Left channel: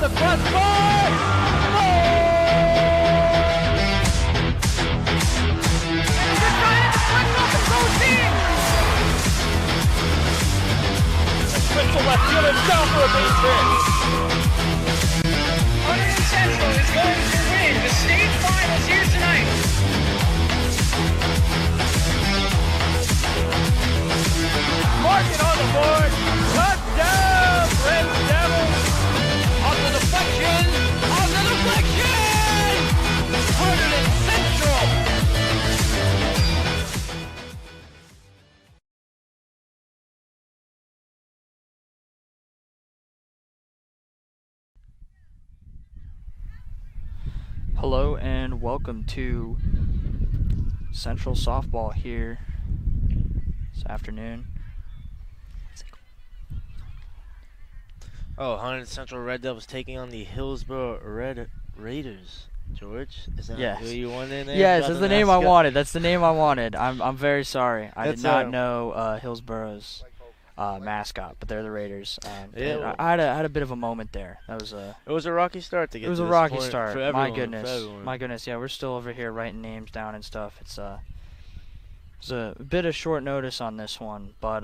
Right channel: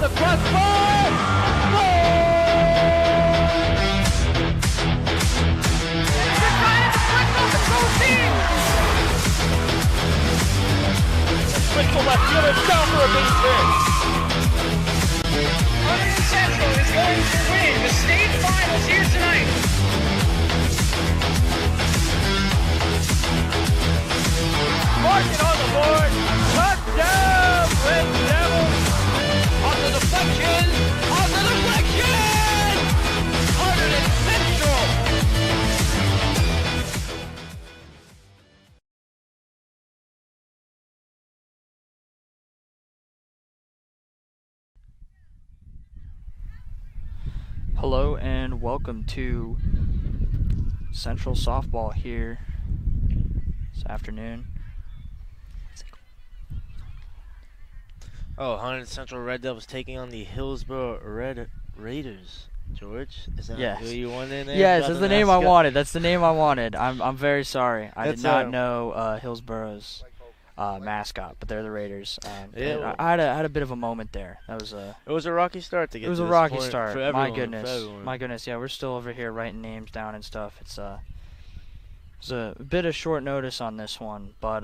off the crossbar. Spitzel left fielder down for a base hit. Hunterdon Central is going to win the state finals here tonight. Mark it on the board. Touchdown, Red Devils. On the deflection. On the deflection. Hunterdon Central. Hello and welcome to Central Softball here this afternoon. Oh, Hunterdon Central Red Devils taking on the Hillsborough Raiders. George, is that Yes. who you wanted in there? Yes, About that's the the name I mascot? wanted. That's the name I wanted. I'm very sorry. I did That's, not know Hillsborough's mascot, but they're the Raiders. Yeah, I had a bit of a moment there. That was a It was a rocky start to get. it was to a this rocky point start. For everyone, My for goodness, everyone. my goodness. Yeah, we're still over here writing names down and stuff. It's a bit of short notice on this one, but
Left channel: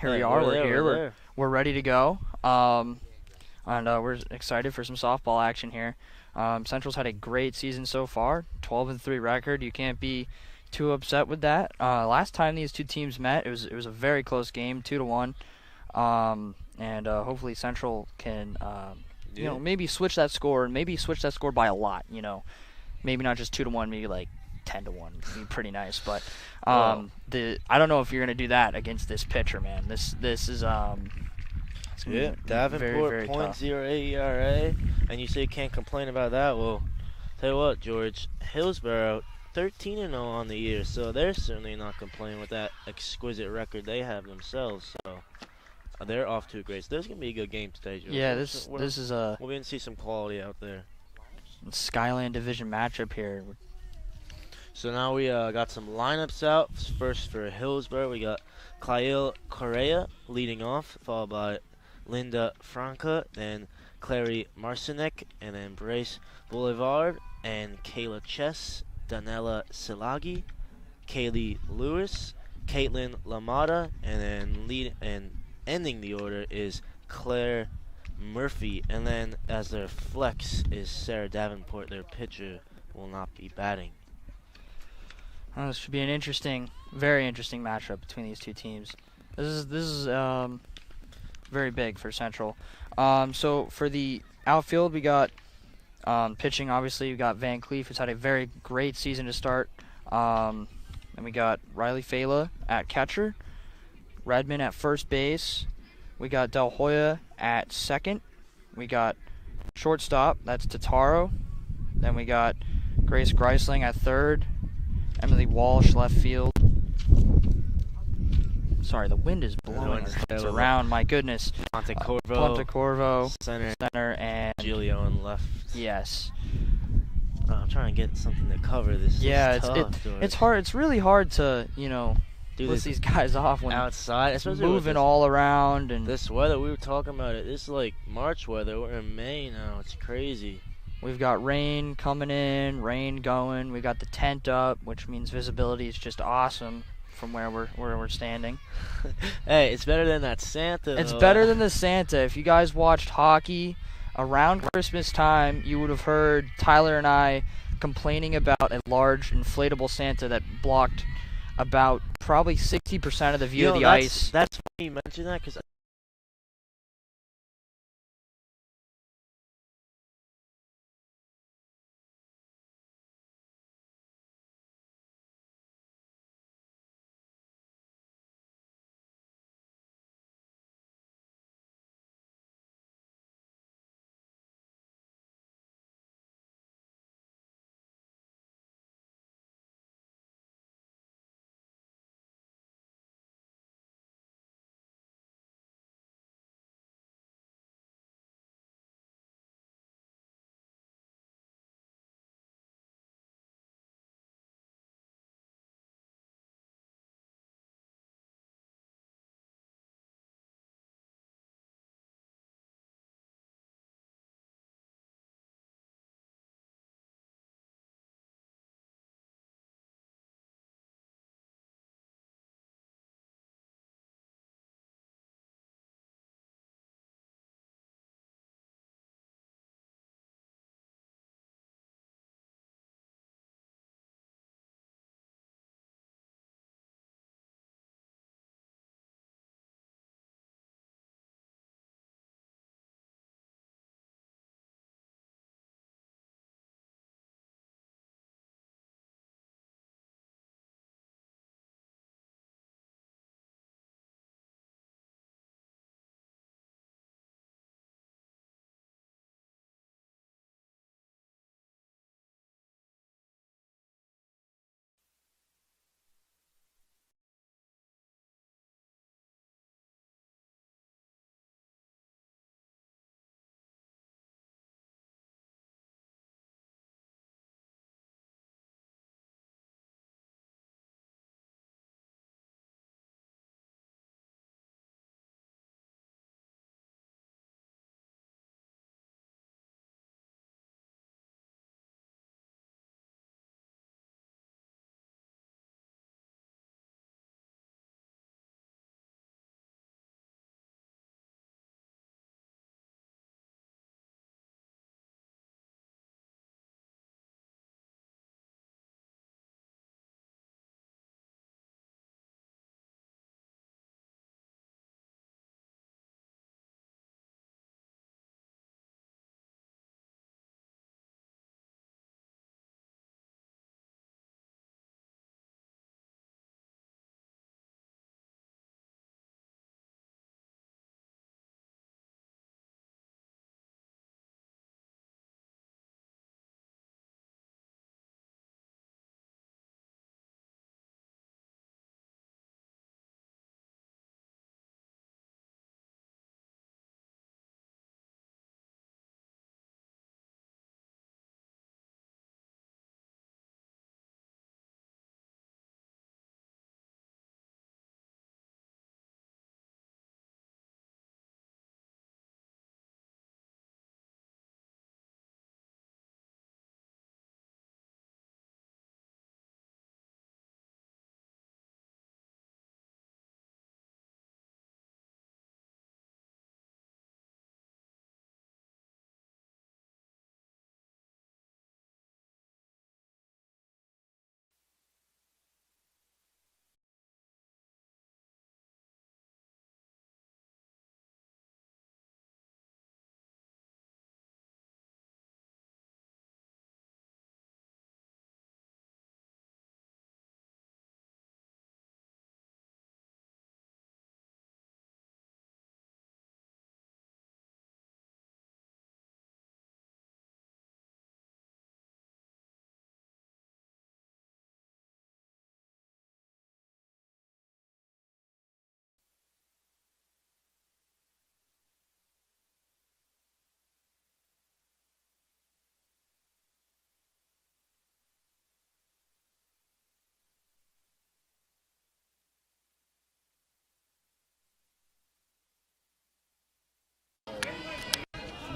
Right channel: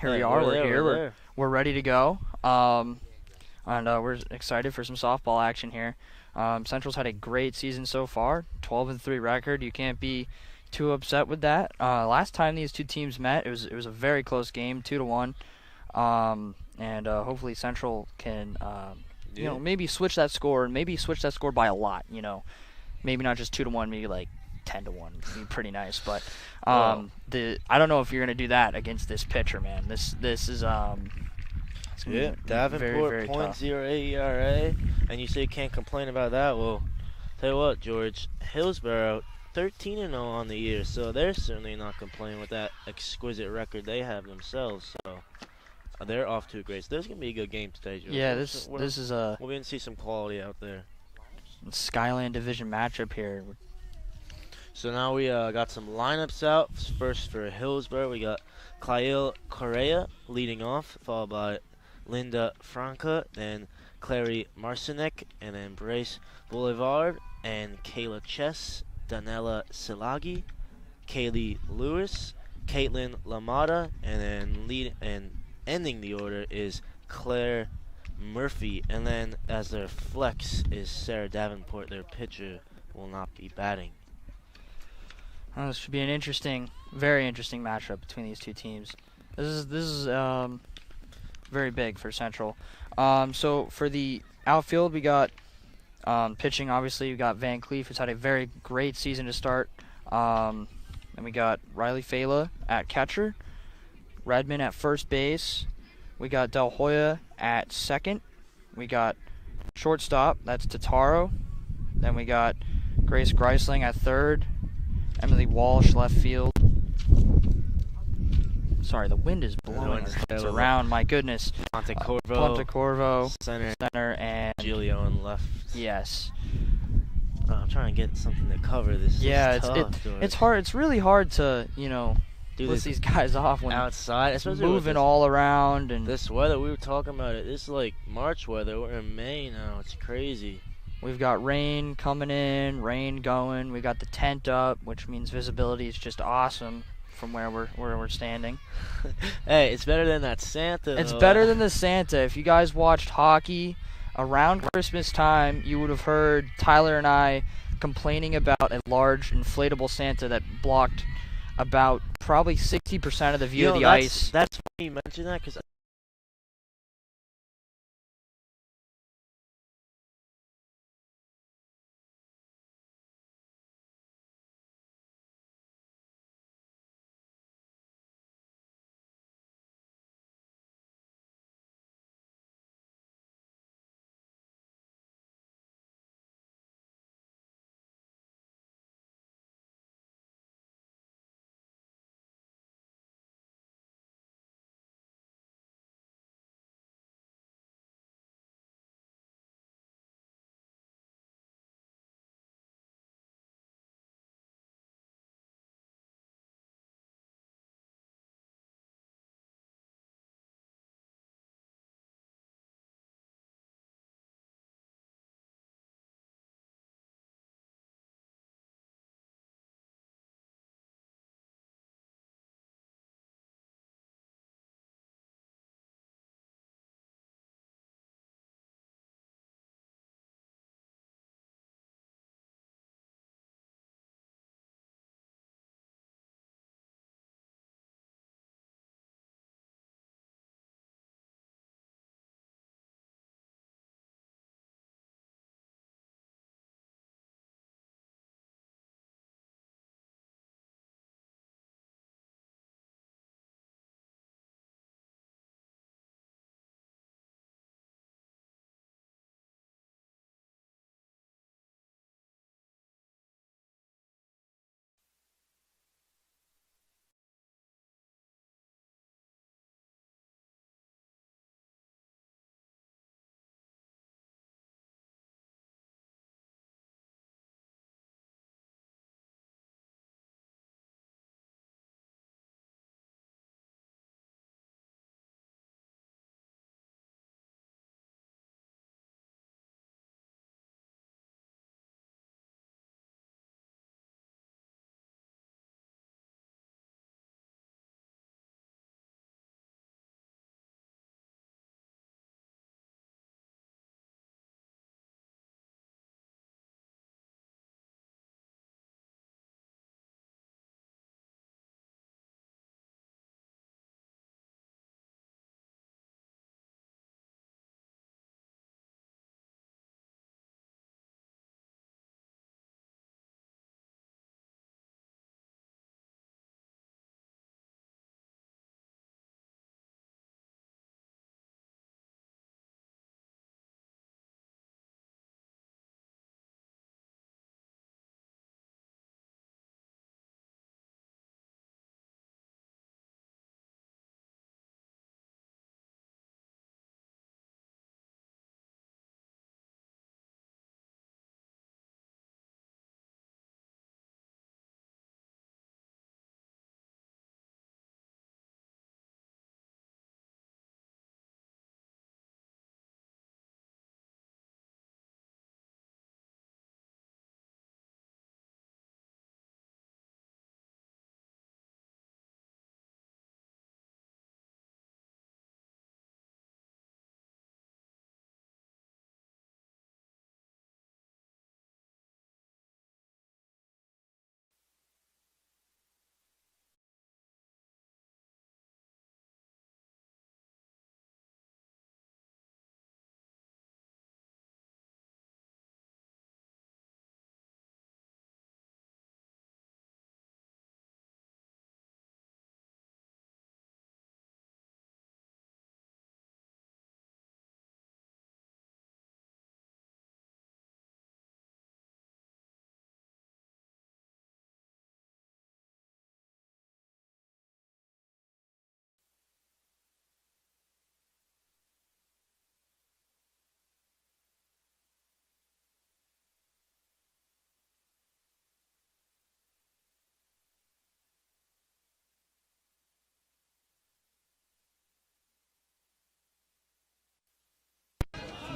here we Hey, are. We're there, here. we're there. We're ready to go. And we're excited for some softball action here. Central's had a great season so far, 12-3 record. You can't be too upset with that. Last time these two teams met, it was a very close game, 2-1. And hopefully Central can maybe switch that score, by a lot. Maybe not just 2-1, maybe like 10-1. It'd be pretty nice. But I don't know if you're gonna do that against this pitcher, man. This is it's gonna be Davenport very tough. .08 ERA, and you say you can't complain about that. Well, tell you what, George, Hillsborough 13-0 on the year, so they're certainly not complaining with that exquisite record they have themselves. So they're off to a great. So there's gonna be a good game today, George. Yeah, this is a We're gonna see some quality out there. Skyland Division matchup here. So now we got some lineups out. First for Hillsborough, we got Kyle Correa leading off, followed by Linda Franca, then Clary Marcinek, and then Brace Boulevard, and Kayla Chess, Danella Silagi, Kaylee Lewis, Caitlin Lamada, and then ending the order is Claire Murphy, and then as their flex is Sarah Davenport. Their pitcher will not be batting. Well, this should be an very interesting matchup between these two teams. This is very big for Central. So for the outfield, we got pitching. Obviously, we got Van Cleef, who's had a very great season to start. And we got Riley Fela at catcher, Redmond at first base. We got Del Hoya at second. We got shortstop. That's Tataro. Then we got Grace Greisling at third. Emily Walsh left field. Sorry, the wind is blowing us around. My goodness. Pontecorvo, center, and Giulio on left. Yes. I'm trying to get something to cover this. Yeah, It's hard. It's really hard to do list these guys off when outside, especially moving all around and this weather. We were talking about it. This is like March weather. We're in May now. It's crazy. We've got rain coming in, rain going. We got the tent up, which means visibility is just awesome from where we're standing. Hey, it's better than that Santa. It's though. better than the Santa. If you guys watched hockey around Christmas time, you would have heard Tyler and I complaining about a large inflatable Santa that blocked about probably 60% of the view of the ice. That's why you mentioned that, because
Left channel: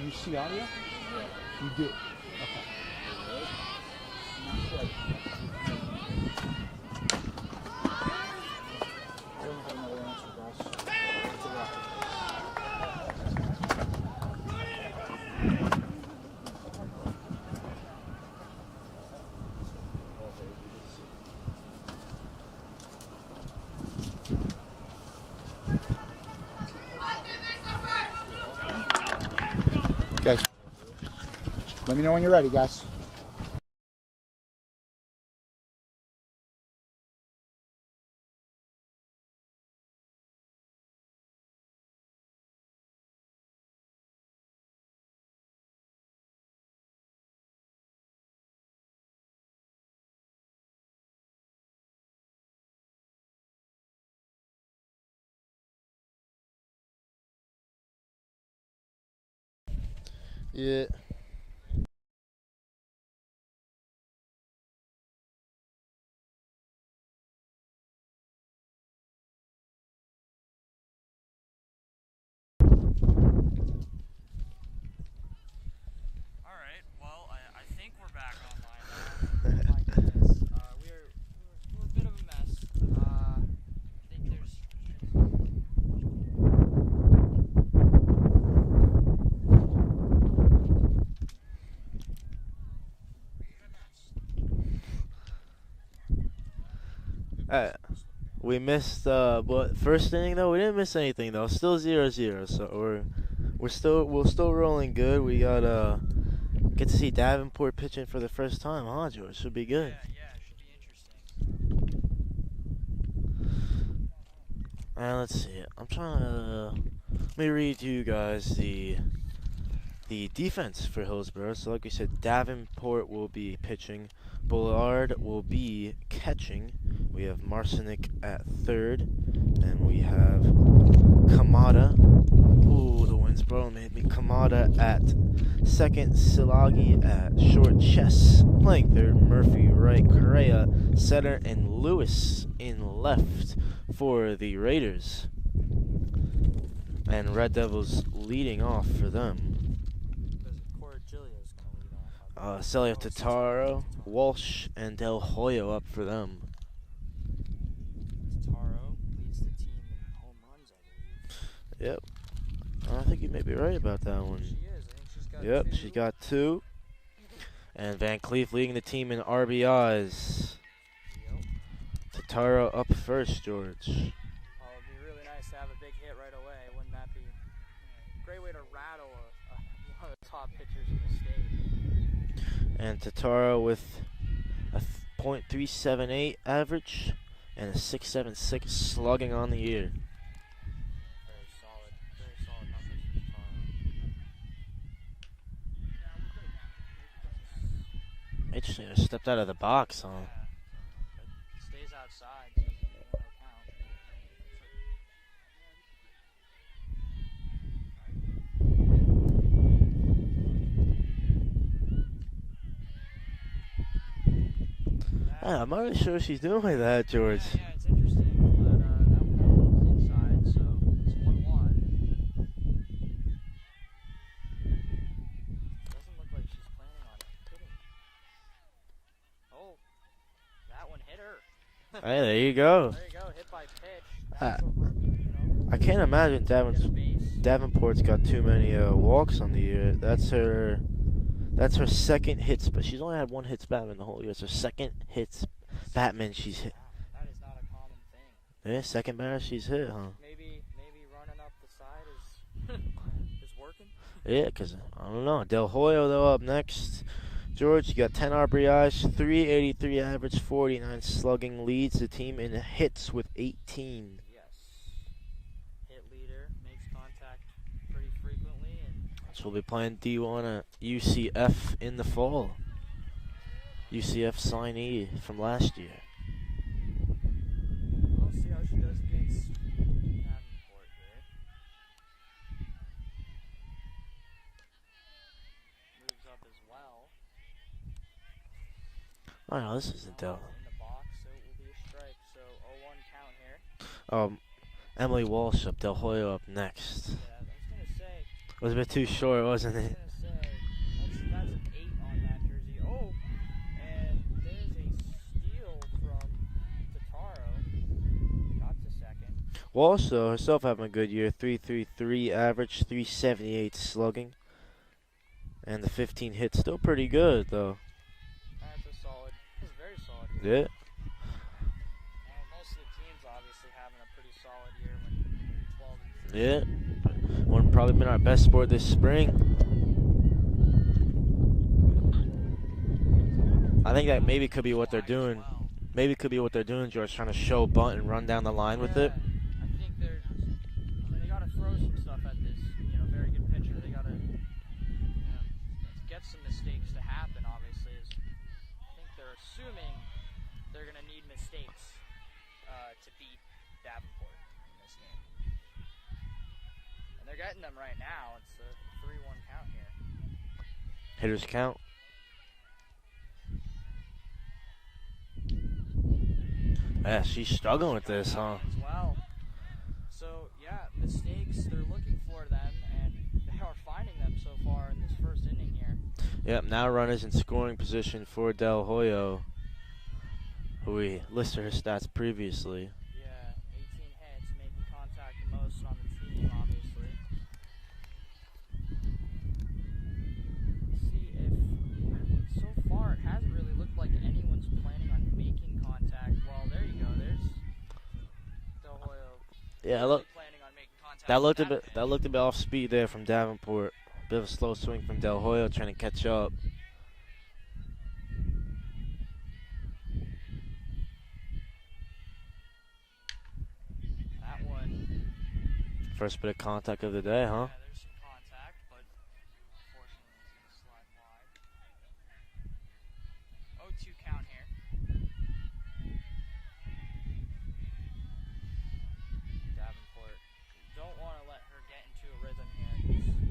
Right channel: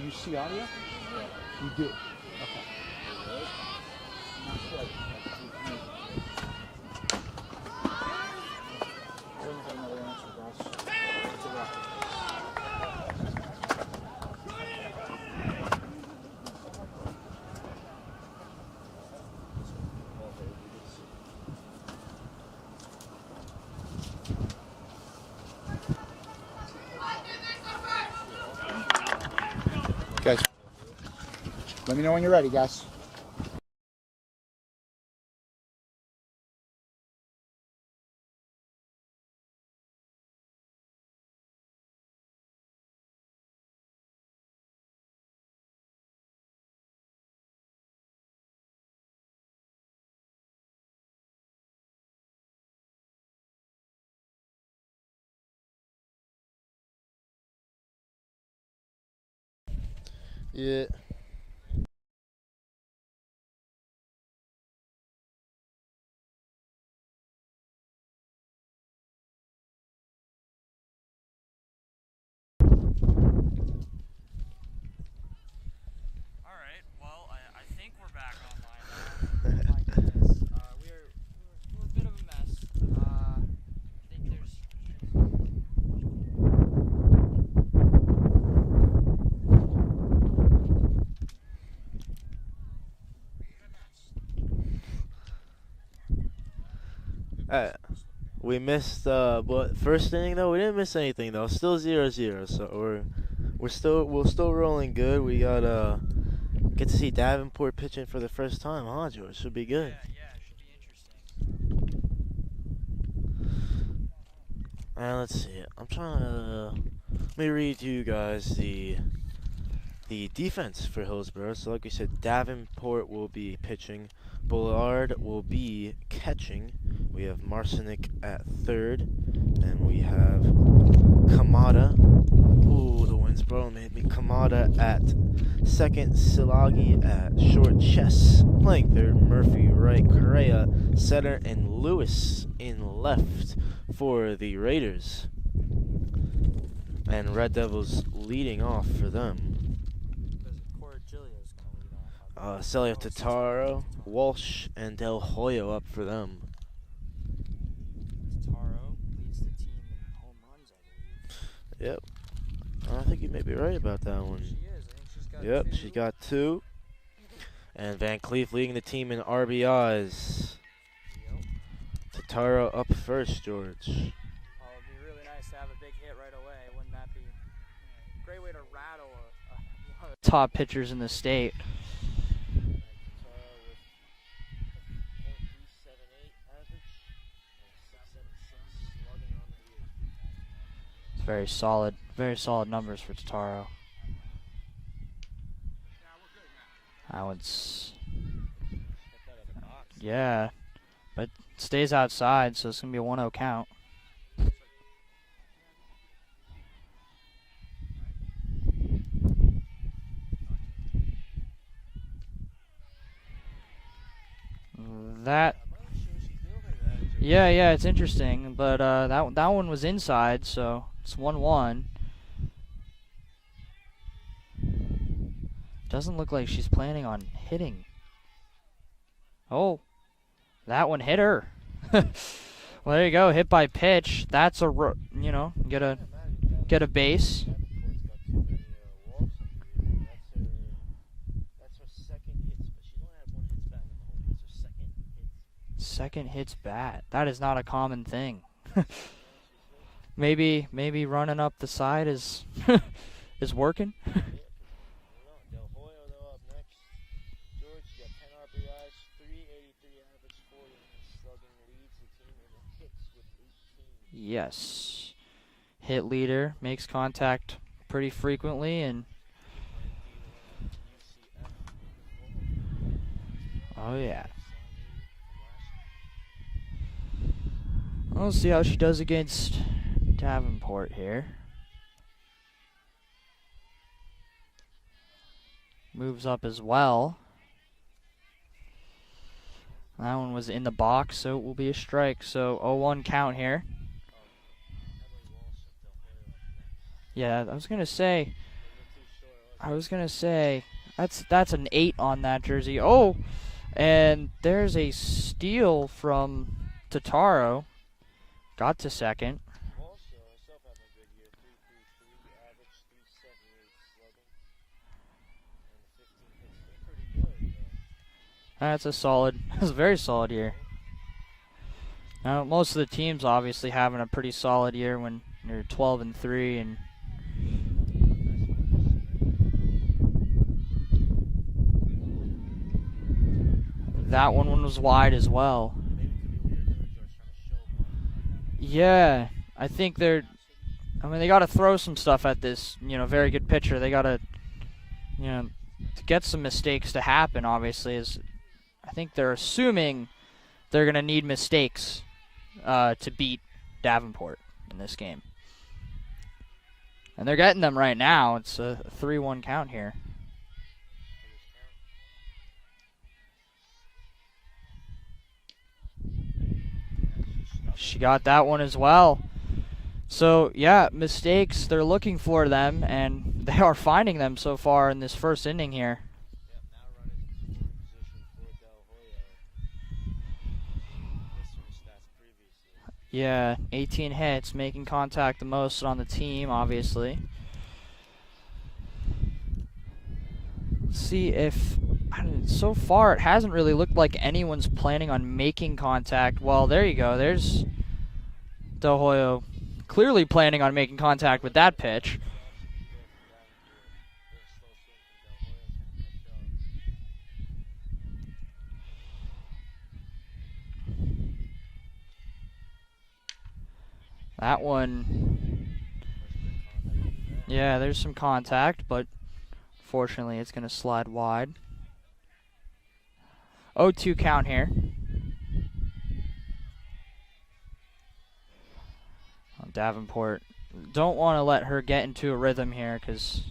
you see audio? You do. Okay. Not quite. I don't have another answer, guys. It's a wrap. Guys, let me know when you're ready, guys. Yeah. All right. Well, I think we're back online now. My goodness. We're a bit of a mess. I think there's. We missed, but first inning though, we didn't miss anything though. Still 0-0, so we're still rolling good. We got get to see Davenport pitching for the first time, huh, George? Should be good. Yeah, it should be interesting. Let's see. I'm trying to let me read you guys the defense for Hillsborough. So like we said, Davenport will be pitching, Bullard will be catching. We have Marcinick at third, and we have Kamada. Ooh, the Winsboro made me. Kamada at second, Silagi at short, Chess playing third, Murphy right, Correa center, and Lewis in left for the Raiders. And Red Devils leading off for them. Celio Tataro, Walsh, and Del Hoyo up for them. Tataro leads the team in home runs, I believe. Yep. I think you may be right about that one. She is. I think she's got Yep, two. she got 2. And Van Cleef leading the team in RBIs. Yep. Tataro up first, George. Oh, it'd be really nice to have a big hit right away. Wouldn't that be a great way to rattle one of the top pitchers in the state? And Tataro with a .378 average and a .676 slugging on the year. Very solid numbers for Tataro. That one's Interesting. Stepped out of the box. Huh? yeah, but stays outside, so it's gonna be a 1-0 count. Yeah, I'm not really sure what she's doing with that, George. Yeah, it's interesting, but that one was inside, so it's 1-1. Doesn't look like she's planning on hitting. Oh, that one hit her. Hey, there you go. There you go, hit by pitch. That's I can't imagine get a base. Davenport's got too many walks on the year. That's her second hits, but she's only had 1 hits Batman the whole year. It's her second hits Batman she's hit. That is not a common thing. Yeah, second batter she's hit, huh? Maybe running up the side is is working. Yeah, because I don't know. Del Hoyo though up next. George, you got 10 RBIs, 383 average, 49 slugging, leads the team in hits with 18. Yes, hit leader, makes contact pretty frequently, and So we'll be playing D1 at UCF in the fall. UCF signee from last year. We'll see how she does against Davenport here. Moves up as well. Oh, no, this is That one was in the box, so it will be a strike. So 0-1 count here. Emily Walsh up, Del Hoyo up next. Yeah, I was gonna say. It was a bit too short, wasn't I was it? gonna say that's an 8 on that jersey. Oh, and there's a steal from Totaro. Got to second. Walsh, though, herself having a good year. 3.33 average, 3.78 slugging. And the 15 hits still pretty good, though. That's a solid. That's a very solid year. Yeah. Now, most of the teams obviously having a pretty solid year when you're 12-3. Yeah. And One probably been our best sport this spring. I think that maybe one could be was what wide they're as doing. well. Maybe it could be what they're doing, George, trying to show bunt and run down the line. Yeah, I think they're. I mean, they got to throw some stuff at this. Very good pitcher. They got to, to get some mistakes to happen. Obviously, I think they're assuming they're gonna need mistakes to beat Davenport in this game, and they're getting them right now. It's a 3-1 count here. Hitters count. Yeah, she's struggling She with got this, that huh? one as well. So, yeah, mistakes, they're looking for them, and they are finding them so far in this first inning here. Yep, now runners in scoring position for Del Hoyo, who we listed her stats previously. Yeah, 18 hits, making contact the most on the team, obviously. Let's see if, so far it hasn't really looked like anyone's planning on making contact. Well, there you go. There's Del Hoyo Yeah, clearly planning on making contact with that pitch. That looked a bit off speed there from Davenport. Bit of a slow swing from Del Hoyo trying to catch up. That one, First bit of contact of the day, huh? yeah, there's some contact, but fortunately it's going to slide wide. 0-2 count here. Davenport, don't want to let her get into a rhythm here because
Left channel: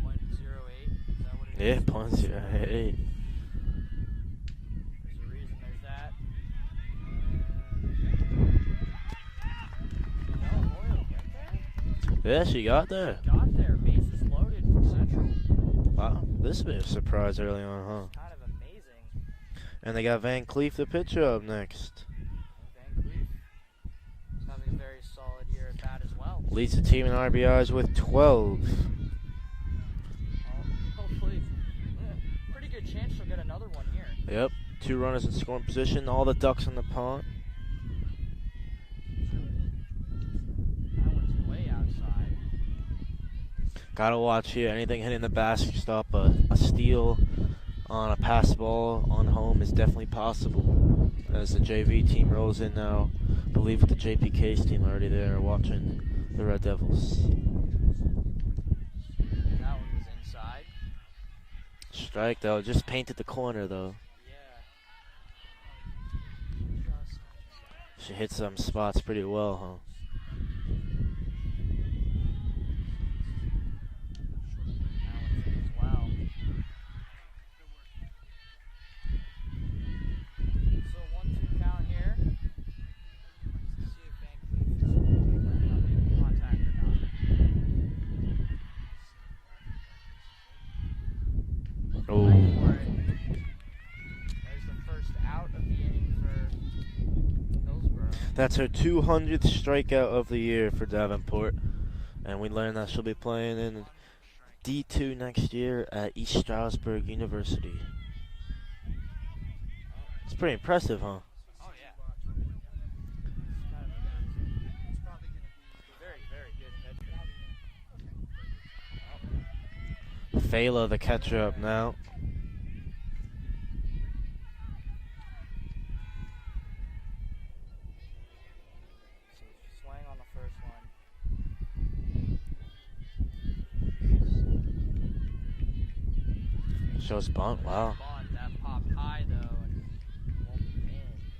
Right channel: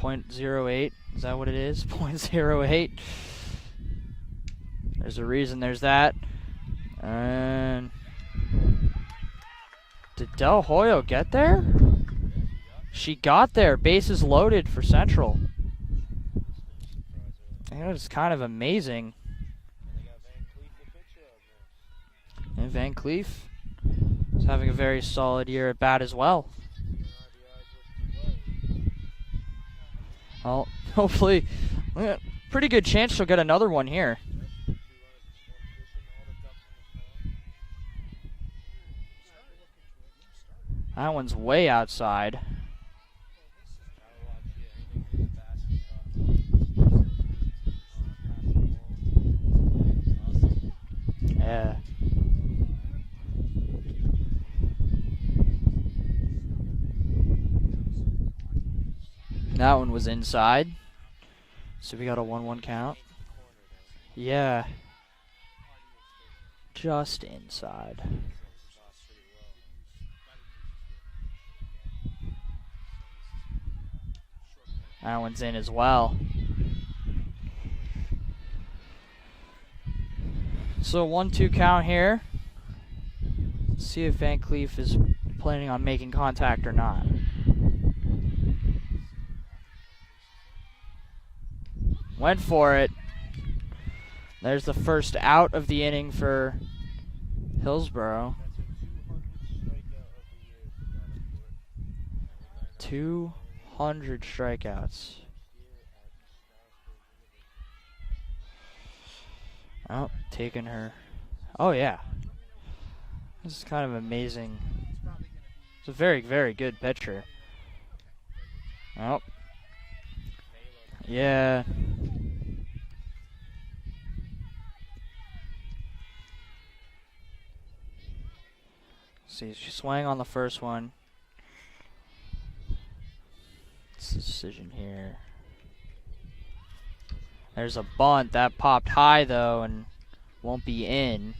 .08, is that what it is? Yeah, .08. There's a reason there's that. And did Del Hoyo get there? Yeah, she got there. She got there. Bases loaded for Central. Wow, this has been a surprise early on. That's kind of amazing. And they got Van Cleef, the pitcher, up next. And Van Cleef is having a very solid year at bat as well. Leads the team in RBIs with 12. Well, hopefully, pretty good chance she'll get another one here. Yep, 2 runners in scoring position, all the ducks in the pond. That one's way outside. Gotta watch here. Anything hitting the basket stop, a steal on a pass ball on home is definitely possible. As the JV team rolls in now, I believe with the JPK's team already there watching the Red Devils. That one was inside. So we got a Strike, 1-1 though. count. Just painted the corner though. Yeah. Just inside. She hit some spots pretty well, huh? That one's in as well. So 1-2 count here. Let's see if Van Cleef is planning on making contact or not. Ooh. Went for it. There's the first out of the inning for Hillsborough. That's her 200th strikeout of the year for Davenport. And we learned that she'll be playing in 100 strikeouts. D2 next year at East Stroudsburg University. Oh, It's pretty impressive, huh? Oh, yeah. This is kind of amazing. It's a very, very good pitcher. Oh. Fela, the catcher, Yeah. up now. See, she swung on the first one. What's the decision here? Shows bunt. There's Wow. a bunt that popped high though and won't be in.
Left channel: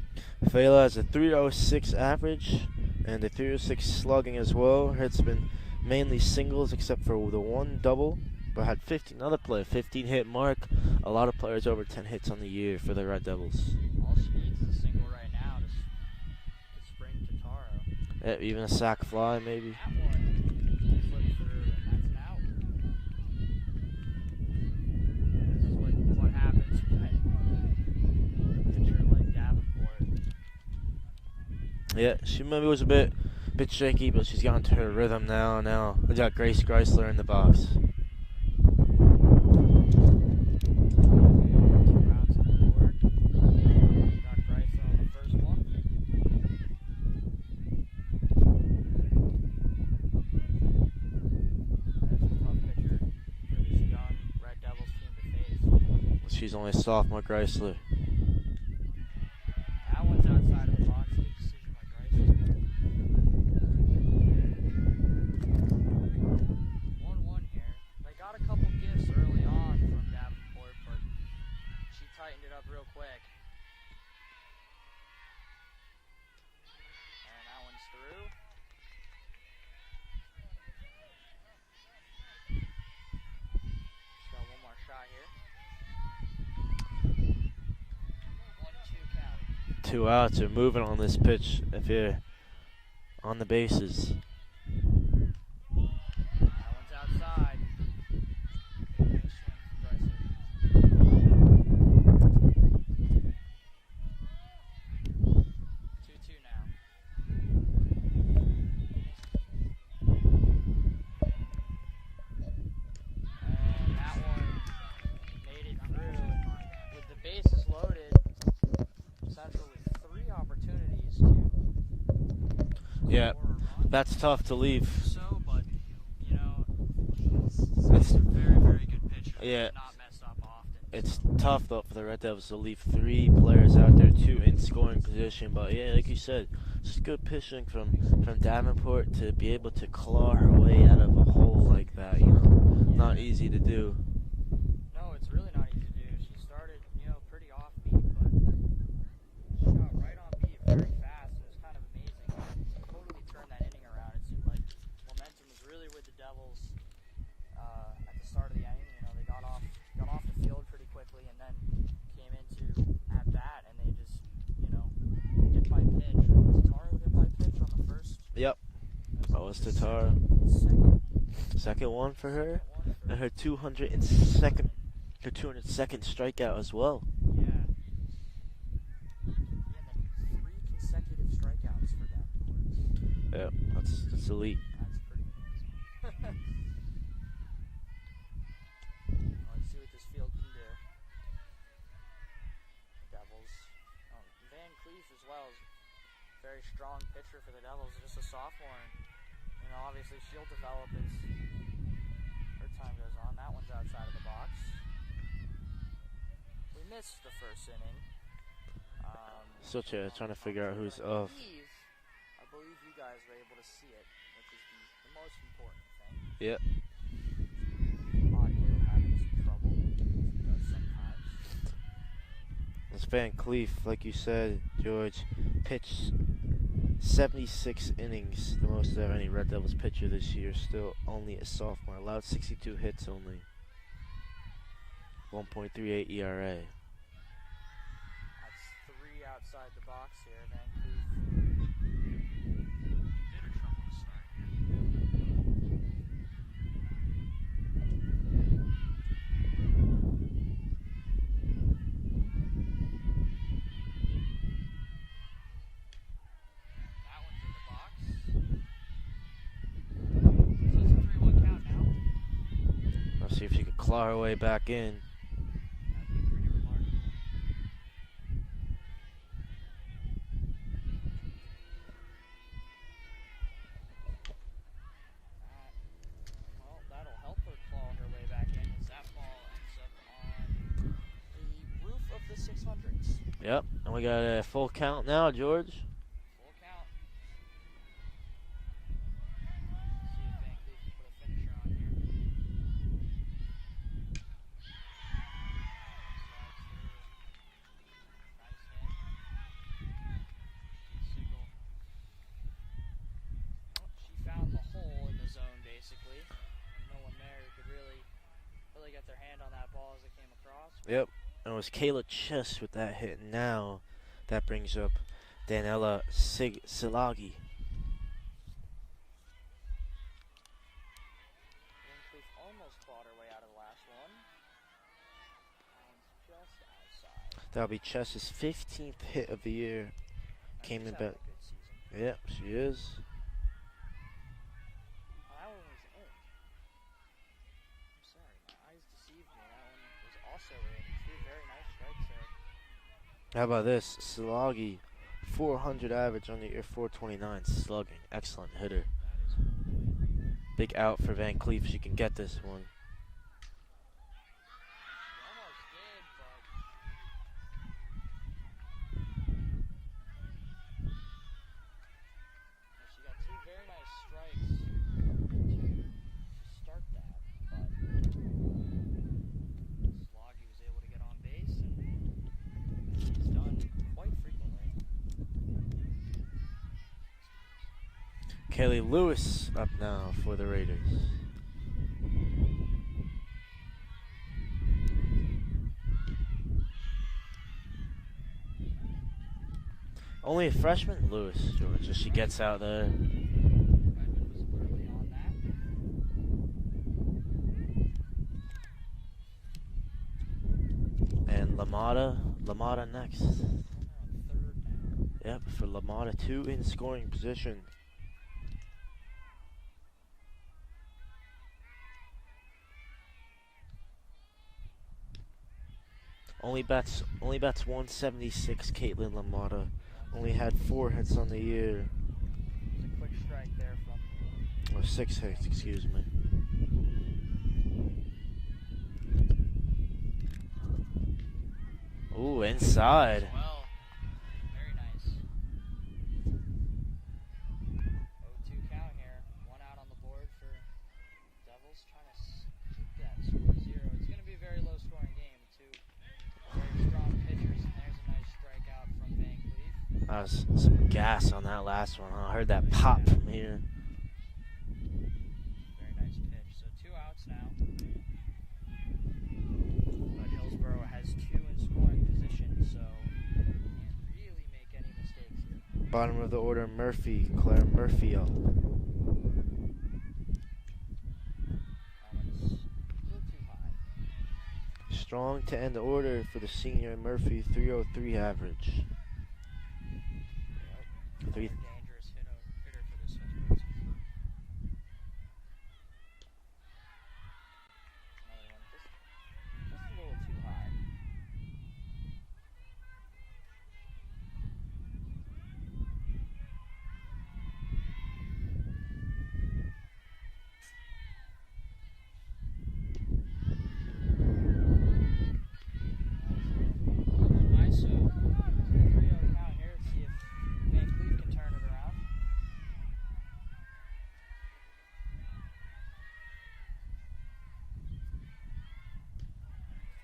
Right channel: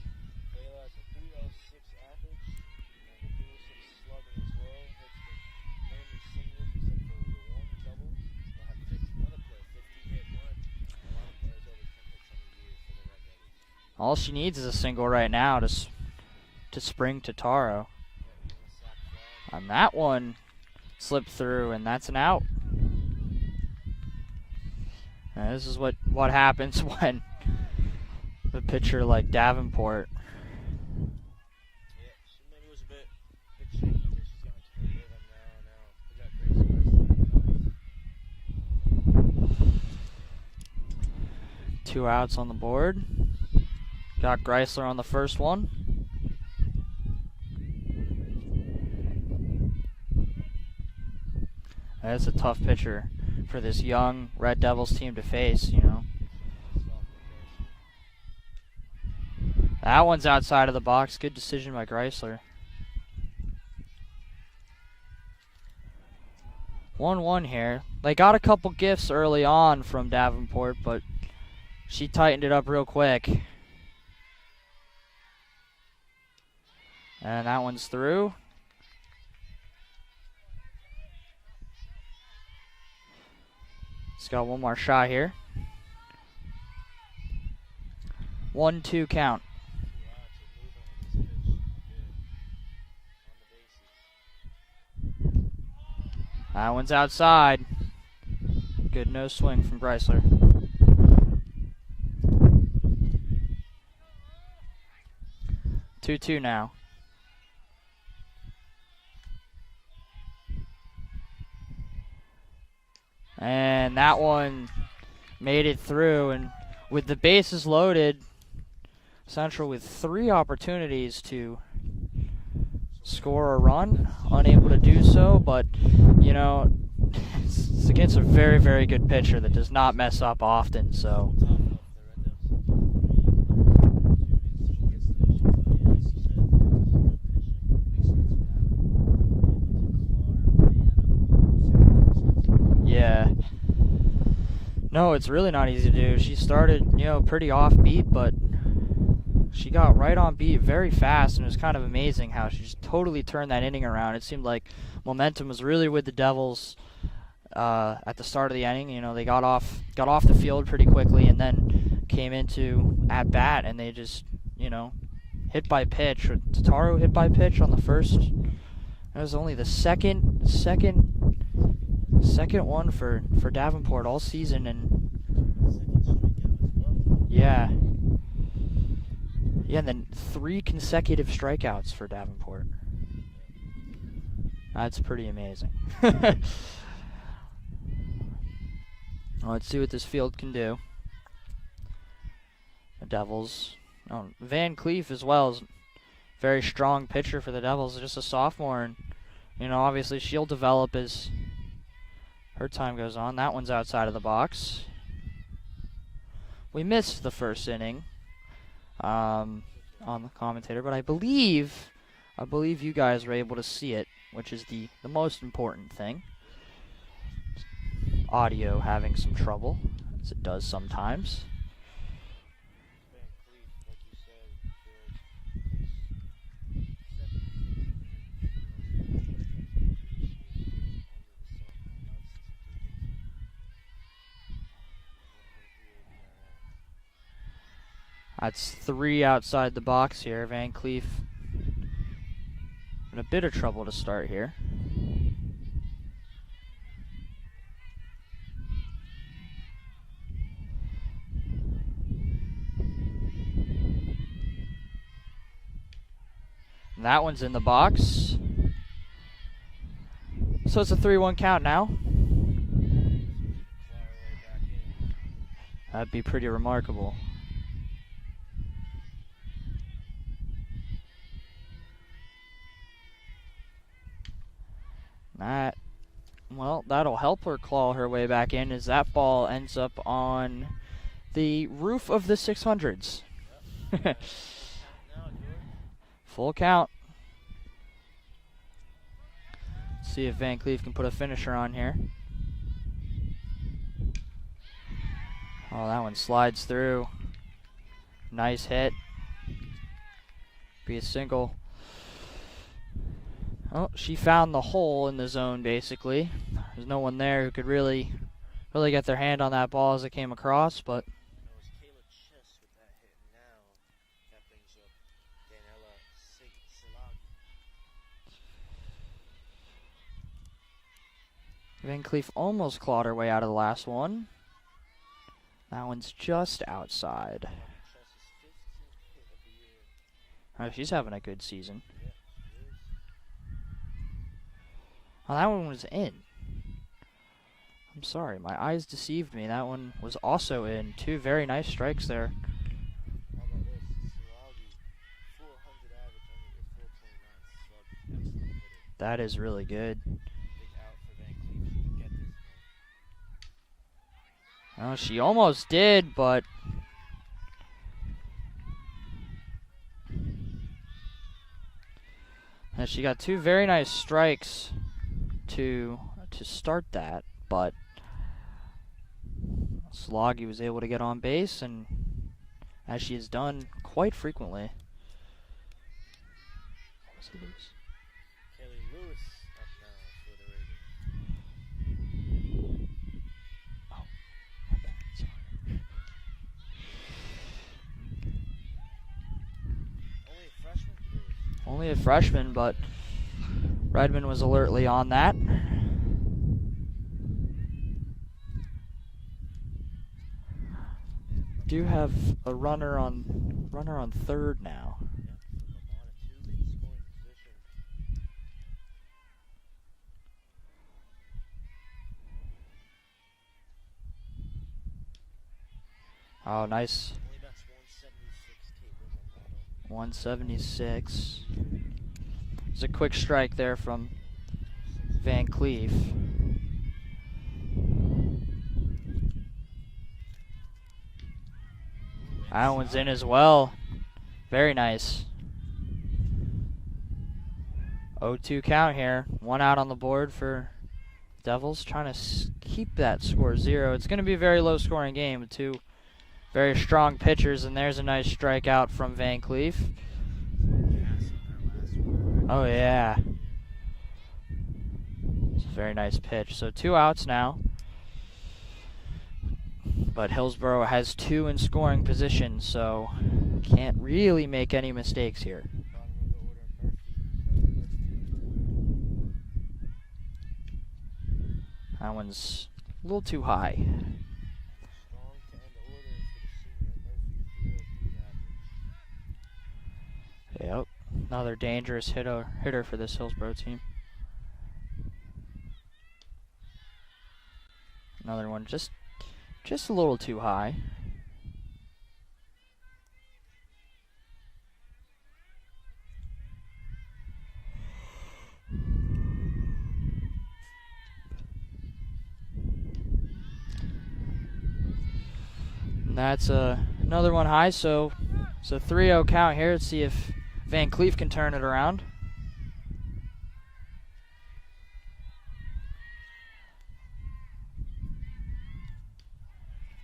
Fela has a 306 average and a 306 slugging as well. It's been mainly singles except for the one double, but had 15 hit mark. A lot of players over 10 hits on the year for the Red Devils. All she needs is a single right now to spring Totaro. Yeah, even a sack fly, maybe. And that one slipped through, and that's an out. And this is what happens when a pitcher like Davenport. Yeah, she maybe was a bit shaky, but she's gotten to her rhythm now. Now we got Grace Chrysler in the box. 2 outs on the board. Got Chrysler on the first one. That's a tough pitcher for this young Red Devils team to face, you know. She's only a sophomore, Chrysler. That one's outside of the box. Good decision by Chrysler. 1-1 here. They got a couple gifts early on from Davenport, but she tightened it up real quick. And that one's through. He's got one more shot here. 1-2 count. 2 outs. You're moving on this pitch if you're on the bases. That one's outside. Good no swing from Chrysler. Two now. And that one made it through, and with the bases loaded, Central with 3 opportunities to score a run. That's tough to unable leave. do so, but you know, it's against a very, very good pitcher that does not mess up often. It's so tough though for the Red Devils to leave 3 players out there, 2 in scoring position. But yeah, like you said, just good pitching from Davenport to be able to claw her way out of a hole like that. You know, yeah, not easy to do. no, it's really not easy to do. She started, you know, pretty offbeat, but she got right on beat very fast, and it was kind of amazing how she just totally turned that inning around. It seemed like momentum was really with the Devils at the start of the inning. You know, they got off the field pretty quickly, and then came into at bat, and they just, you know, hit by pitch. Tataru hit by pitch on the first. Yep. That was only the Tataru. second one for Her Davenport all season, and her 202nd strikeout as well. yeah, and then 3 consecutive strikeouts for Davenport. Yeah, that's elite. That's pretty amazing. Well, let's see what this field can do. The Devils. Oh, Van Cleef as well is a very strong pitcher for the Devils. Just a sophomore, and you know, obviously she'll develop as her time goes on. That one's outside of the box. We missed the first inning on the commentator, but I believe you guys were able to see it, which is the most important thing. Yeah. Audio having some trouble, as it does sometimes. It's Van Cleef, like you said, George, pitched 76 innings, the most of any Red Devils pitcher this year, still only a sophomore, allowed 62 hits only, 1.38 ERA. That's 3 outside the box here. Van Cleef in a bit of trouble to start here. And that one's in the box. So it's a 3-1 count now. Let's see if she could claw her way back in. That'd be pretty remarkable. That'll help her claw her way back in, as that ball ends up on the roof of the 600s. Yep, and we got a full count now, George. Full count. See if Van Cleef can put a finisher on here. Oh, that one slides through. Nice hit. Be a single. Oh, she found the hole in the zone, basically. There's no one there who could really get their hand on that ball as it came across. But Yep, and it was Kayla Chess with that hit. Now that brings up Daniela Silagi. Van Cleef almost clawed her way out of the last one. That one's just outside. That'll be Chess's 15th hit of the year. Oh, Came she's in having down. a good season. Yeah, she is. Oh, that one was in. I'm sorry, my eyes deceived me. That one was also in. Two very nice strikes there. How about this? Sloggy, 400 average on the year, 429 slugging. Excellent hitter. That is really good. Big out for Van Cleef. She can get this one. She almost did, but she got two very nice strikes to start that, but Sloggy was able to get on base, and as she has done quite frequently. Kelly Lewis up now for the Raiders. Only a freshman, Lewis. Only a She gets freshman, out but there. Redmond was alertly on that. And Do Lamada, have a Lamada next. runner on third now. Yep, for Lamada, 2 in scoring position. Nice. Only bats 176. Caitlin Lamada. Only had 4 hits 176. on the year. There's a quick strike there from Or 6 hits. Van excuse Cleef. me. Ooh, inside. That one's in as well. Very nice. 0-2 count here. 1 out on the board for Devils. Trying to keep that score 0. It's going to be a very low scoring game with 2 very strong pitchers, and there's a nice strikeout from Van Cleef. Some gas on that last one. I heard that Oh, yeah. pop from here. It's a very nice pitch. So 2 outs now. But Hillsborough has 2 in scoring position, so can't really make any mistakes here. Bottom of the order, Claire Murphy up. That one's a little too high. Strong to end the order for the senior Murphy, 303 average. Yep. Another dangerous hitter for this Hillsborough team. Another one just a little too high. And that's another one high, so it's a 3-0 count here. Let's see if Van Cleef can turn it around.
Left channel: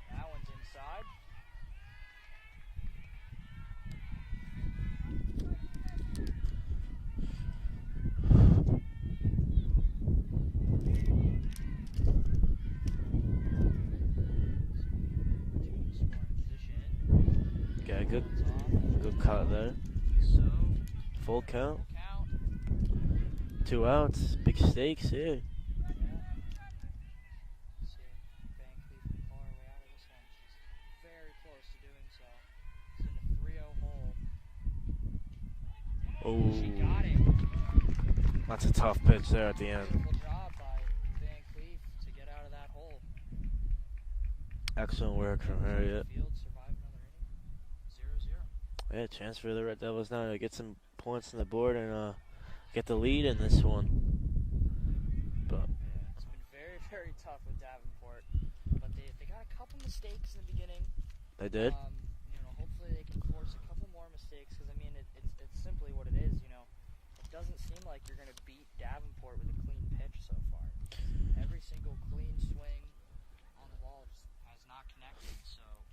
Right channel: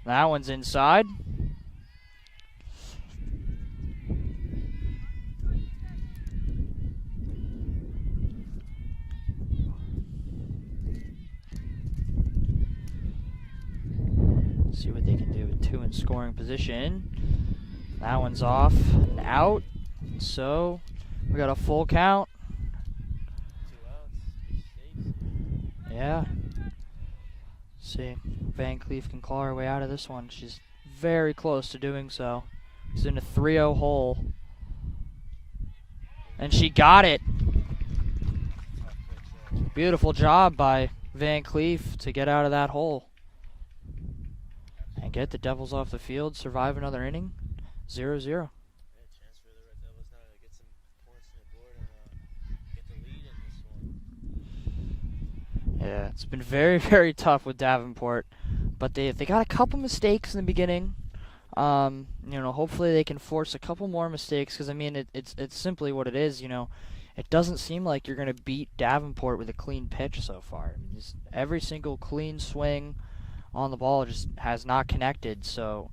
That one's inside. See what they can do with 2 in scoring position. Okay, That good- one's off, good count out. there. So we got a count. full count. 2 outs. Big stakes here. Yeah. See, Van Cleef can claw her way out of this one. She's very close to doing so. She's in a 3-0 hole. And she Ooh, got it. That's a tough pitch there at the end. Beautiful job by Van Cleef to get out of that hole. Excellent Get the work. Devils off the Yeah. field, survive another inning. 0-0. Yeah, chance for the Red Devils now to get some points on the board and get the lead in this one. But Yeah, it's been very, very tough with Davenport. But they got a couple mistakes in the beginning. they did. You know, hopefully they can force a couple more mistakes, because I mean it's simply what it is. You know, it doesn't seem like you're gonna beat Davenport with a clean pitch so far. Just every single clean swing on the ball just has not connected. So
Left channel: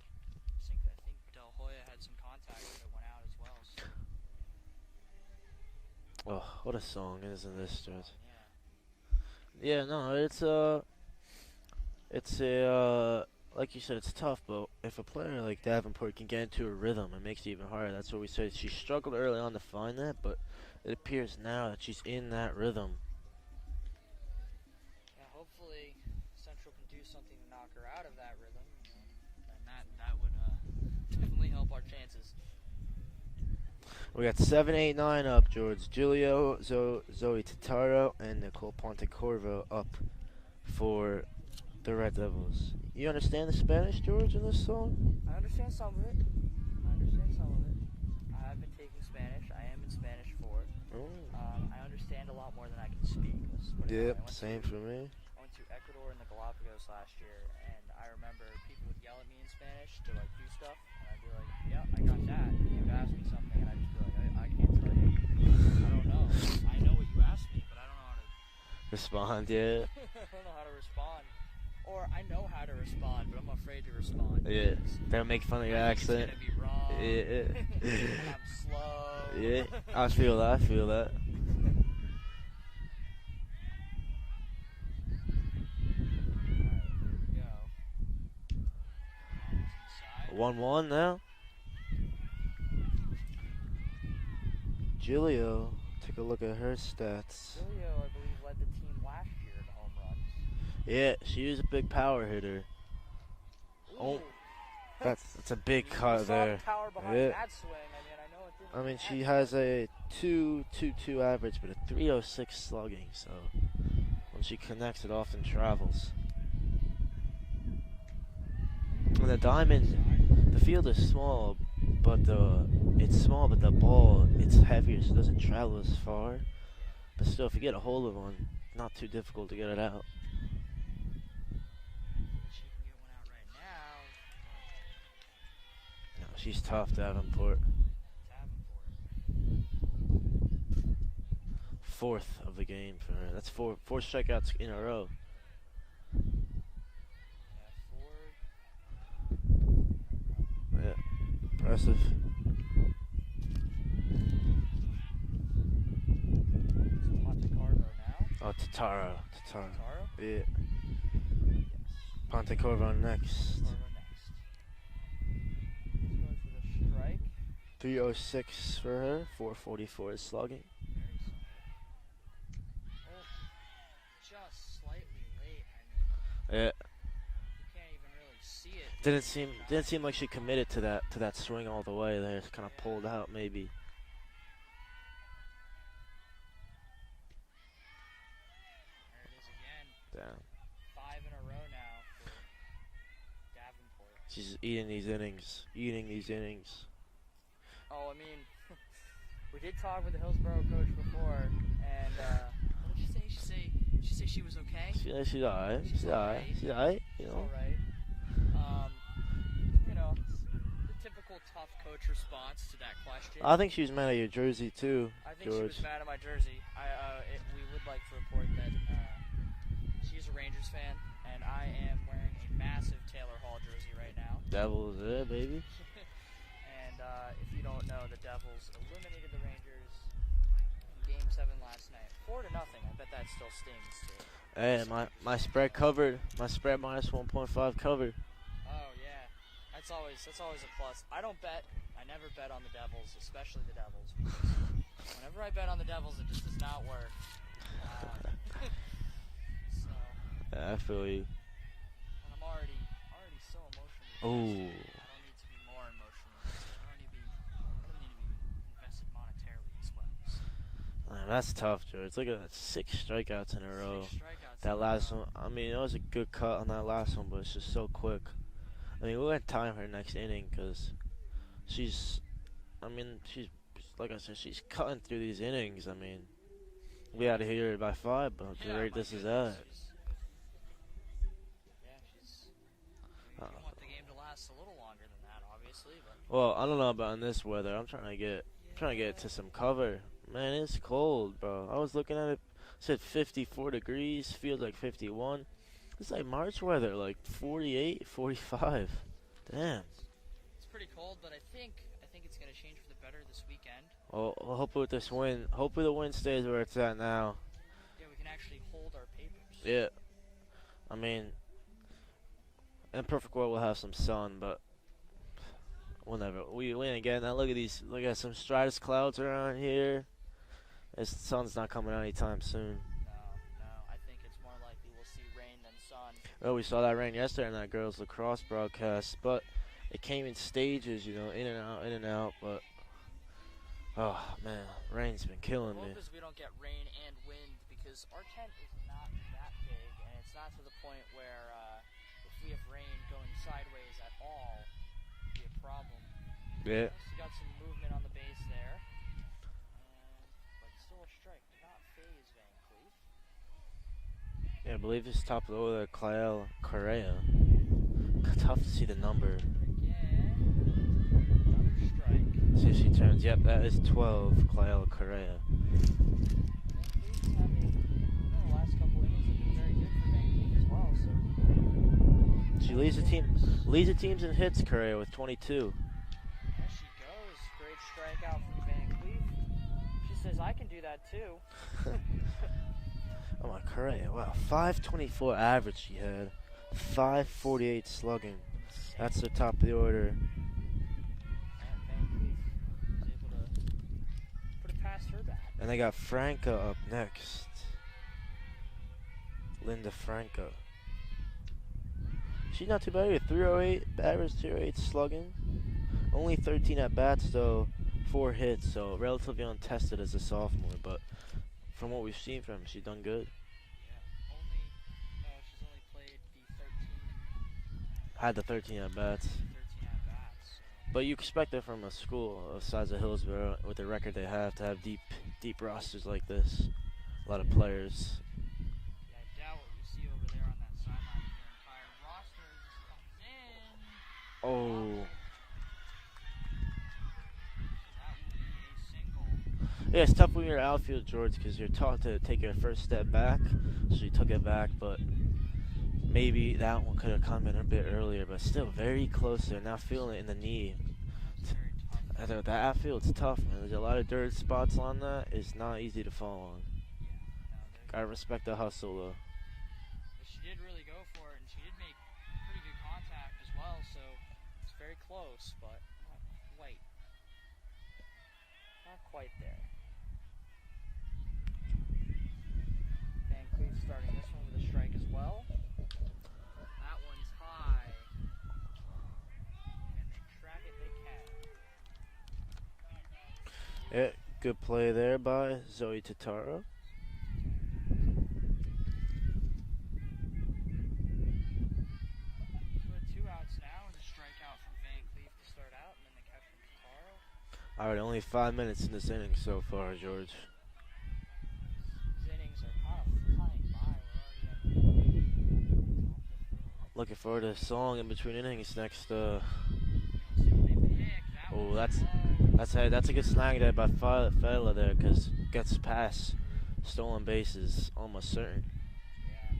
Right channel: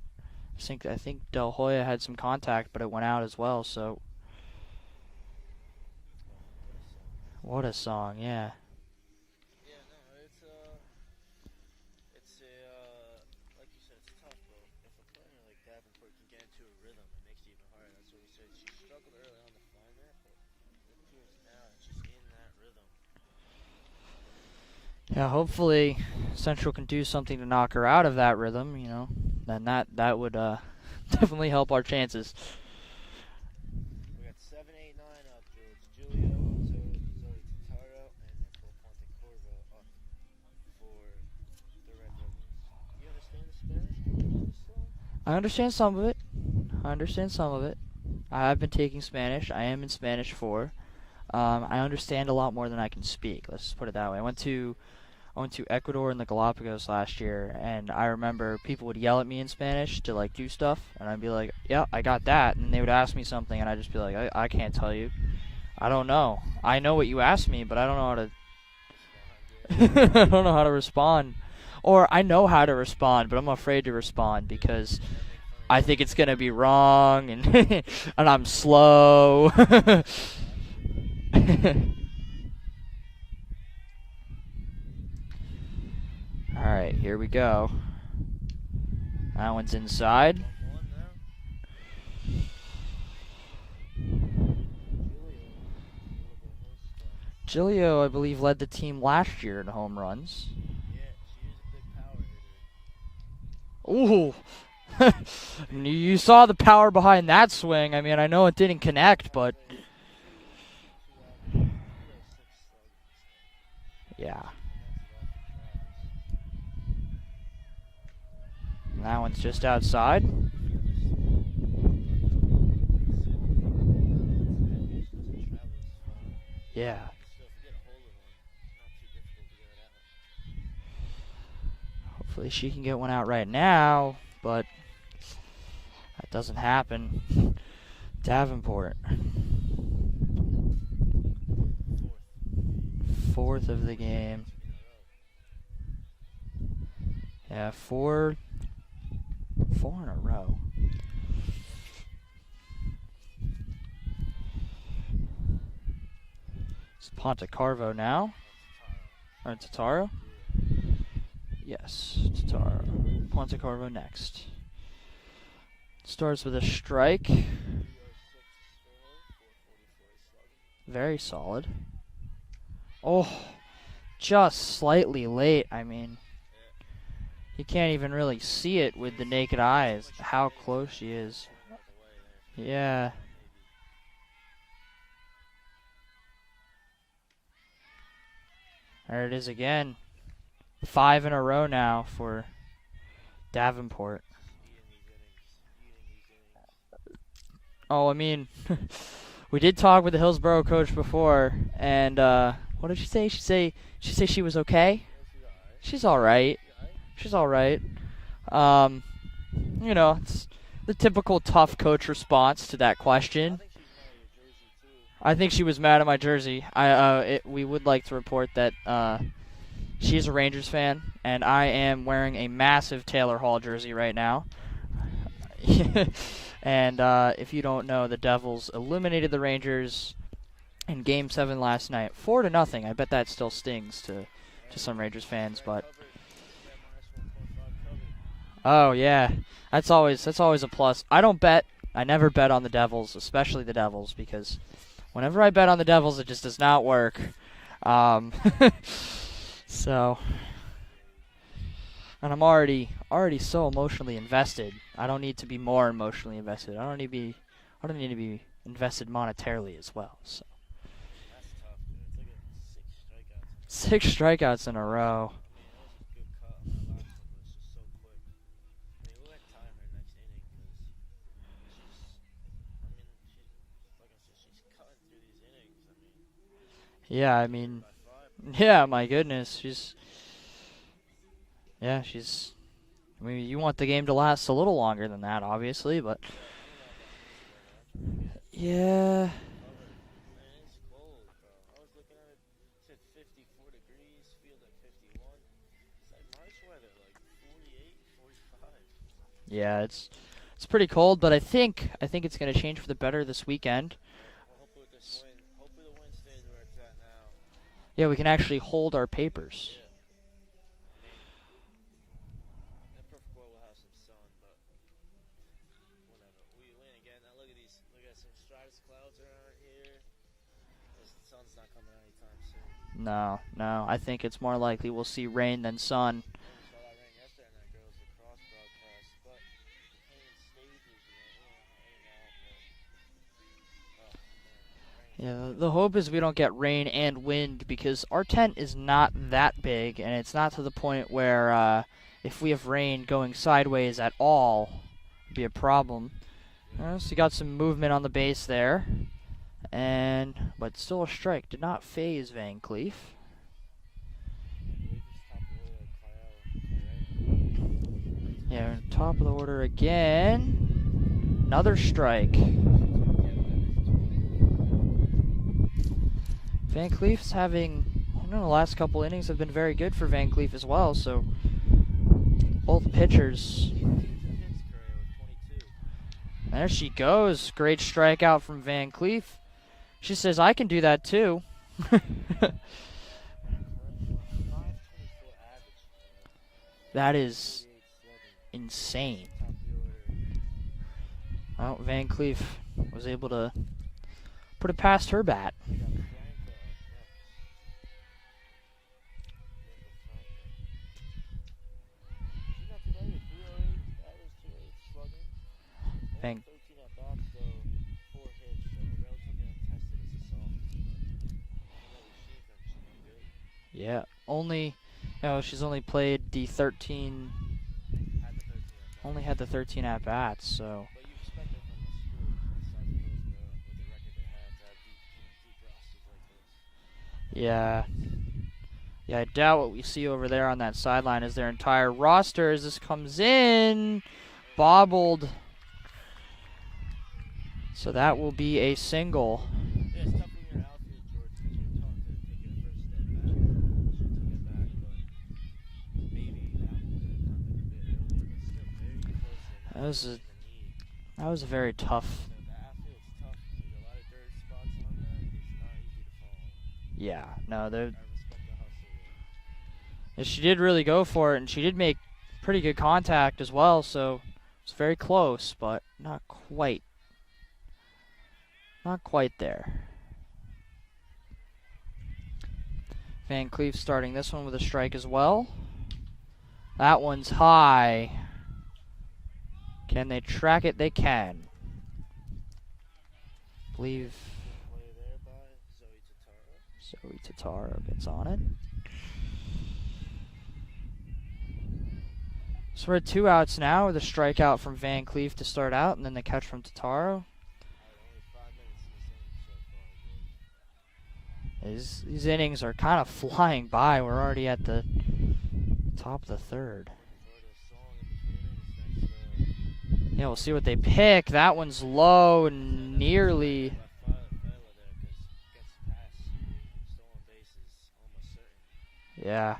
I think Del Hoya had some contact, but it went out as well. So Oh, what a song! Isn't what a this? song, yeah. Yeah, no, it's like you said, it's tough, but if a player like Davenport can get into a rhythm, it makes it even harder. That's what we said. She struggled early on to find that, but it appears now that she's in that rhythm. Yeah, hopefully Central can do something to knock her out of that rhythm, you know. Then that would definitely help our chances. We got 7, 8, 9 up. George Giulio, Zoe Totaro, and Nicole Pontecorvo up for the Red Devils. You understand the Spanish, George, in this song? I understand some of it. I've been taking Spanish. I am in Spanish 4. I understand a lot more than I can speak. Let's just put it that way. I went to Ecuador and the Galapagos last year, and I remember people would yell at me in Spanish to like do stuff, and I'd be like, "Yeah, I got that," and they would ask me something, and I'd just be like, "I can't tell you. I don't know. I know what you asked me, but I don't know how to Respond, yeah. I don't know how to respond." Or I know how to respond, but I'm afraid to respond because They'll make fun of your I think it's accent. gonna be wrong, Yeah. and, and I'm slow. I feel that. All right, here we go. That one's inside. 1-1 now. Giulio, take a look at her stats. Giulio, I believe, led the team last year in home runs. Yeah, she was a big power hitter. Ooh. It's a big you cut saw there. the power behind Yeah. that swing. I mean, I know it didn't connect, she has but a 2.22 average with a 3.06 slugging, so yeah, she connects, it often travels. that And one's the just diamond- outside. The field is small, but it's small, but the ball, it's heavier, so it doesn't travel as far. Yeah. But still, if you get a hold of one, not too difficult to get it out. Hopefully she can get one out right now, but that doesn't She's tough, happen. Davenport. Davenport. Fourth of the game. Fourth of the four game. strikeouts in a row. Yeah, four in a row. Yeah. Impressive. It's Pontecorvo now. Oh, Totaro. Or Totaro? Yeah. Yes. Pontecorvo next. Pontecorvo next. Starts with a strike. 3.06 for her. 4.44 is slugging. Very solid. Oh, just slightly late. I mean, Yeah. you can't even really see it with the naked didn't eyes. seem like she how committed close to that, she to that is. swing all the way there. It's kind of Yeah. pulled out maybe. There it is again. Damn. 5 in a row now for Davenport. She's eating these innings. Oh, I mean, we did talk with the Hillsborough coach before, and what did she say? She say she was okay. Yeah, she's alright. She's all right. She's alright. She's all right. You know, it's the typical tough coach response to that question. I think she was mad at your jersey too. I think she was mad at my jersey. We would like to report that she's a Rangers fan, and I am wearing a massive Taylor Hall jersey right now. Devils, yeah, baby. And if you don't know, the Devils eliminated the Rangers in Game 7 last night, 4-0. I bet that still stings to Hey, some Rangers my fans. spread But covered. My spread minus 1.5 covered. oh yeah, that's always a plus. I don't bet. I never bet on the Devils, especially the Devils, because whenever I bet on the Devils, it just does not work. So, Yeah, I feel you. and I'm already so emotionally invested. Ooh. I don't need to be more emotionally invested. I don't need to be invested monetarily as well. So. Man, that's tough, George. Look at that, 6 strikeouts in a row. 6 strikeouts in That a last row. one. I mean, it was a good cut on that last one, but it's just so quick. I mean, we're going to time her next inning because she's like I said, she's cutting through these innings. I mean, Yeah, I hit her mean, by 5, but yeah, where my does goodness, that? she's. I mean, you want the game to last a little longer than that, obviously, but Well, I don't know about in this weather. I'm trying to get yeah, to some cover. Man, it's cold, bro. I was looking at it. Said 54 degrees. Feels like 51. It's like March weather, like 48, 45. yeah, Damn. it's pretty cold, but I think it's gonna change for the better this weekend. Well, hopefully with this wind, hopefully the wind stays where it's at now. Yeah, we can actually hold our papers. Yeah. I mean, in a perfect world, we'll have some sun, but we'll never. We ain't getting that. Look at these. Look at some stratus clouds around here. The sun's not coming out anytime soon. No. I think it's more likely we'll see rain than sun. Oh, we saw that rain yesterday in that girls' lacrosse broadcast, but it came in stages, you know, in and out. But oh man, rain's killing The hope me. is we don't get rain and wind because our tent is not that big, and it's not to the point where if we have rain going sideways at all, it'd be a problem. Yeah. So you got some movement on the base there, but still a strike. Did not phase Van Cleef. Yeah, I believe it's top of the order, Clael Correa. Tough to see the Top of the number. order again. Another strike. See if she turns. Yep, that is 12, Clael Correa. Van Cleef's having, the last couple innings have been very good for Van Cleef as well. So She both leads pitchers. Leads the teams in hits, Correa, with 22. There she goes. Great strikeout from Van Cleef. She says, I can do that too. Oh my, Correa, wow. 524 average she had. That is 548 slugging. Insane. That's the top of the order. Well, Van Cleef was able to put it past her bat. And they got Franca up next. Linda Franca. She's not too bad either. 308 average, 208 slugging. Only 13 at bats though, 4 hits, so relatively untested as a sophomore. But from what we've seen from her, she's done good. Yeah, she's only played the 13. Had the 13 at bats. Only had the 13 at bats, so. But you expect it from a school the size of Hillsborough with the record they have to have deep rosters like this. A lot of players. Yeah, I doubt what we see over there on that sideline is their entire roster as this comes in. Oh. Bobbled. So that will be a single. Yeah, it's tough when you're outfield, George, because you're taught to take your first step back. So you took it back, but maybe that one could have come in a bit earlier, but still very close there. Now feeling it in the knee. That was very tough. That outfield's tough, man. There's a lot of dirt spots on that. It's not easy to fall on. Yeah, no, I respect the hustle, though. Yeah, she did really go for it, and she did make pretty good contact as well, so it's very close, but not quite. Not quite there. Van Cleef starting this one with a strike as well. That one's high. Can they track it? They can. Believe. Yeah, good play there by Zoe Tataro. Zoe Tataro gets on it. So we're at 2 outs now with a strikeout from Van Cleef to start out, and then the catch from Tataro. All right, only 5 minutes in this inning so far, George. These innings are kind of flying by. We're already at the top of the third. Looking forward to a song in between innings next. Yeah, we'll see what they pick. That one's that's low and that's nearly. a good snag by Fela there, because gets past stolen bases almost certain. Yeah.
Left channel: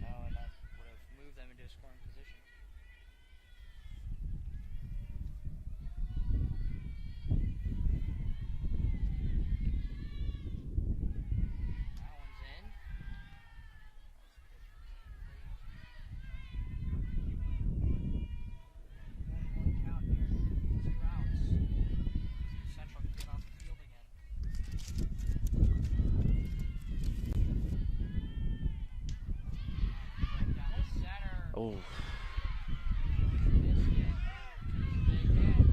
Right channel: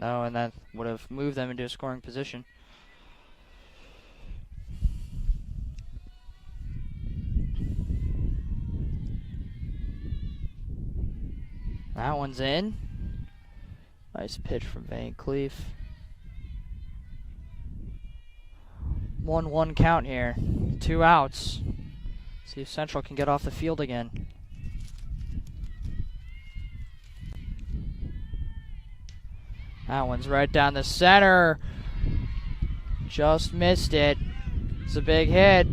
No, and that would have moved them into a scoring position. That one's in. Nice pitch from Van Cleef. 1-1 count here. 2 outs. See if Central can get off the field again. That one's right down the center. Oh. Just missed it. It's a big hit.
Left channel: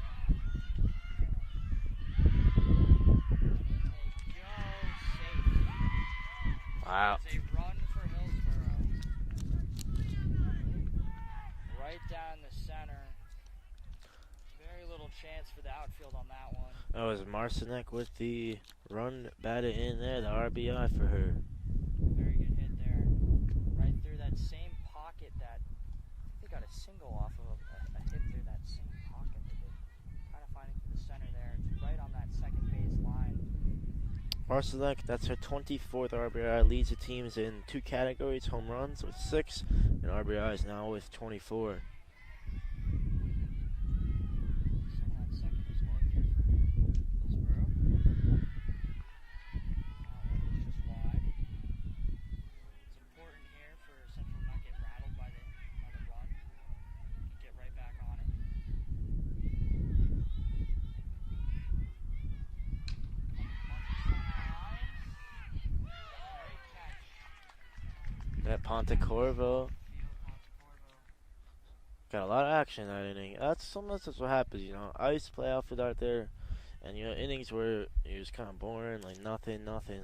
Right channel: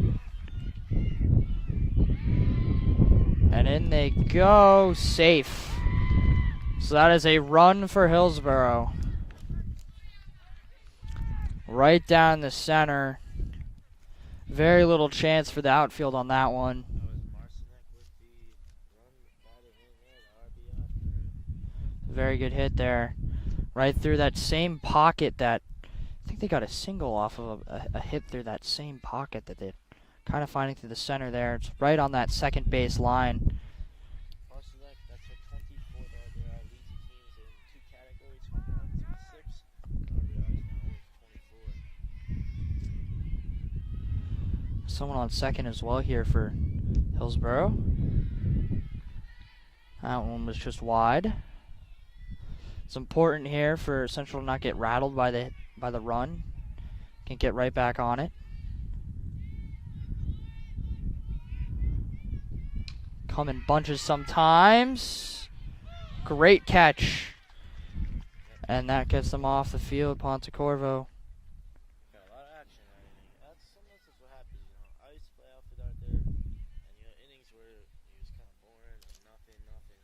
And in they go. Safe. So that is a run for Hillsborough. Right down the center. Very little chance for the outfield on that one. That was Marcinek with the run batted in there, the RBI for her. Very good hit there. Right through that same pocket that, I think they got a single off of a hit through that same pocket that they're kind of finding through the center there. It's right on that second base line. Marcinek, that's her 24th RBI, leads the teams in 2 categories, home runs with 6, and RBIs now with 24. Someone on second as well here for Hillsborough. That one was just wide. It's important here for Central to not get rattled by the run. Can get right back on it. come in bunches sometimes. Great catch. And that gets them off the field. Pontecorvo. Got a lot of action that inning. Sometimes that's what happens, you know. I used to play outfield out there, and you know, innings where it was kind of boring, like nothing.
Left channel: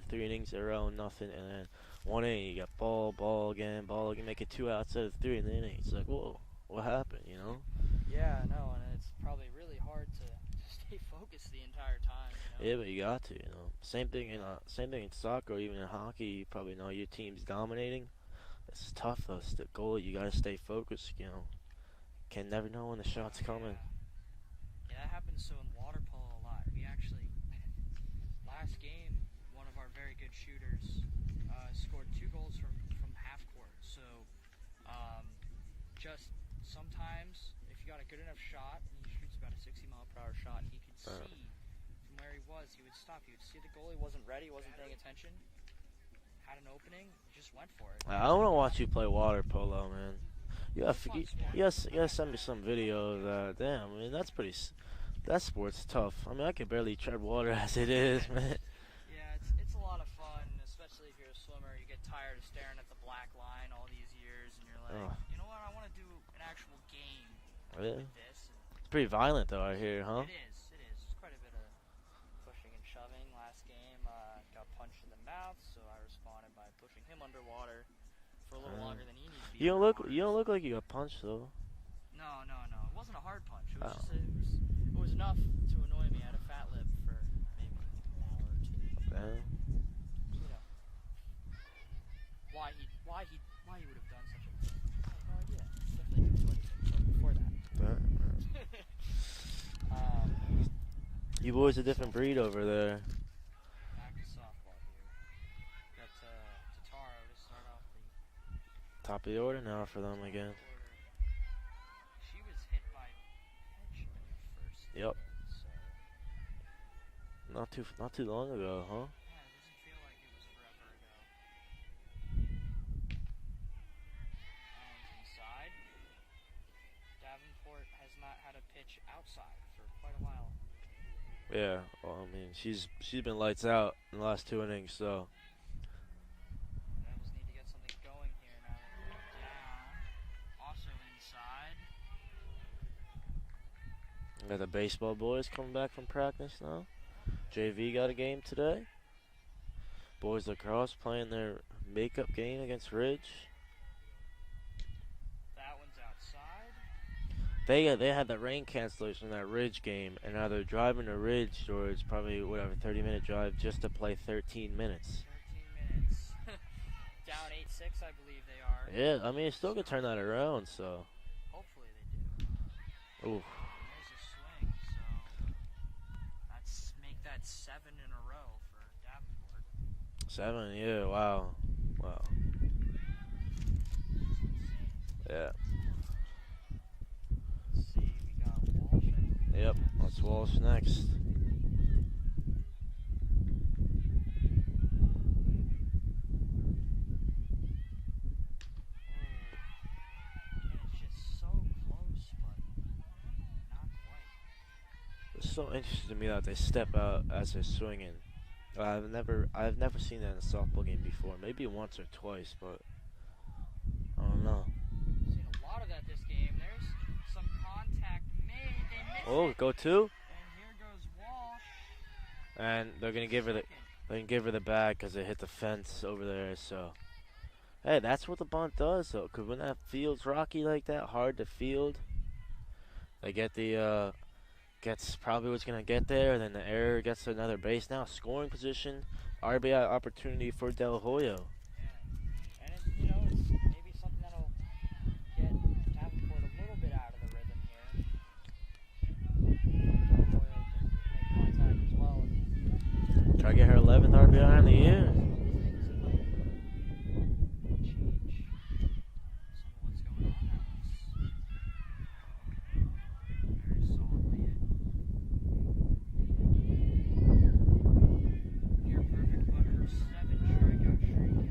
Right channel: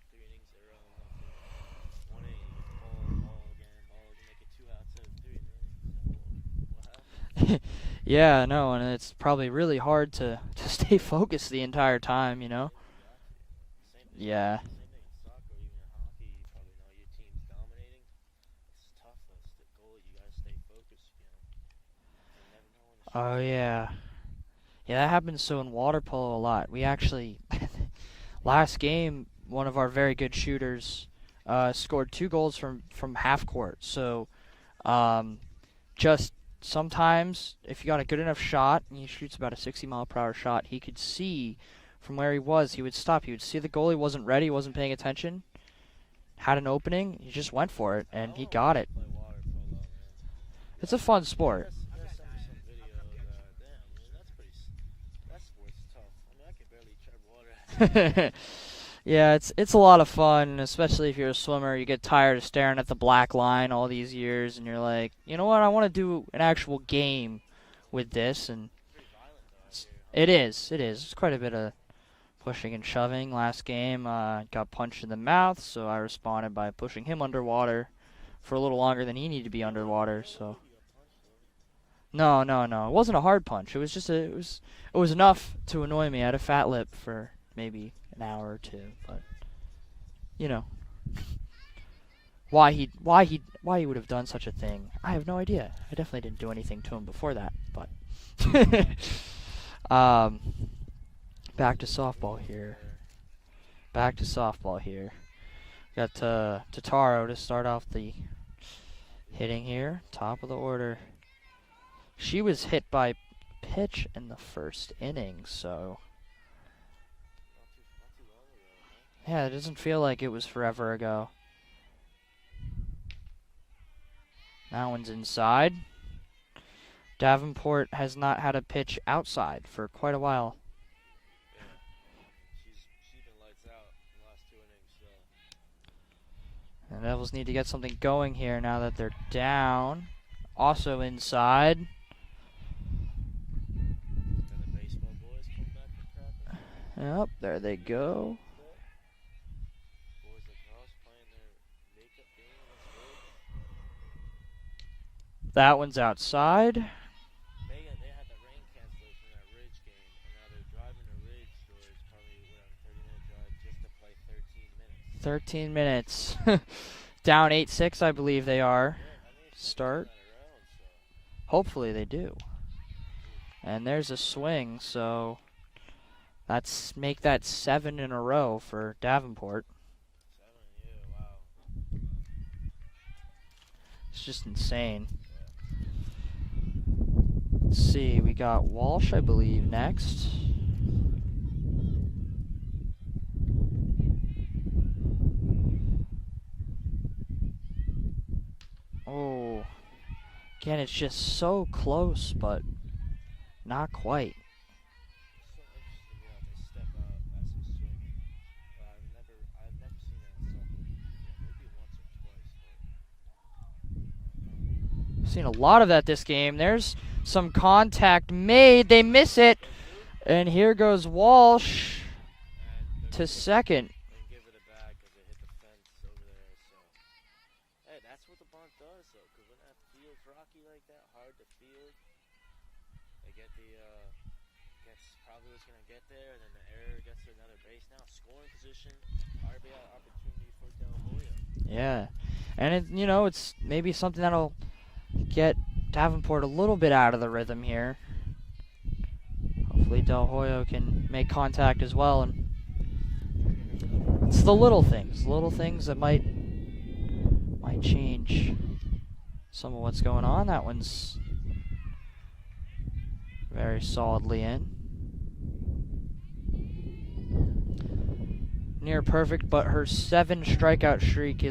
3 innings in a row, nothing, and then 1 inning you got ball again, make it 2 outs out of 3 in the inning. It's like, whoa, what happened? You know? Yeah, no, and it's probably really hard to stay focused the entire time, you know. Yeah, but you got to, you know. Same thing. Yeah. Same thing in soccer, or even in hockey. You probably know your team's dominating. It's tough though. It's the goal. You gotta stay focused. You know. Can never know when the shot's coming. Yeah, that happens so in water polo a lot. We actually, last game, one of our very good shooters scored 2 goals from half court. So just sometimes if you got a good enough shot and he shoots about a 60-mile-per-hour shot, he could see from where he was. He would stop. He would see the goalie wasn't ready, wasn't paying attention, had an opening. He just went for it, and he got it. I play water polo, man. It's a fun sport. Yes, you gotta send me some videos. Damn, I mean that sport's tough. I mean I can barely tread water as it is. Yeah, it's a lot of fun, especially if you're a swimmer. You get tired of staring at the black line all these years, and you're like, you know what? I want to do an actual game with this. And it's pretty violent though, I hear, huh? It is. It's quite a bit of pushing and shoving. Last game, got punched in the mouth, so I responded by pushing him underwater for a little longer than he needed to be underwater. You don't look like you got punched though. No. It wasn't a hard punch. It was just it was enough to annoy me. I had a fat lip for maybe an hour or 2. But, you know, why he would have done such a thing, I have no idea. I definitely didn't do anything to him before that. But you back boys a to different breed softball over here. there. Back to softball here. Got Tataro to start off the Top of the hitting order here. for them Top again. of the order. She was hit by pitch in the first Yep. inning, so Not too long ago, huh? yeah, it doesn't feel like it was forever ago. That one's inside. Davenport has not had a pitch outside for quite a while. Yeah. Well, I mean, she's been lights out in the last 2 innings, so. The Devils need to get something going here now that they're down. Also inside. Got the baseball boys coming back from practice now. Yep, there they JV go. got a game today. Boys lacrosse playing their makeup game against Ridge. That one's outside. They had the rain cancellation in that Ridge game, and now they're driving to Ridge, or it's probably 30-minute drive just to play 13 minutes. 13 minutes. Down 8-6, I believe they are. Yeah, I mean, it's still gonna turn that around, so. Hopefully they do. Oof. And there's a swing, so make that 7 in a row for Davenport. 7, yeah, wow. It's just insane. Yeah. Let's see, we got Walsh, I believe, Yep, next. Walsh next. Oh, again, it's just so close, but not quite. It's so interesting to me that they step out as they're swinging. I've never seen that in a softball game before. Maybe once or twice, but I don't know. Seen a lot of that this game. There's some contact made. They miss it. Go 2. And here goes Walsh And they're to gonna give second. They can give her the bag because they hit the fence over there. So, hey, that's what the bunt does, though. Because when that field's rocky like that, hard to field, they get the gets probably what's gonna get there. Then the error gets to another base. Now scoring position, RBI opportunity for Del Hoyo. Yeah, and it's maybe something that'll get Davenport a little bit out of the rhythm here. Hopefully Del Hoyo can make contact as well and try to get her 11th RBI. it's the little things that might change some of what's going on. That one's very solidly in. Near perfect, but her 7 strikeout streak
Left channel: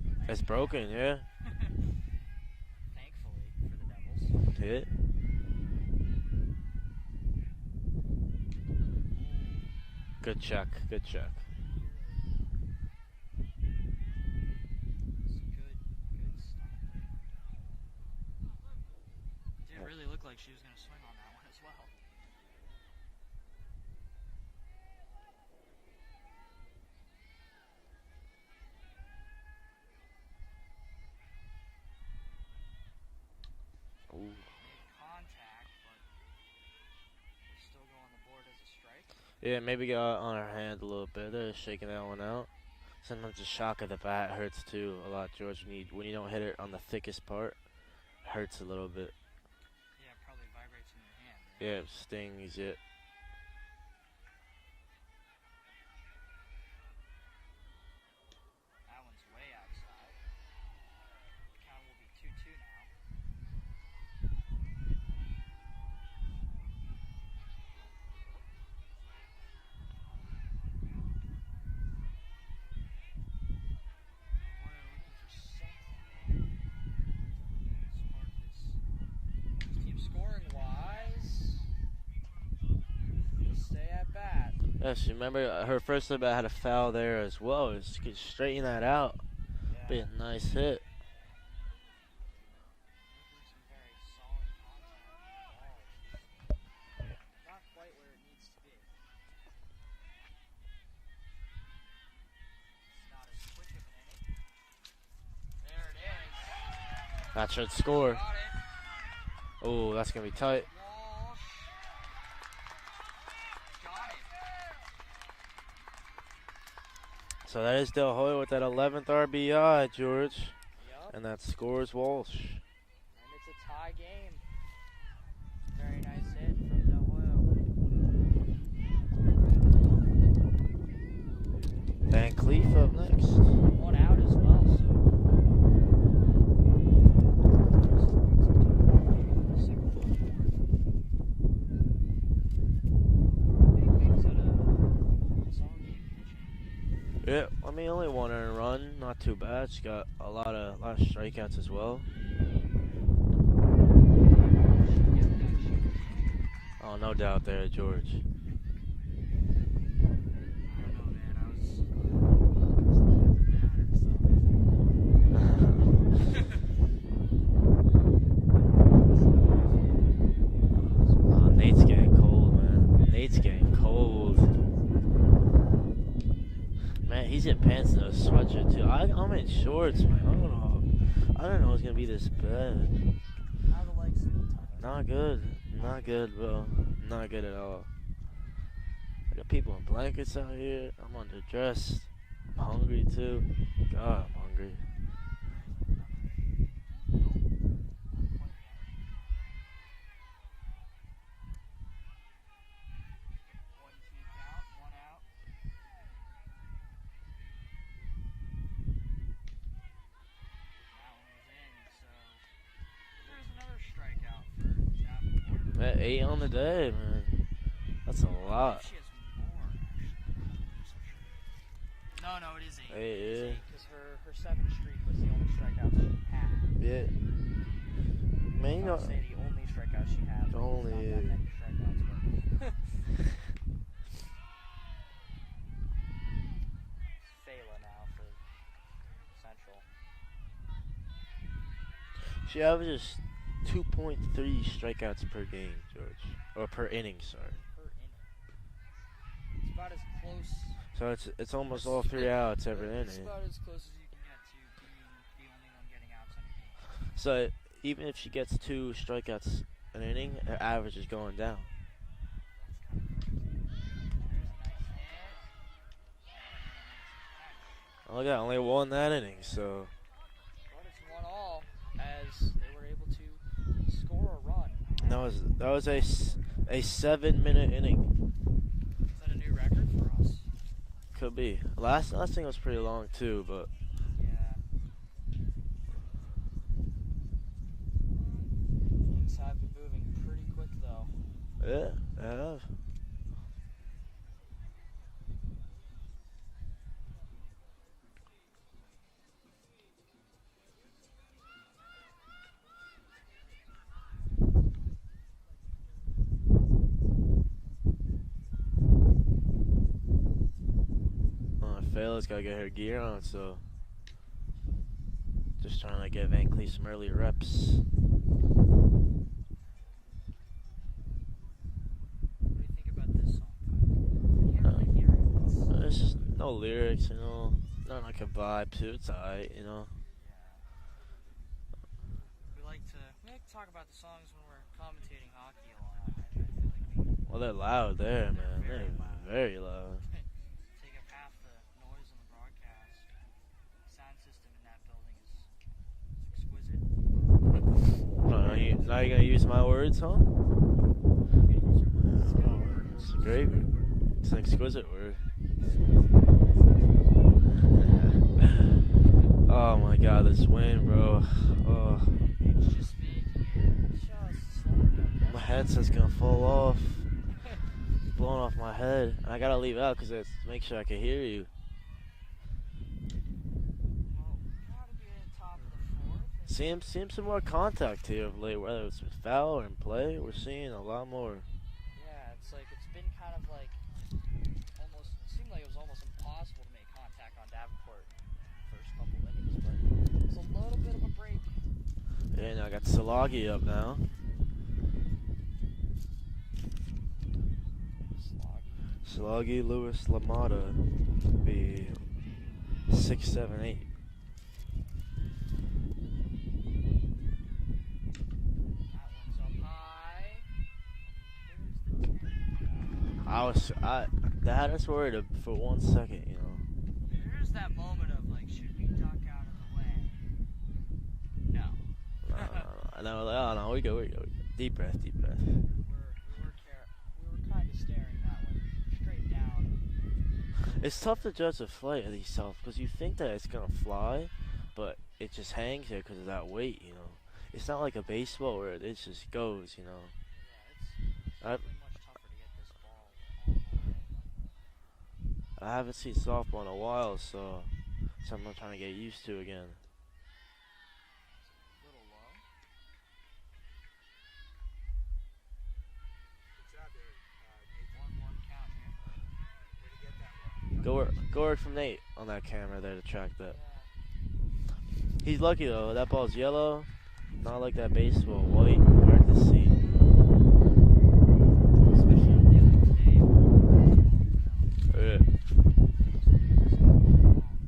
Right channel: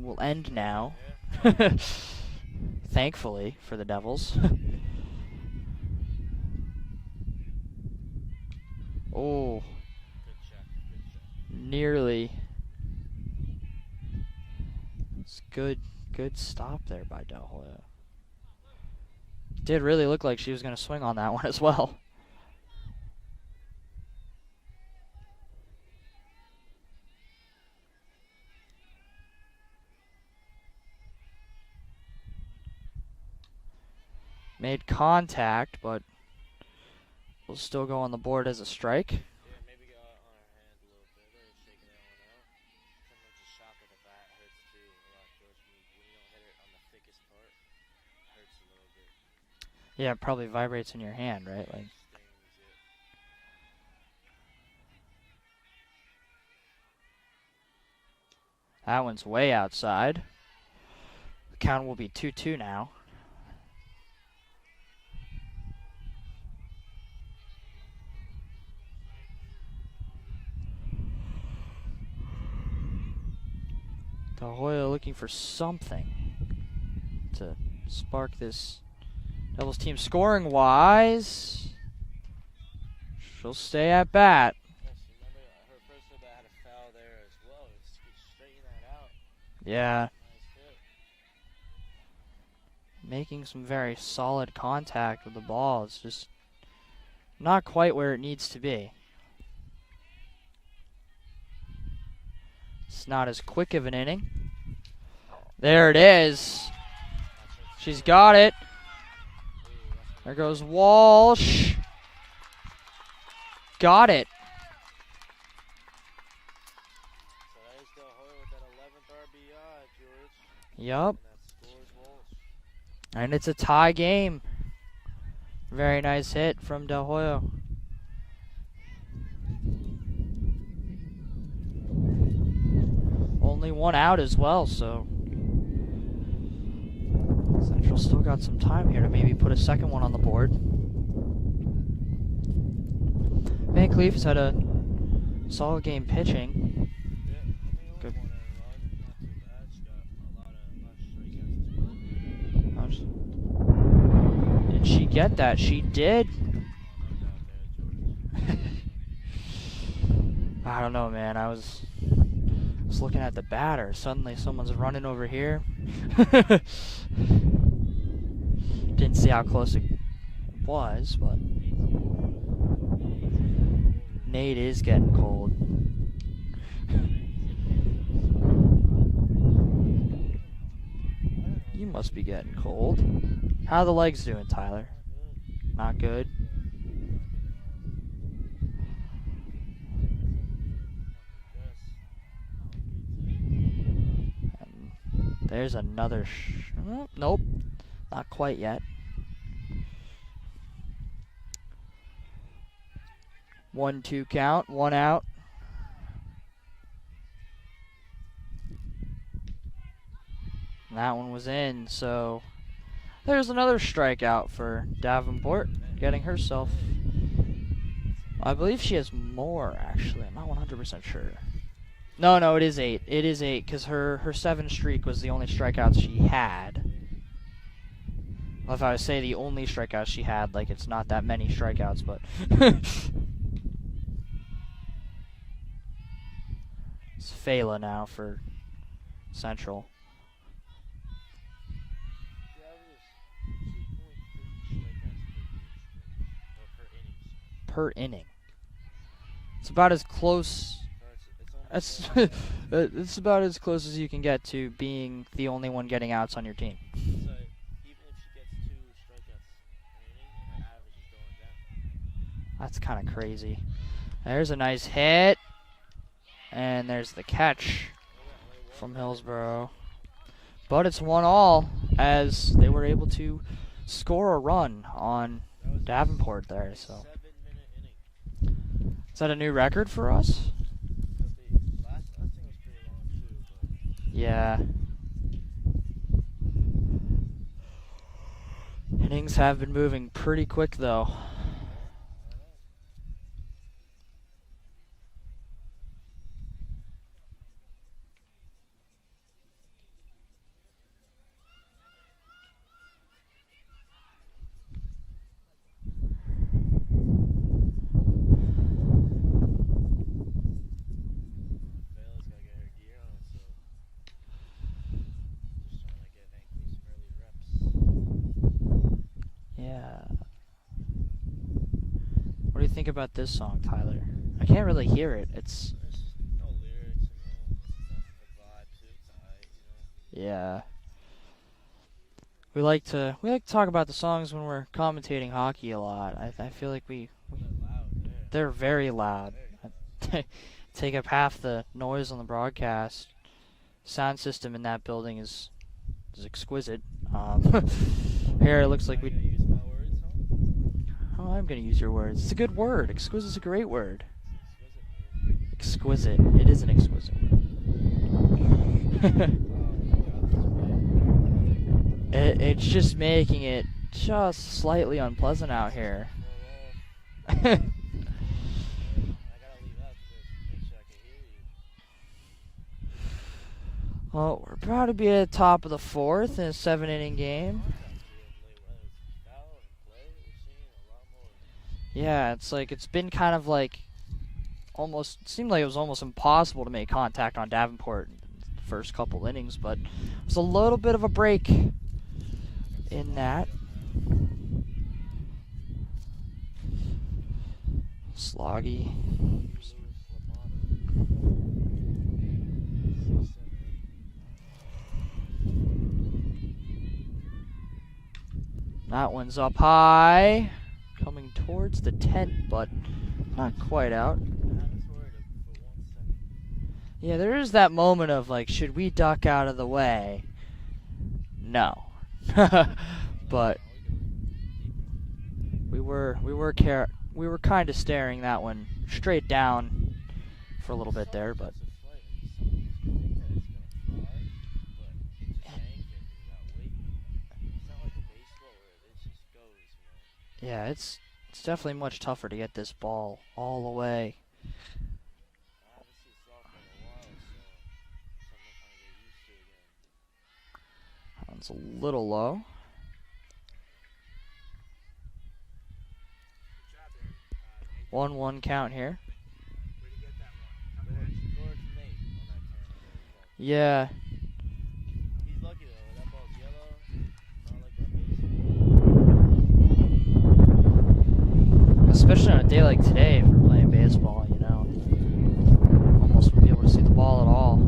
will end broken, now. Yeah. Thankfully for the Devils. Yeah. Oh, Good check. Good check. Nearly. It's good stop there by De Hoya. Did really look like she was going to swing on that one as well. Made contact, but will still go on the board as a strike. Yeah, maybe got on her hand a little bit there, shaking that one out. Sometimes the shock of the bat hurts too a lot, George. When you don't hit it on the thickest part, it hurts a little bit. Yeah, it probably vibrates in your hand, right? Yeah, Like, stings it. that one's way outside. The count will be 2-2 now. De Hoya looking for something to spark this Devils team scoring wise. She'll stay at bat. Yes, you remember her first at bat had a foul there as well. Just could straighten that out. Yeah, Good, nice hit. making some very solid contact with the ball. It's just not quite where it needs to be. It's not as quick of an inning. There it is. That's her score. She's got it. Oh, that's going to There be goes tight. Walsh. Got it. So that is De Hoya with that 11th RBI, George. Yup. And that scores Walsh. And it's a tie game. Very nice hit from De Hoya. Van Cleef up next. Only one out as well, so Central still got some time here to maybe put a second one on the board. Van Cleef's had a solid game pitching. Yeah, I mean, only one earned run, not too bad. She got a lot of strikeouts as well. Did she get that? She did. Oh, no doubt there, George. I don't know, man. I was looking at the batter. Suddenly, someone's running over here. Didn't see how close it was. Oh, Nate's getting cold, man. Nate's getting cold. Nate is getting cold. Man, he's in pants and a sweatshirt too. I'm in shorts, man. I don't know. It's You gonna must be be this getting bad. cold. How are the legs doing, Tyler? Not good. Not good? bro. Not good at all. I got people in blankets out here. I'm underdressed. I'm hungry too. God, I'm hungry. There's another. Nope, not quite yet. 1-2 count, one out. And that one was in, so there's another strikeout for Davenport. Man, Getting 8 on the herself. day, man. That's a lot. I believe she has more, actually. I'm not 100% sure. No, it is 8. It is Yeah. 8, because her 7 streak was the only strikeouts she had. Yeah. Well, if I would say the only strikeouts she had, like it's not that Only. many strikeouts, but it's Fela now for Central. She averages 2.3 strikeouts per game, George. Or per inning, sorry. Per inning. It's about as close. So it's almost That's all 3 outs. every it's inning. about as close as you can get to being the only one getting outs on your team. So even if she gets 2 strikeouts an inning, her average is going down. That's kind of crazy. There's a nice hit, and there's the catch. Oh, look at that, only one From that inning. Hillsborough. So But it's 1-all as they were able to score a run on that was Davenport there. a so. 7-minute inning. Is that a new record for us? Could be. Last thing was pretty long too, but Yeah. Innings have been moving pretty quick though. yeah, they have. Kayla's gotta get her gear on, so just trying to get Van Cleef some early reps. Yeah. What do you think about this song, Tyler? I can't really hear it. There's just no lyrics, you know. Not like a vibe to it. It's alright, you know. Yeah. We like to talk about the songs when we're commentating hockey a lot. I feel like Well, they're loud there. they're man. very loud. Very loud. Take up half the noise on the broadcast. Sound system in that building is exquisite. Here it looks Now like you're gonna use my words, huh? oh, I'm gonna use your words. It's a good word. Exquisite is a Great. great word. It's an exquisite word. Exquisite. It is an exquisite word. Oh my god, this wind, bro. Oh. It's just making it just slightly unpleasant My out headset's here. gonna fall off. Blowing off my head. I gotta leave out because it's make sure I can hear you. Well, we're proud to be at the top of the fourth in a Seeing 7-inning some more game. contact here of late, whether it's foul or in play. We're seeing a lot more. Yeah, it's like it's been kind of like almost seemed like it was almost impossible to make contact on Davenport in the first couple innings, but it was a little bit of a break. Yeah, now I got Salagi up now. Sloggy. Salagi, Lewis, Lamada. Be 6, 7, 8. That one's up high, coming towards the tent, but not quite out. That had us worried for 1 second, you know. Yeah, there is that moment of like, should we duck out of the way? No. No, But- no, we go. Deep breath. We were kind of staring that one straight down for a little It's bit tough there. to judge the flight of these stuff because you think that it's gonna fly, but it just hangs there because of that weight, you know. It's not like a baseball where it just goes, you know. Yeah, it's definitely much tougher to get this ball all the way. I haven't seen softball in a while, so something I'm trying to get used to again. That one's a little low. One count here. Go work from Nate on that camera there to track that. Yeah, He's lucky though. That ball's yellow, not like that baseball white. Hard to see. especially on a day like today, if we're playing baseball, you know, Yeah. almost won't be able to see the ball at all.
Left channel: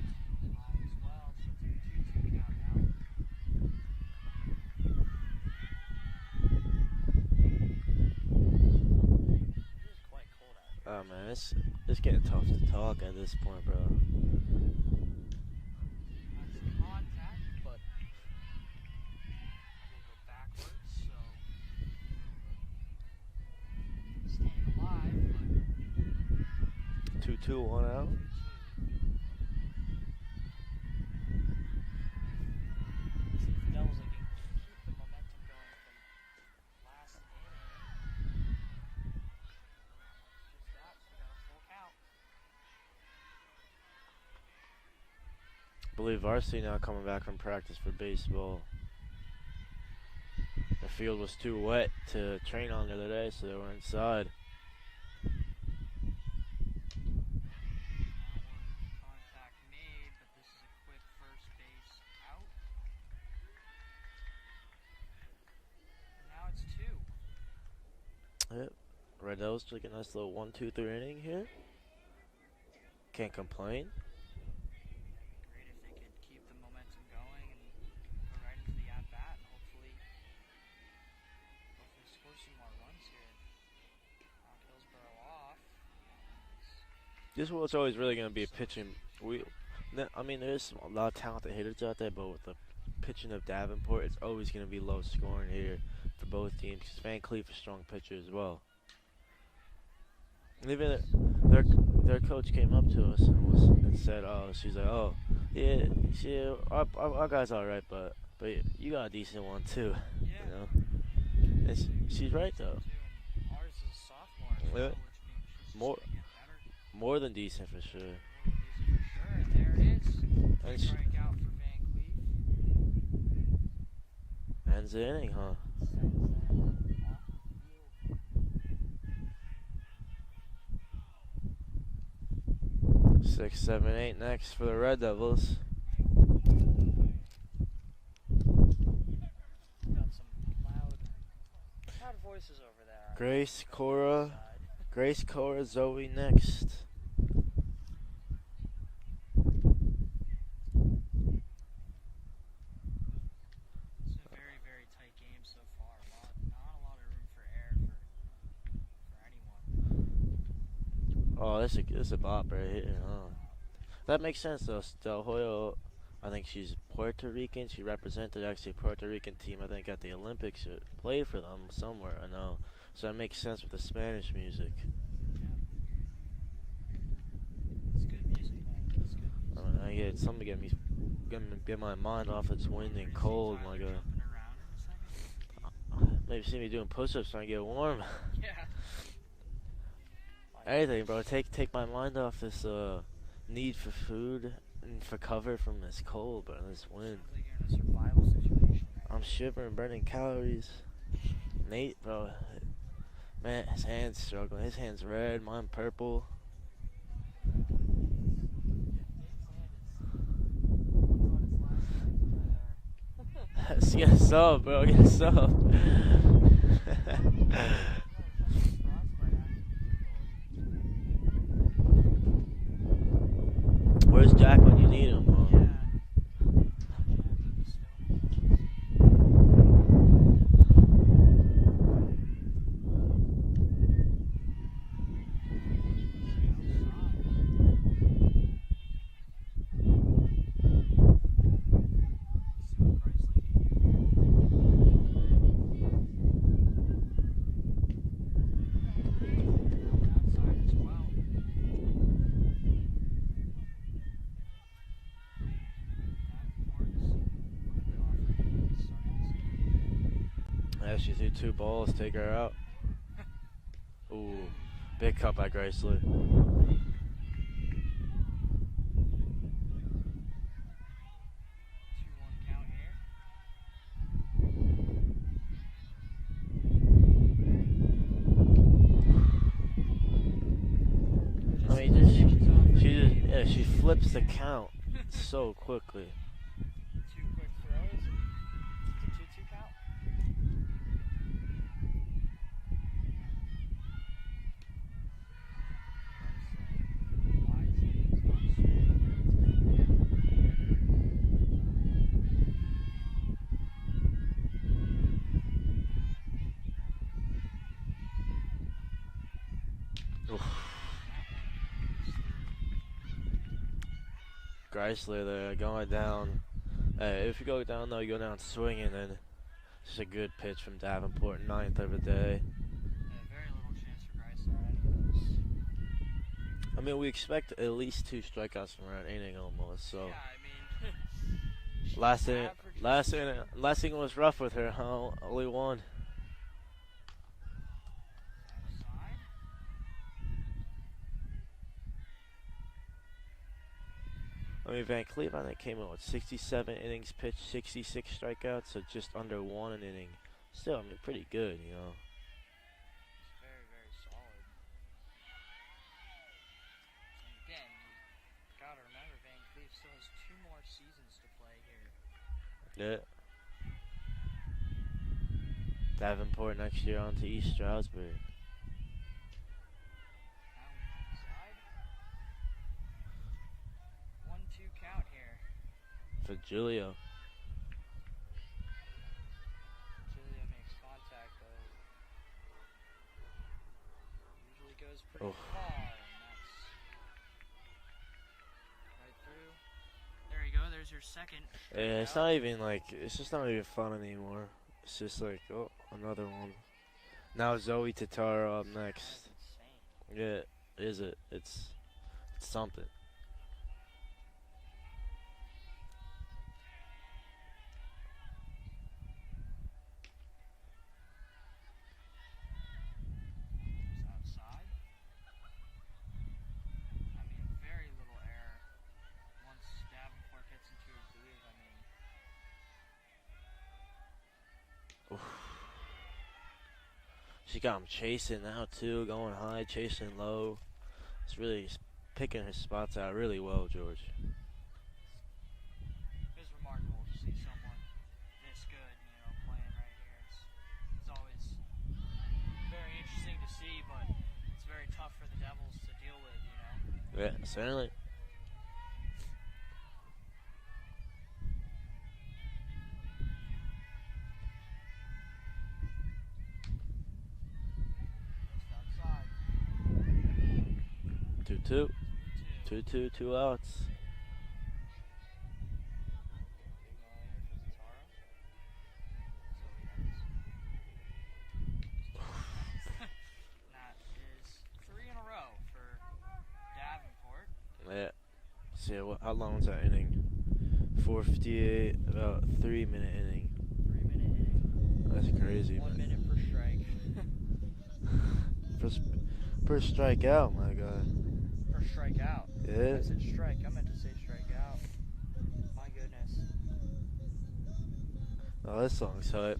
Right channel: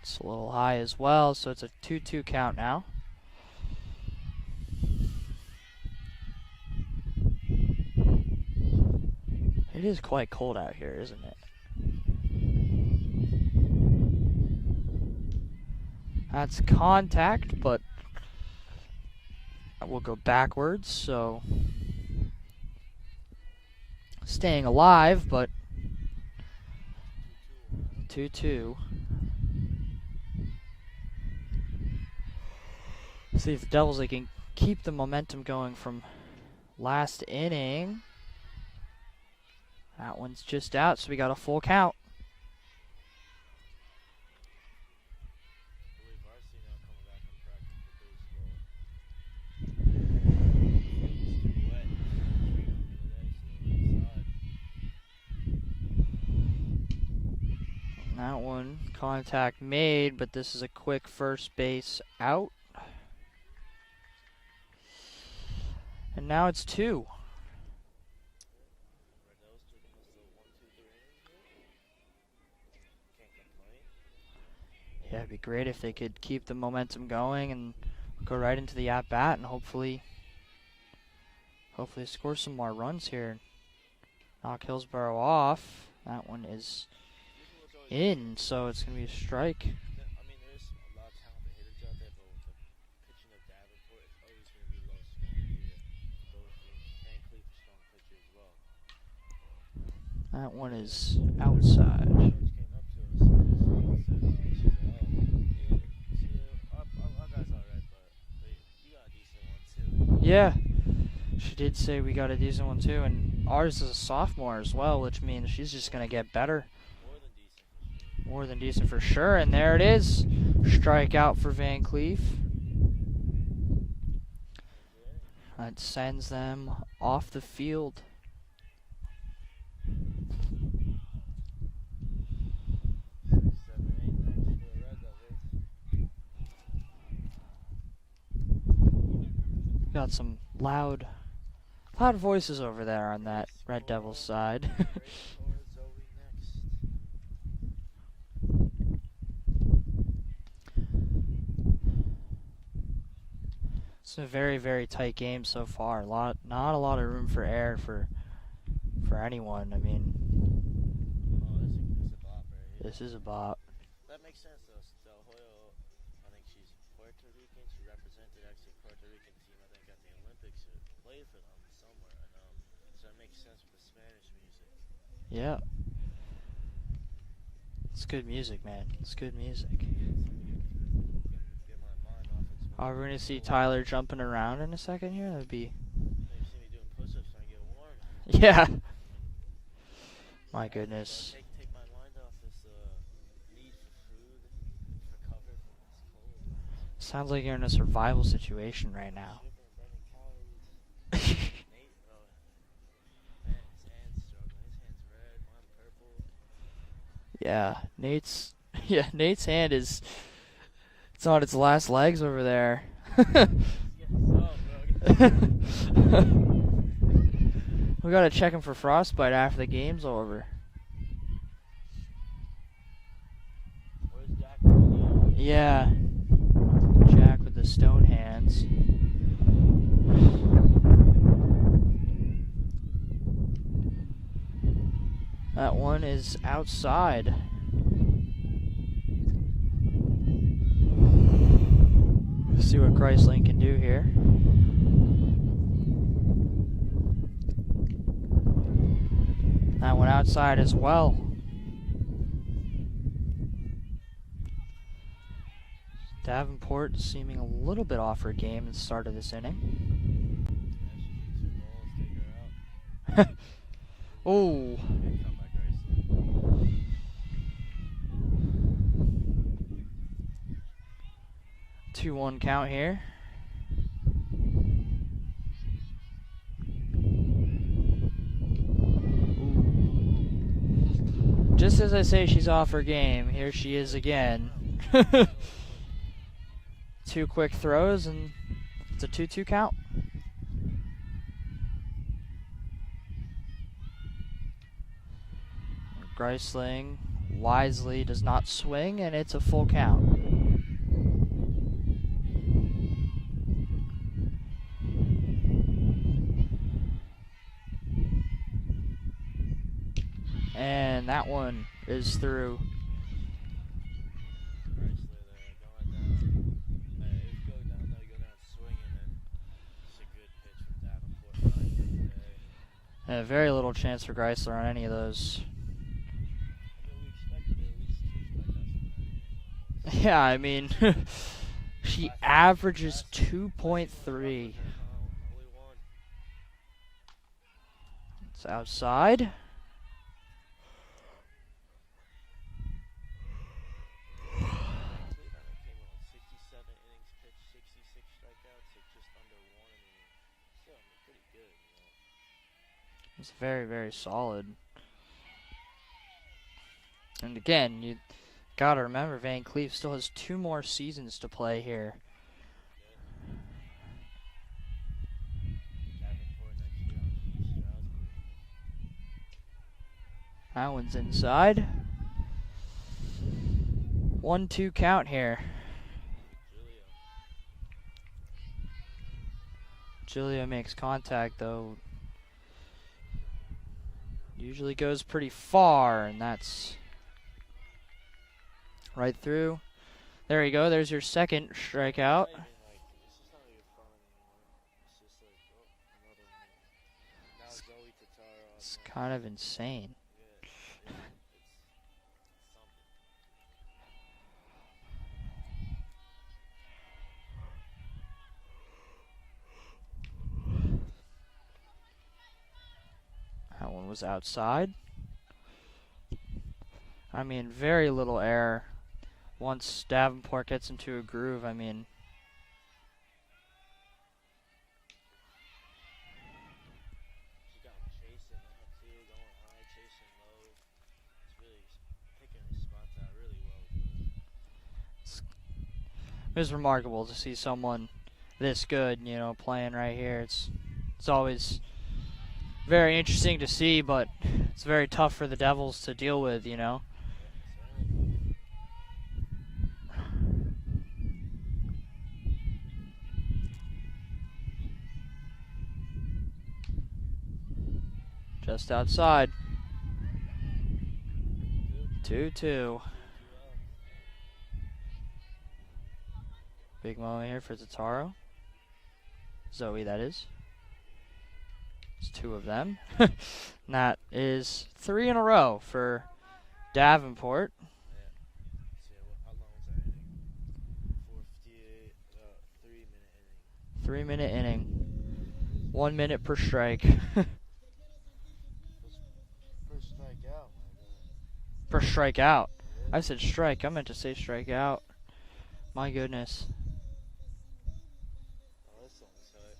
It's a little high as well, so it's a 2-2 count now. It is quite cold out here, Oh, isn't man, it? it's getting tough to talk at this point, bro. That's contact, but we'll go backwards, so staying alive, but 2-2, 1 out. 2-2. See if the Devils they can keep the momentum going from last inning. That one's just out, so we got a full count. I believe varsity now coming back from practice for baseball. The field was too wet to train on the other day, so they were inside. That one, contact made, but this is a quick first base out. And now it's 2. Yep. Red Devils took a nice little 1-2-3 inning here. Can't complain. Yeah, it'd be great if they could keep the momentum going and go right into the at-bat and hopefully score some more runs here and knock Hillsborough off. That one is This one's always really going to in, be so it's pitching. going to be a strike. I mean, there's a lot of talented hitters out there, but with the pitching of Davenport, it's always going to be low scoring here for both teams. 'Cause Van Cleef is a strong pitcher as well. That one Even is Their outside. coach came up to us and said, she's like, oh, yeah, see, our guy's all right, but you got a decent one too. Yeah, You know? she did It's- say we got a she's right, decent though. one too, and ours is a sophomore as Yeah. well, which means she's just More- going to get better. More than decent for sure. More than decent for sure, and there it is. Strikeout for Van Cleef. Ends the inning, huh? That sends them off the field. 6, 7, 8 next for the Red Devils. Got some loud voices over there on Grace, that Red Cora. Devils side. Grace, Cora, Zoe next. It's a very, very tight game so far. Not a lot of room for error for anyone. I mean, Oh, this is a bop right here. this is a bop. That makes sense though. Del Hoyo, I think she's Puerto Rican. She represented actually a Puerto Rican team, I think, at the Olympics. Or played for them somewhere, I know. So that makes sense with the Spanish music. Yeah. It's good music, man. It's good music. I get something to get my mind off its wind. Are we and gonna see cold Tyler out there. jumping around in a second here? That'd be. Maybe see me doing push-ups trying to get warm. Yeah. My Anything, goodness. bro. Take my mind off this need for food and for cover from this cold, bro. This wind. Sounds like you're in a survival situation right I'm now. shivering, burning calories. Nate, bro, man, his hand's struggling. His hand's red, mine purple. Yeah, Nate's hand is. It's on its last legs over there. Yes, so, bro. Yes, so. We gotta check him for frostbite after the game's over. Where's Jack when you need him? Yeah. Jack with the stone hands. That one is outside. Let's see what Chrysling can do here. That one outside as well. Davenport seeming a little bit off her game at the start of this inning. Yeah, she threw 2 balls, take her out. Ooh. Big cut by Chrysler. 2-1 count here. Just as I say she's off her game, here she is flips the again. count so quickly. 2 quick throws and it's a 2-2 count. Greisling wisely does not swing and it's a full count. And that one is through. Chrysler there going down. If you go down though, you go down swinging, and it's a good pitch from Davenport, 9th of the day. Very little chance for Greisler on any of those. I mean, we expect at least 2 strikeouts from her inning almost. Yeah, I mean, she averages 2.3. Last inning was rough with her, huh? Only 1. It's outside. I mean, Van Cleve, I think, came in with 67 innings pitched, 66 strikeouts, so just under 1 an inning. Still, I mean, pretty good, you know. It's very, very solid. And again, you gotta remember Van Cleve still has 2 more seasons to play here. Yeah. Davenport next year on to East Stroudsburg. That one's inside. 1-2 count here. For Julio. Julio makes contact though. Usually goes pretty far, and that's right through. There you go. There's your second strikeout. Yeah, it's not even like, it's just not even fun anymore. It's just like, oh, another one. Now Zoe Tataro up It's next. kind of insane. Yeah, is it? It's something. That one was outside. I mean, very little error. Once Davenport gets into a groove, I mean. She got him chasing now too, going high, chasing low. It's really picking his spots out really well, George. It was remarkable to see someone this good, you know, playing right here. It's always very interesting to see, but it's very tough for the Devils to deal with, you know. Yeah, certainly. Just outside. 2-2. 2-2. 2-2, 2 outs. Big moment here for Tataro. Zoe, that is. It's 2 of them. And that is 3 in a row for Davenport. Yeah. See, how long was that inning? 4:58, about 3-minute inning. 3-minute inning. That's crazy. 1 minute per strike. Per strikeout, my God. Per strikeout. Yeah. I said strike. I meant to say strikeout. My goodness. Oh, this song's hype.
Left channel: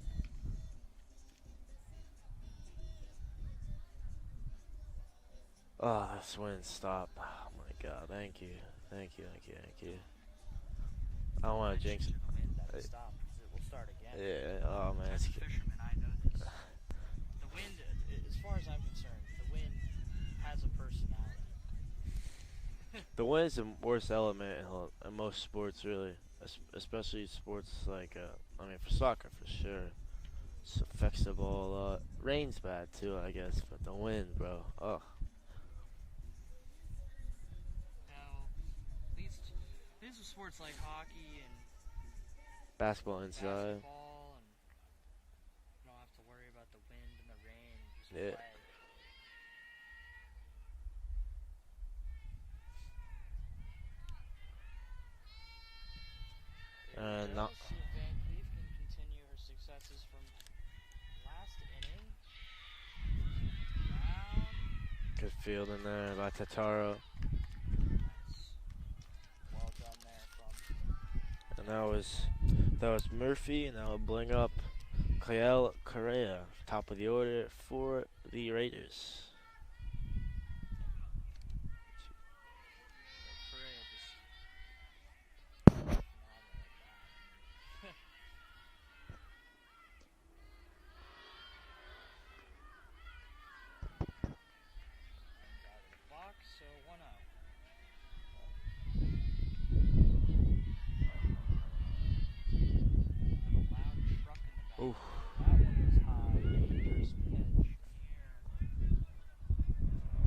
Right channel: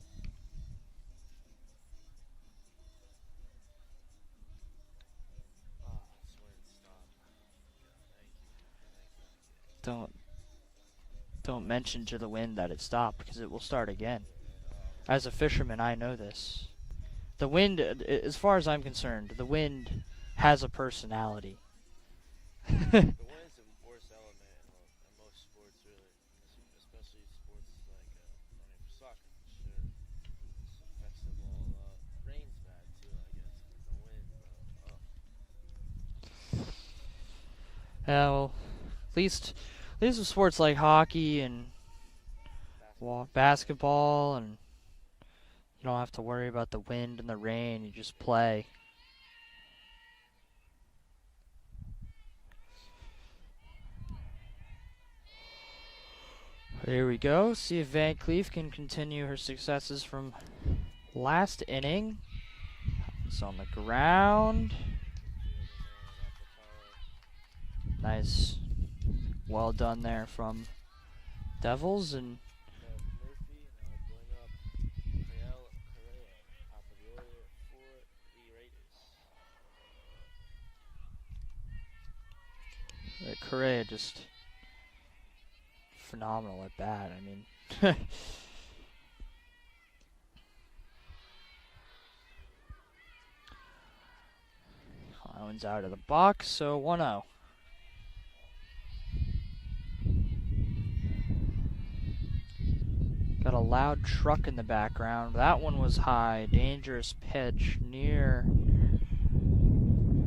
Oh, this wind stop. Oh my God, thank you. Thank you. I Don't wanna mention jinx to the wind that it stopped, because it will start again. Yeah, oh man. As a fisherman, I know this. The wind, as far as I'm concerned, the wind has a personality. The wind is the worst element in most sports, really. Especially sports like, for soccer, for sure. It affects the ball a lot. Rain's bad, too, I guess. But the wind, bro. Ugh. Yeah, well, at least with sports like hockey and basketball, and you don't have to worry about the wind and the rain. You just play. Here we go. See if Van Cleef can continue her successes from last inning. It's on the ground. Good field in there by Tataro. Nice. Well done there from Devils. That was Murphy, and that will bring up Kyle Correa, top of the order for the Raiders. Correa just phenomenal at bat. I mean, Collins out of the box, so 1-0. Got a loud truck in the background. Ooh. That one was high. Dangerous pitch near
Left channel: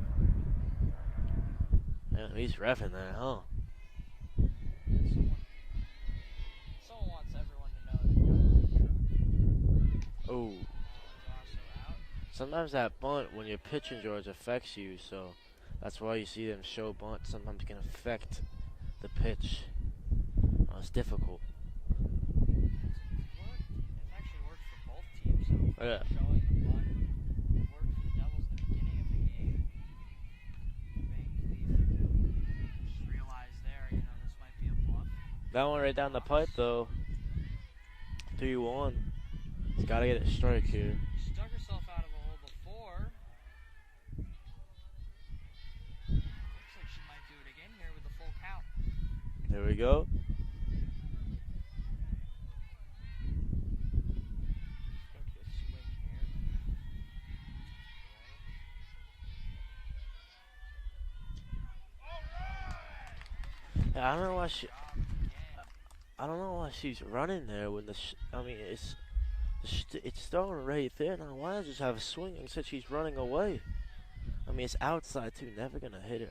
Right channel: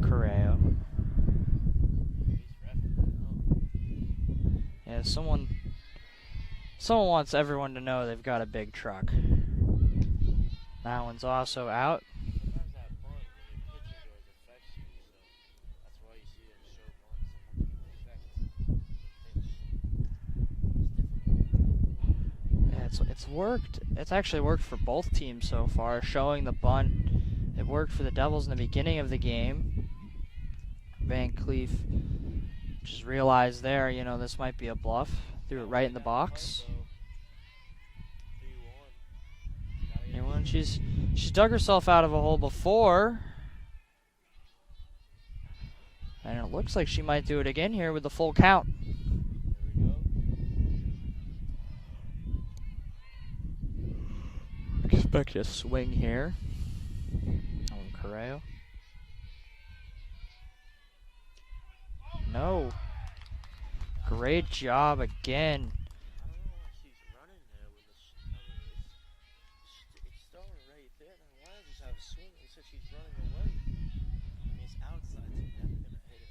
Correa. Yeah, he's reffing that, huh? Yeah, someone wants everyone to know they've got a big truck. Ooh. That one's also out. Sometimes that bunt, when you're pitching, George, affects you, so that's why you see them show bunt. Sometimes it can affect the pitch. It's difficult. Yeah, it's worked. It's actually worked for both teams so far. Yeah. Showing the bunt, it worked for the Devils in the beginning of the game. Van Cleef just realized there, you know, this might be a bluff. Threw it right in the box. The pipe, though. 3-1. He's got to get it straight here. She's dug herself out of a hole before. And it looks like she might do it again here with the full count. There we go. Expect a swing here. Correa. No. Great job again. I don't know why she's running there when it's throwing right there. Now why not just have a swing instead she's running away? I mean, it's outside too. Never gonna hit it.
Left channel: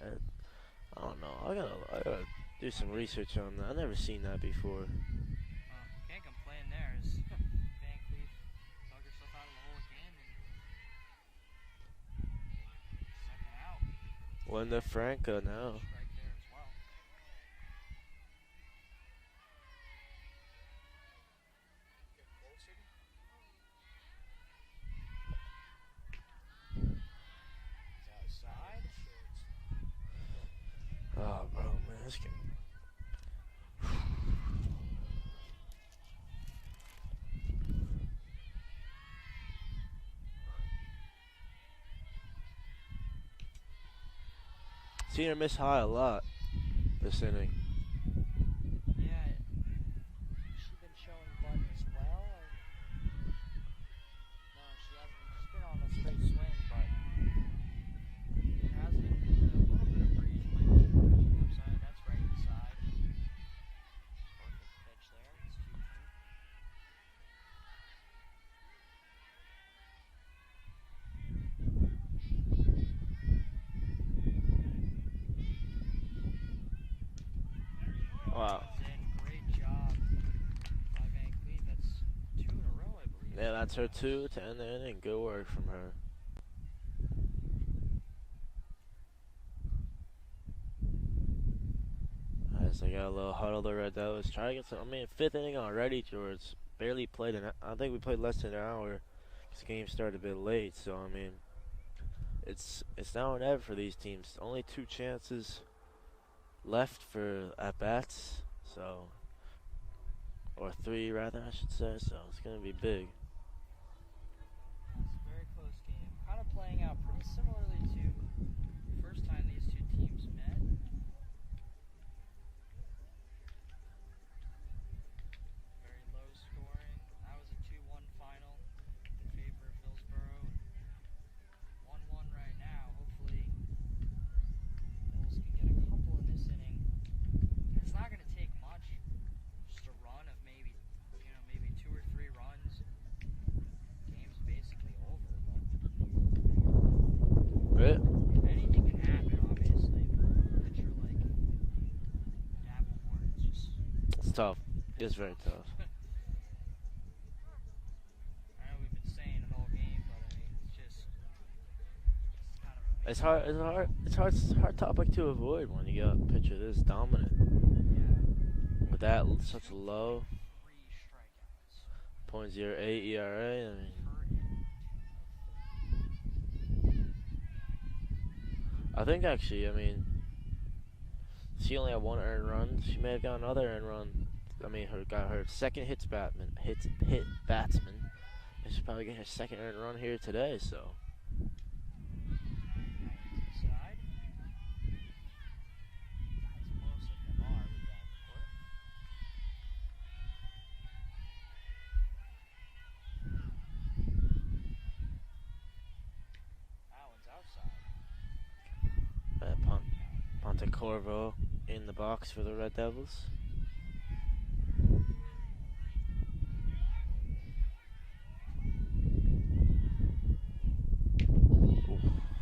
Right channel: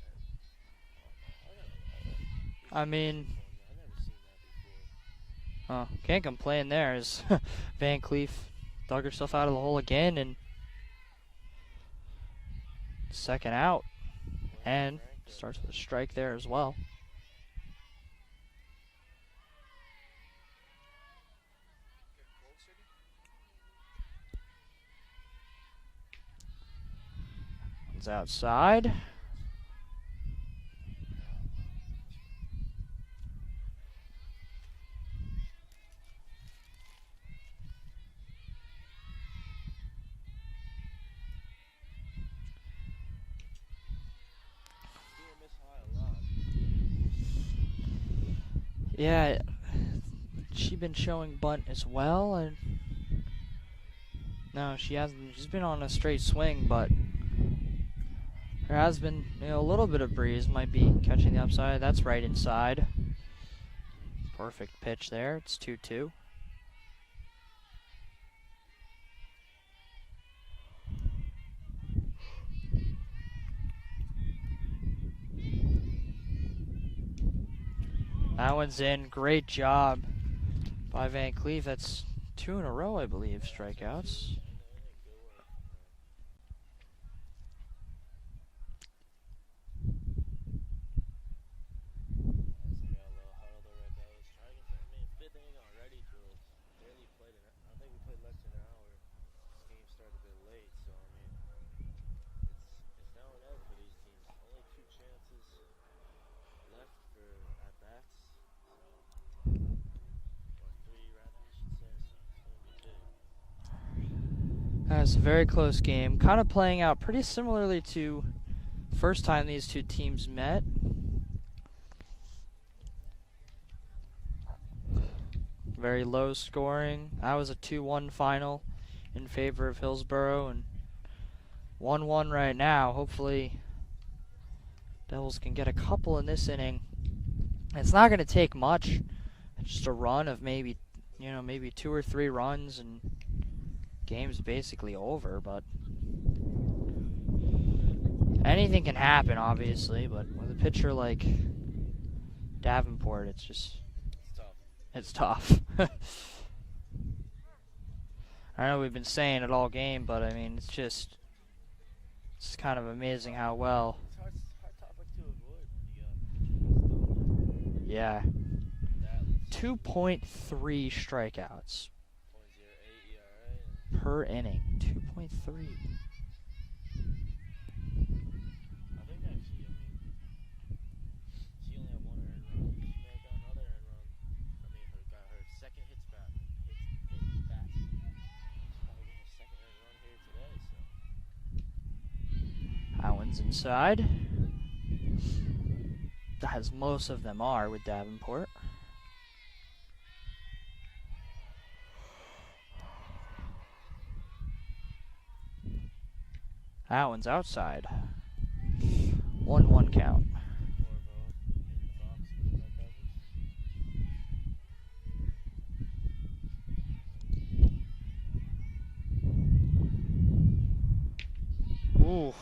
I don't know. I gotta do some research on that. I've never seen that before. Can't complain there as Van Cleef dug herself out of the hole again, and second out. And starts with a strike there as well. It's outside. Oh, bro, man, this game. Seen her miss high a lot this inning. Yeah, she been showing bunt as well, and no, she hasn't. She's been on a straight swing, but there has been, a little bit of breeze. Might be catching the upside. That's right inside. Perfect pitch there. It's 2-2. That one's in. Great job by Van Cleef. That's 2 in a row, I believe. Yeah, that's her strikeouts. 2 to end the inning. Good work from her. As they got a little huddle, the Red Devils trying to get some. I mean, 5th inning already, George. Barely played I think we played less than an hour. This game started a bit late, so I mean, it's now or never for these teams. Only 2 chances left for at bats, so, or 3 rather, I should say. So it's gonna be big. That's a very close game. Kind of playing out pretty similarly to first time these two teams met. Very low scoring. That was a 2-1 final in favor of Hillsborough, and 1-1 right now. Hopefully Devils can get a couple in this inning. It's not going to take much. It's just a run of maybe 2 or 3 runs, and game's basically over, but anything can happen, obviously, but with a pitcher like Davenport, it's tough. It's tough. I know we've been saying it all game, but I mean, it's kind of amazing how well. It's hard topic to avoid when you got a pitcher this dominant. Yeah. With that 2.3 strikeouts. 0.08 ERA. I mean, per inning. 2.3. I think actually, I mean, she only had 1 earned run. She may have got another earned run. I mean, got her second hit batsman. And she'll probably get her second earned run here today. So That one's inside. As most of them are with Davenport. That one's outside. 1-1 count. onto Corvo in the box for the Red Devils. Ooh.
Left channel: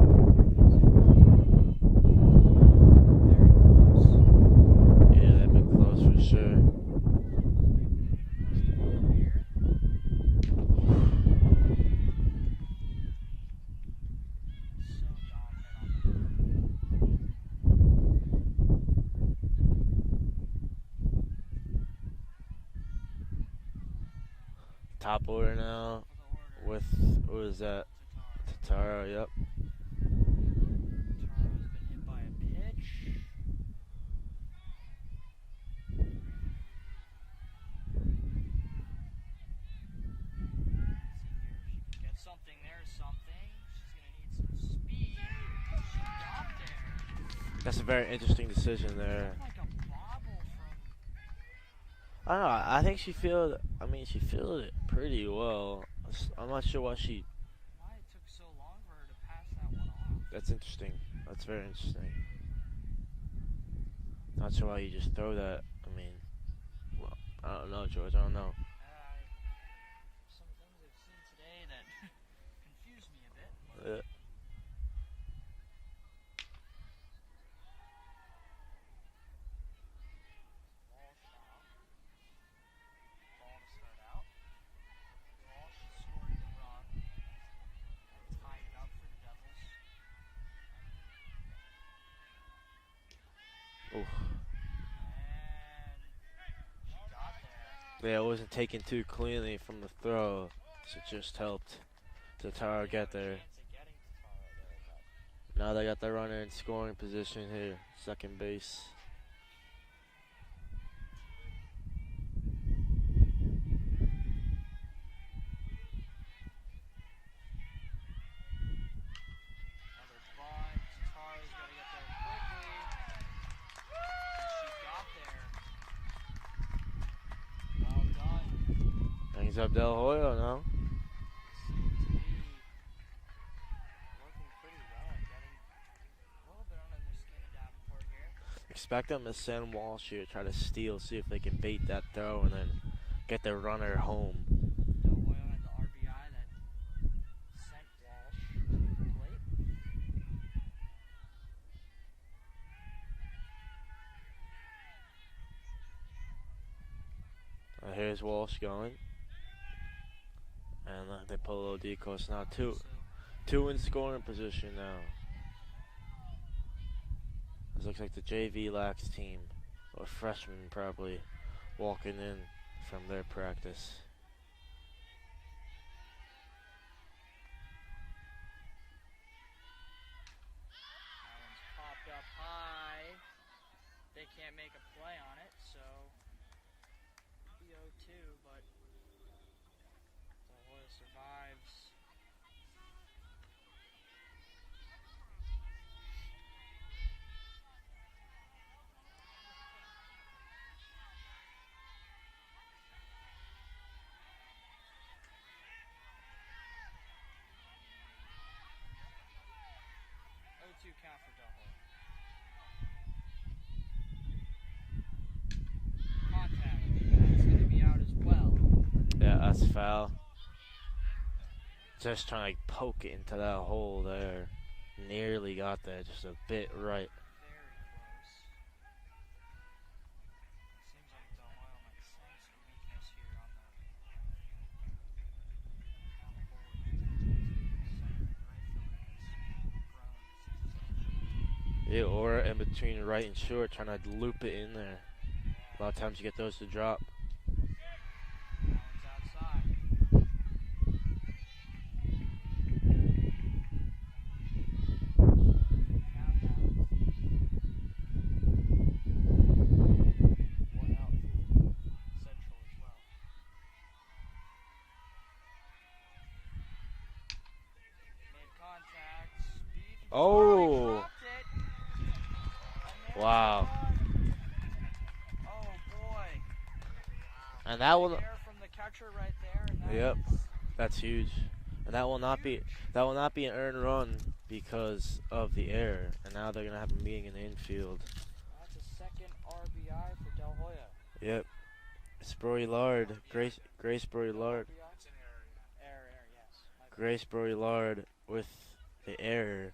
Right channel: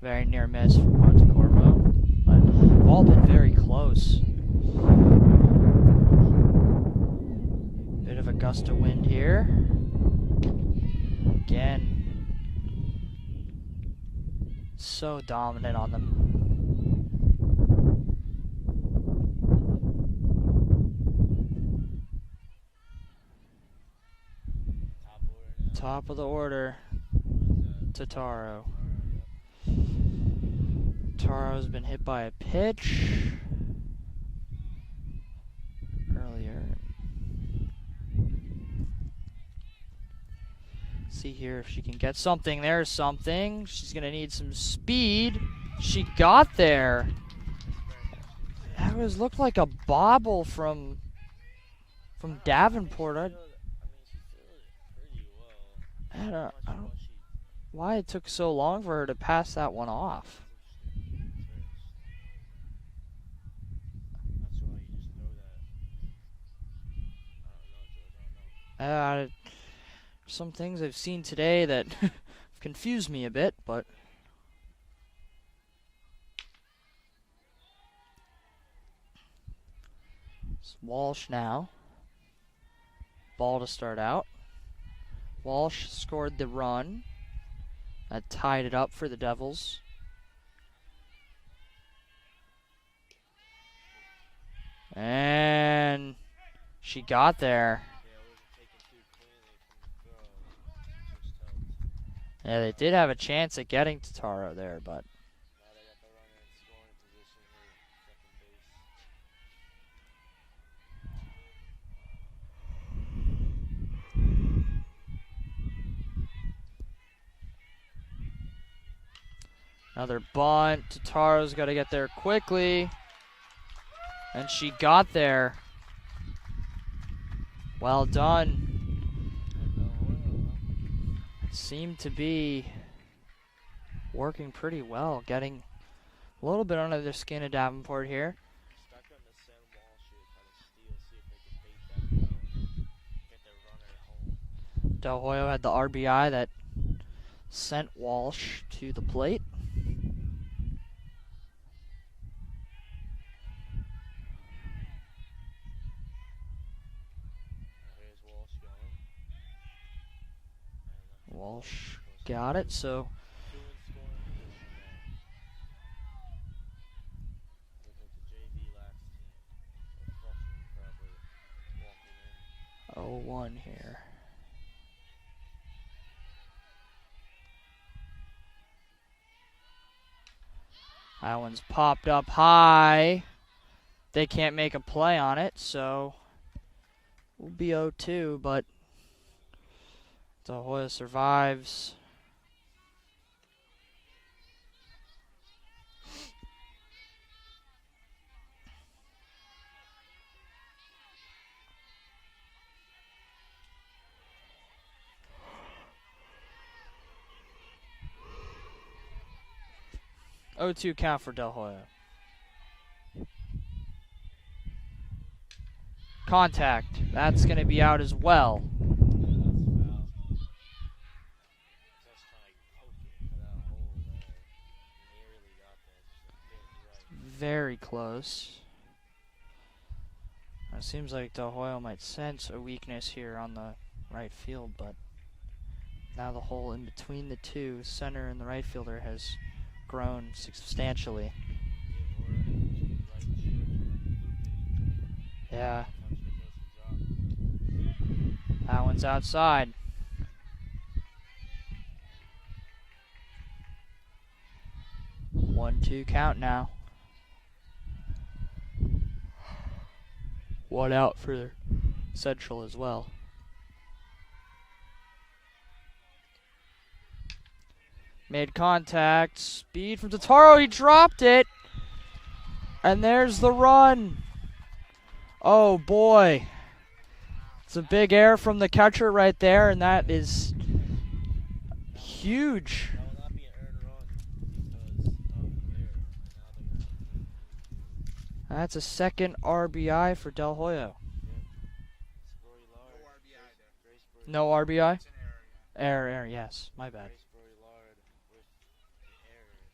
Very near miss from Montecorvo. But they've all been very close. Yeah, they've been close for sure. Bit of a gust of wind here. Again. So dominant on them. Top order now. Top of the order. With, who is that? Tataro. Taro, yep. Taro's been hit by a pitch earlier. See here if she can get something. There's something. She's gonna need some speed. She got there. That's a very interesting decision. That looked like a bobble from Davenport. I think she she fielded it pretty well. I'm not sure why it took so long for her to pass that one off. That's interesting. That's very interesting. Not sure why you just throw that. I mean, well, I don't know, George. I don't know. Some things I've seen today that confused me a bit, but it's Walsh now. Ball to start out. Walsh scored the run. That tied it up for the Devils. Oof. And she got there. Yeah, it wasn't taken too cleanly from the throw, so it just helped. Yeah, they did have a chance at getting to Taro there, but now they got the runner in scoring position here, second base. Another bunt. Tataro's got to get there quickly. And she got there. Well done. Brings up Del Hoyo now. Seemed to be working pretty well. Getting a little bit under the skin of Davenport here. Expect them to send Walsh here, try to steal, see if they can bait that throw, and then get their runner home. Del Hoyo had the RBI that sent Walsh to the plate. Here's Walsh going. And they pull a little Walsh deep close. got it, so 2 in scoring position now. This looks like the JV Lax team, or freshmen probably, walking in from their 0-1 practice. here. That one's popped up high. They can't make a play on it, so we'll be 0-2, but Del Hoyo survives. O2 count for Del Hoyo. Contact. That's going to be out as well. Yeah, that's foul. Just trying to poke it into that hole there. Nearly got there, just a bit right. Very close. It seems like Del Hoyo might sense a weakness here on the right field, but now the hole in between the two, center and the right fielder, has grown substantially. Yeah, or in between right and short, trying to loop it in there. A Yeah, lot of times you get those to drop. that one's outside. One, two count now. One out for Central as well. Made contact. Speed from Totaro. He Oh. dropped it. And there's the Wow. run. Oh, boy. It's And a that big will- error from the catcher right there, and that Yep. is That's huge. And that will huge. that will not be an earned run because of the error. And now they're gonna have a meeting in the infield. That's a second RBI for Del Hoyo. Yep. Sproy-Lard, Grace Sproy-Lard. No RBI? Error, yes. My bad. Grace Sproy-Lard with the error.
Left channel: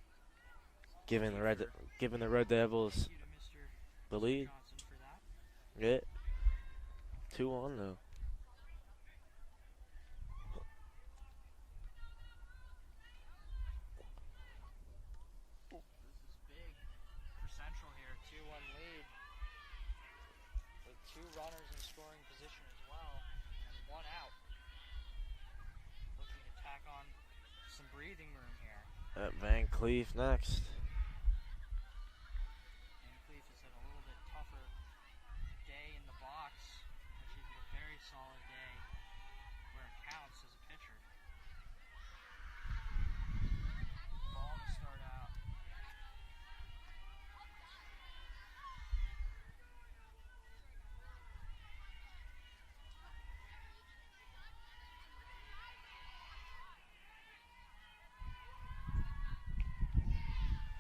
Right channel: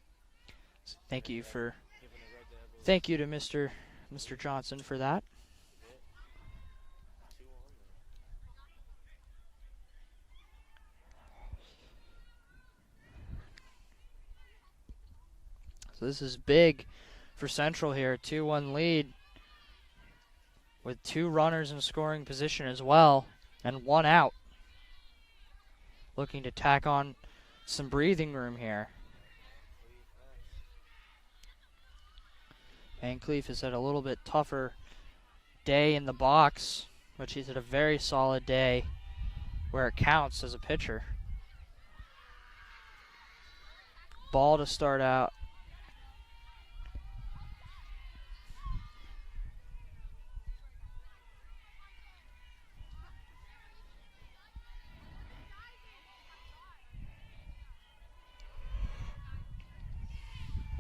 Thank you for giving the Red Devils. Thank you to Mr. the Mr. lead. Johnson for that. Yeah. 2-1 though. So this is big for Central here. 2-1 lead with two runners in scoring position as well and one out. Looking to tack on some breathing room here. Van Cleef next. Van Cleef has had a little bit tougher day in the box, but he's had a very solid day where it counts as a pitcher. Ball to start out.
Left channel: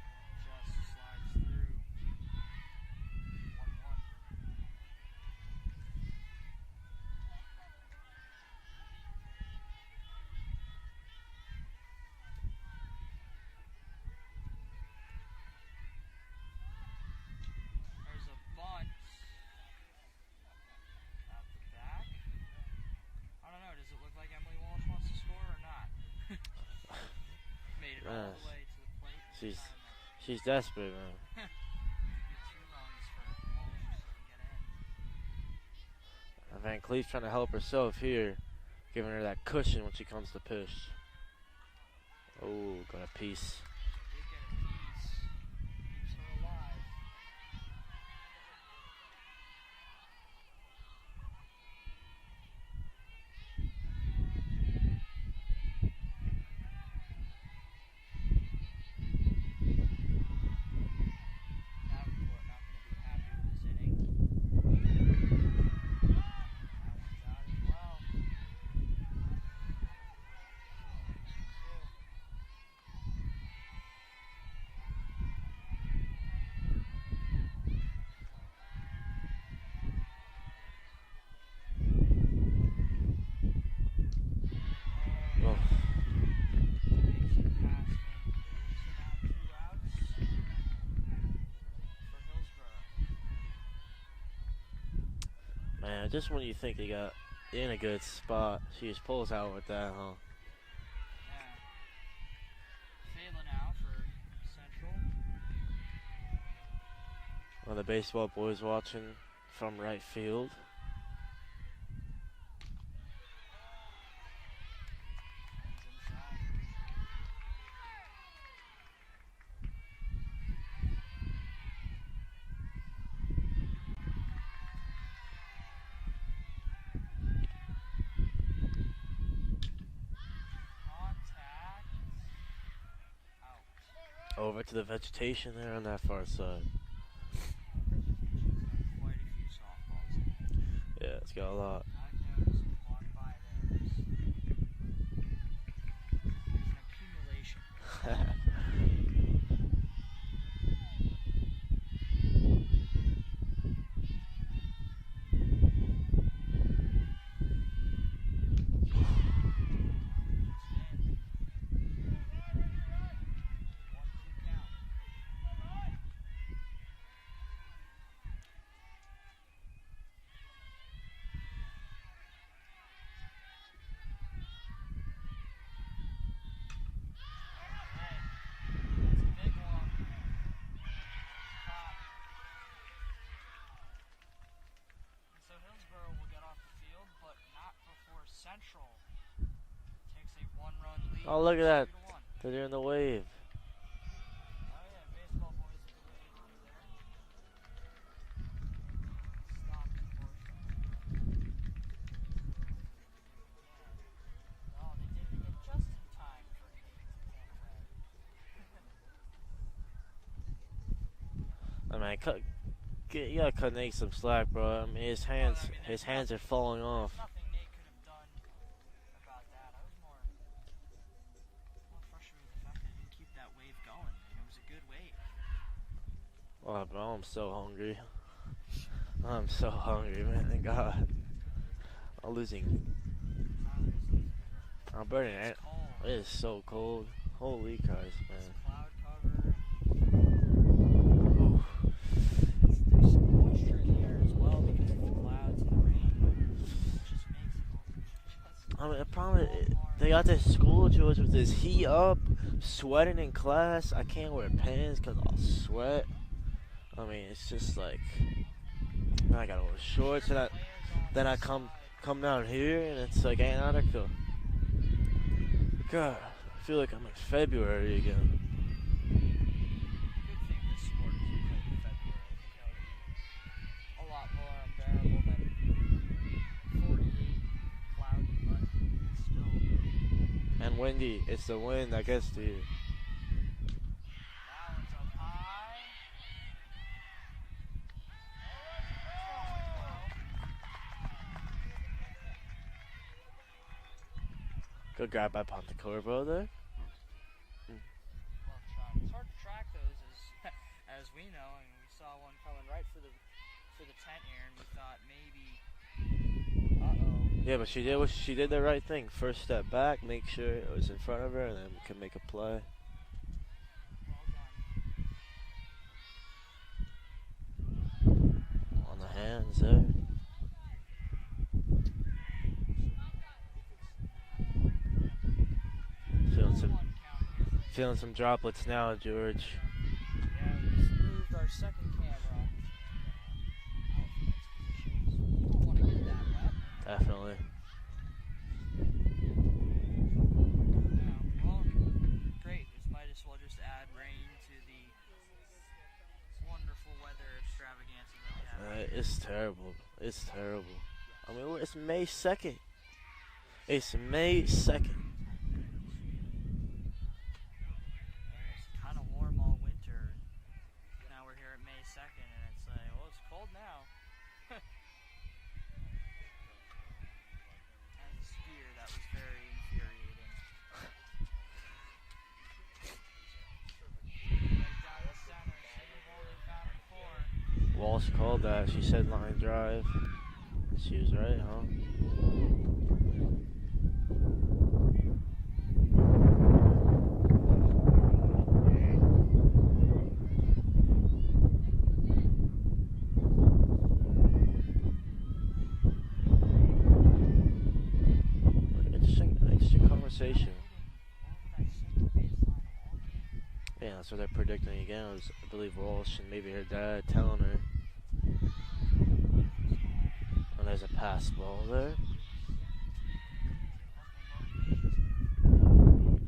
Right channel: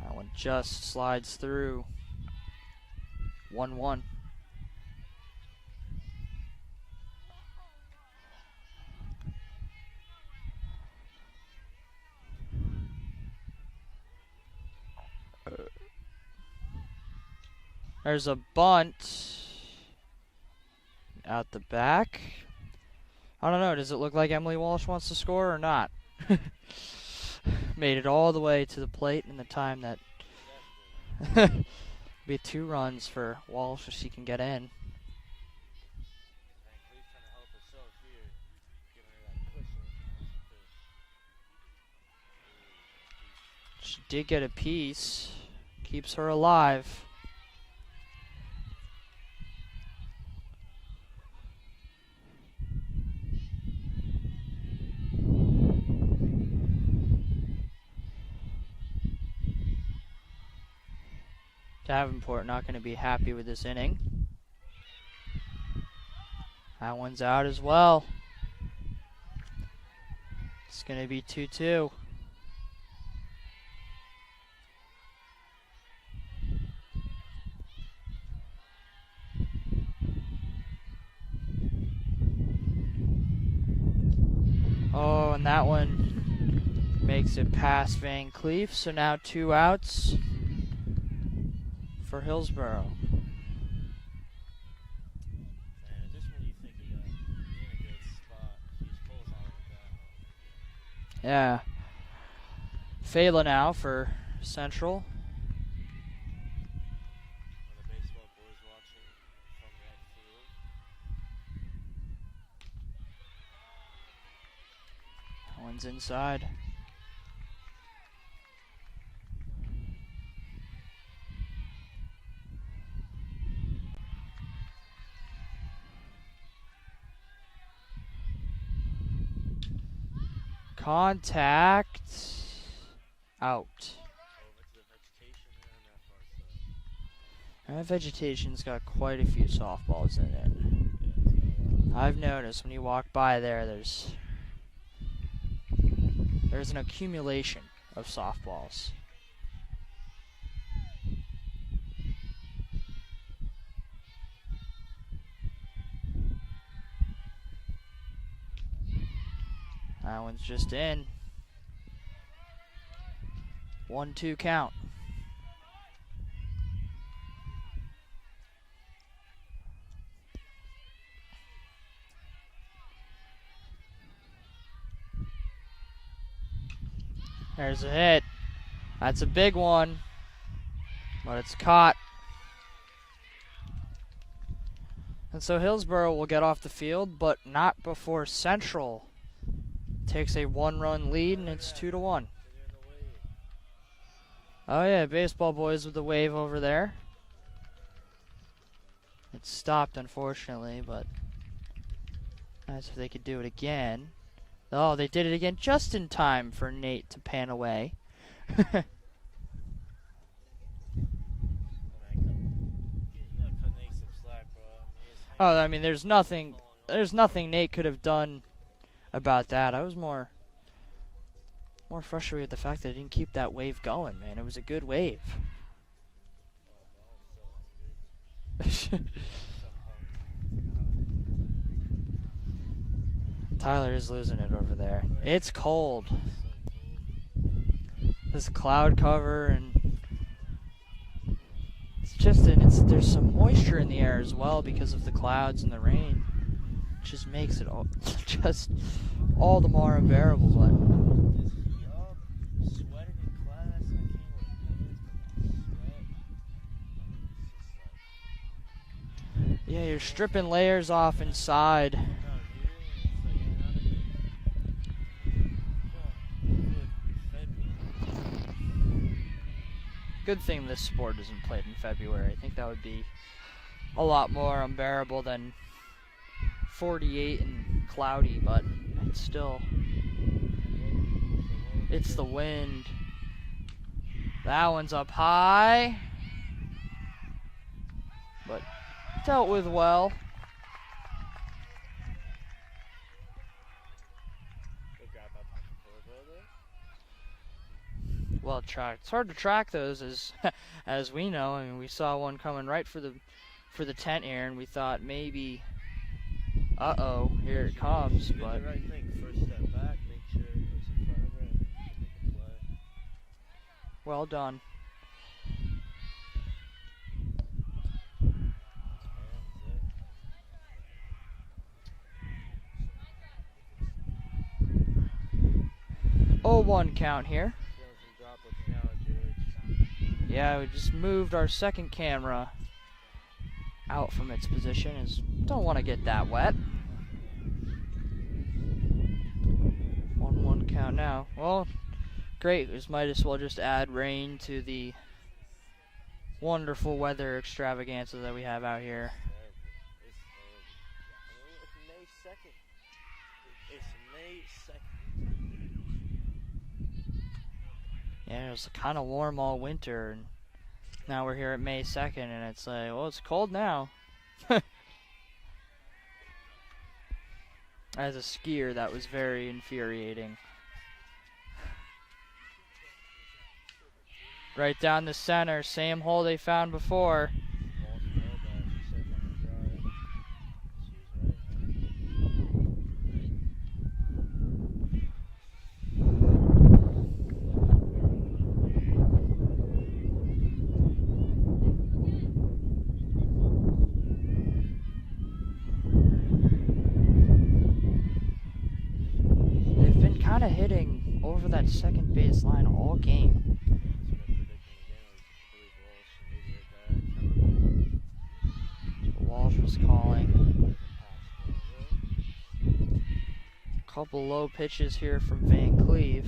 That one just slides through. 1-1. There's a bunt out the back. I don't know. Does it look like Emily Walsh wants to score or not? Made it all the way to the plate in the time that She's desperate, man. be 2 runs for Walsh if she can get in. Van Cleef trying to help herself here, giving her that cushion when she comes to pitch. Oh, got a piece. She did get a piece. Keeps her alive. Davenport not going to be happy with this inning. That one's out as well. It's going to be 2-2. Oh, and that one makes it past Van Cleef, so now 2 outs for Hillsborough. Man, just when you think they got in a good spot, she just pulls out with that, huh? Yeah. Fela now for Central. One of the baseball boys watching from right field. One's inside. Contact. Out. Over to the vegetation there on that far side. That vegetation's got quite a few softballs in it. Yeah, it's got a lot. I've noticed when you walk by there, there's an accumulation of softballs. That one's just in. 1-2 count. There's a hit. That's a big one, but it's caught. And so Hillsborough will get off the field, but not before Central takes a 1-run lead. Oh, look It's at that. 2-1. They're doing the wave. Oh yeah, baseball boys with the wave over there. It stopped, unfortunately, but that's if they could do it again. Oh, they did it again just in time for Nate to pan away. I mean, you gotta cut Nate some slack, bro. I mean, his hands. Oh, I mean, his there's hands are nothing. falling off. There's nothing Nate could have done about that. I was more frustrated with the fact that I didn't keep that wave going, man. It was a good wave. Oh, bro, I'm so hungry. I'm so hungry, man. Thank God. I'm losing. Tyler is losing it over there. I'm burning It's it. cold. It is so cold. Holy Christ. This cloud cover and it's just there's some moisture in the air as well because of the clouds and the rain. It just makes it all just I mean, the problem all the is more they got unbearable. this school to us with this heat up, sweating in class. I can't wear pants because I'll sweat. I mean, it's just like I gotta wear Yeah, you're shorts, stripping and layers off then I inside. come down here and it's like Antarctica. God, I feel like I'm in February again. Good thing this sport isn't played in February. I think that would be a lot more unbearable than 48 and cloudy, but it's still. And windy. It's the wind. It's I guess the wind. That one's up high, but dealt with well. Good grab by Pontecorvo there. Well tracked. It's hard to track those, as we know. I mean, we saw one coming right for the tent here, and we thought maybe, Yeah, here but it she comes, did the but- right thing. First step back, make sure it was in front of her, and then we can make a play. Well done. On the hands there. Feeling 0-1 count here. Feeling some droplets now, George. Yeah, we just moved our second camera out from its position. Don't want to get that wet. Definitely. 1-1 count now. Well, great. We might as well just add rain to the wonderful weather extravaganza that we have out Man, here. It's terrible. It's terrible. I mean, it's May 2nd. It's May 2nd. Yeah, it was kind of warm all winter, and Now we're here at May 2nd, and it's like, well, it's cold now. As a skier, that was very infuriating. Right down the center, same hole they found before. Walsh called that. She said line drive. She was right, huh? They've been kind of hitting over that second base line all game. Yeah, that's what they're predicting again. It was, I believe, Walsh and maybe her dad telling her. Walsh was calling. And there's a pass ball there. Couple low pitches here from Van Cleve.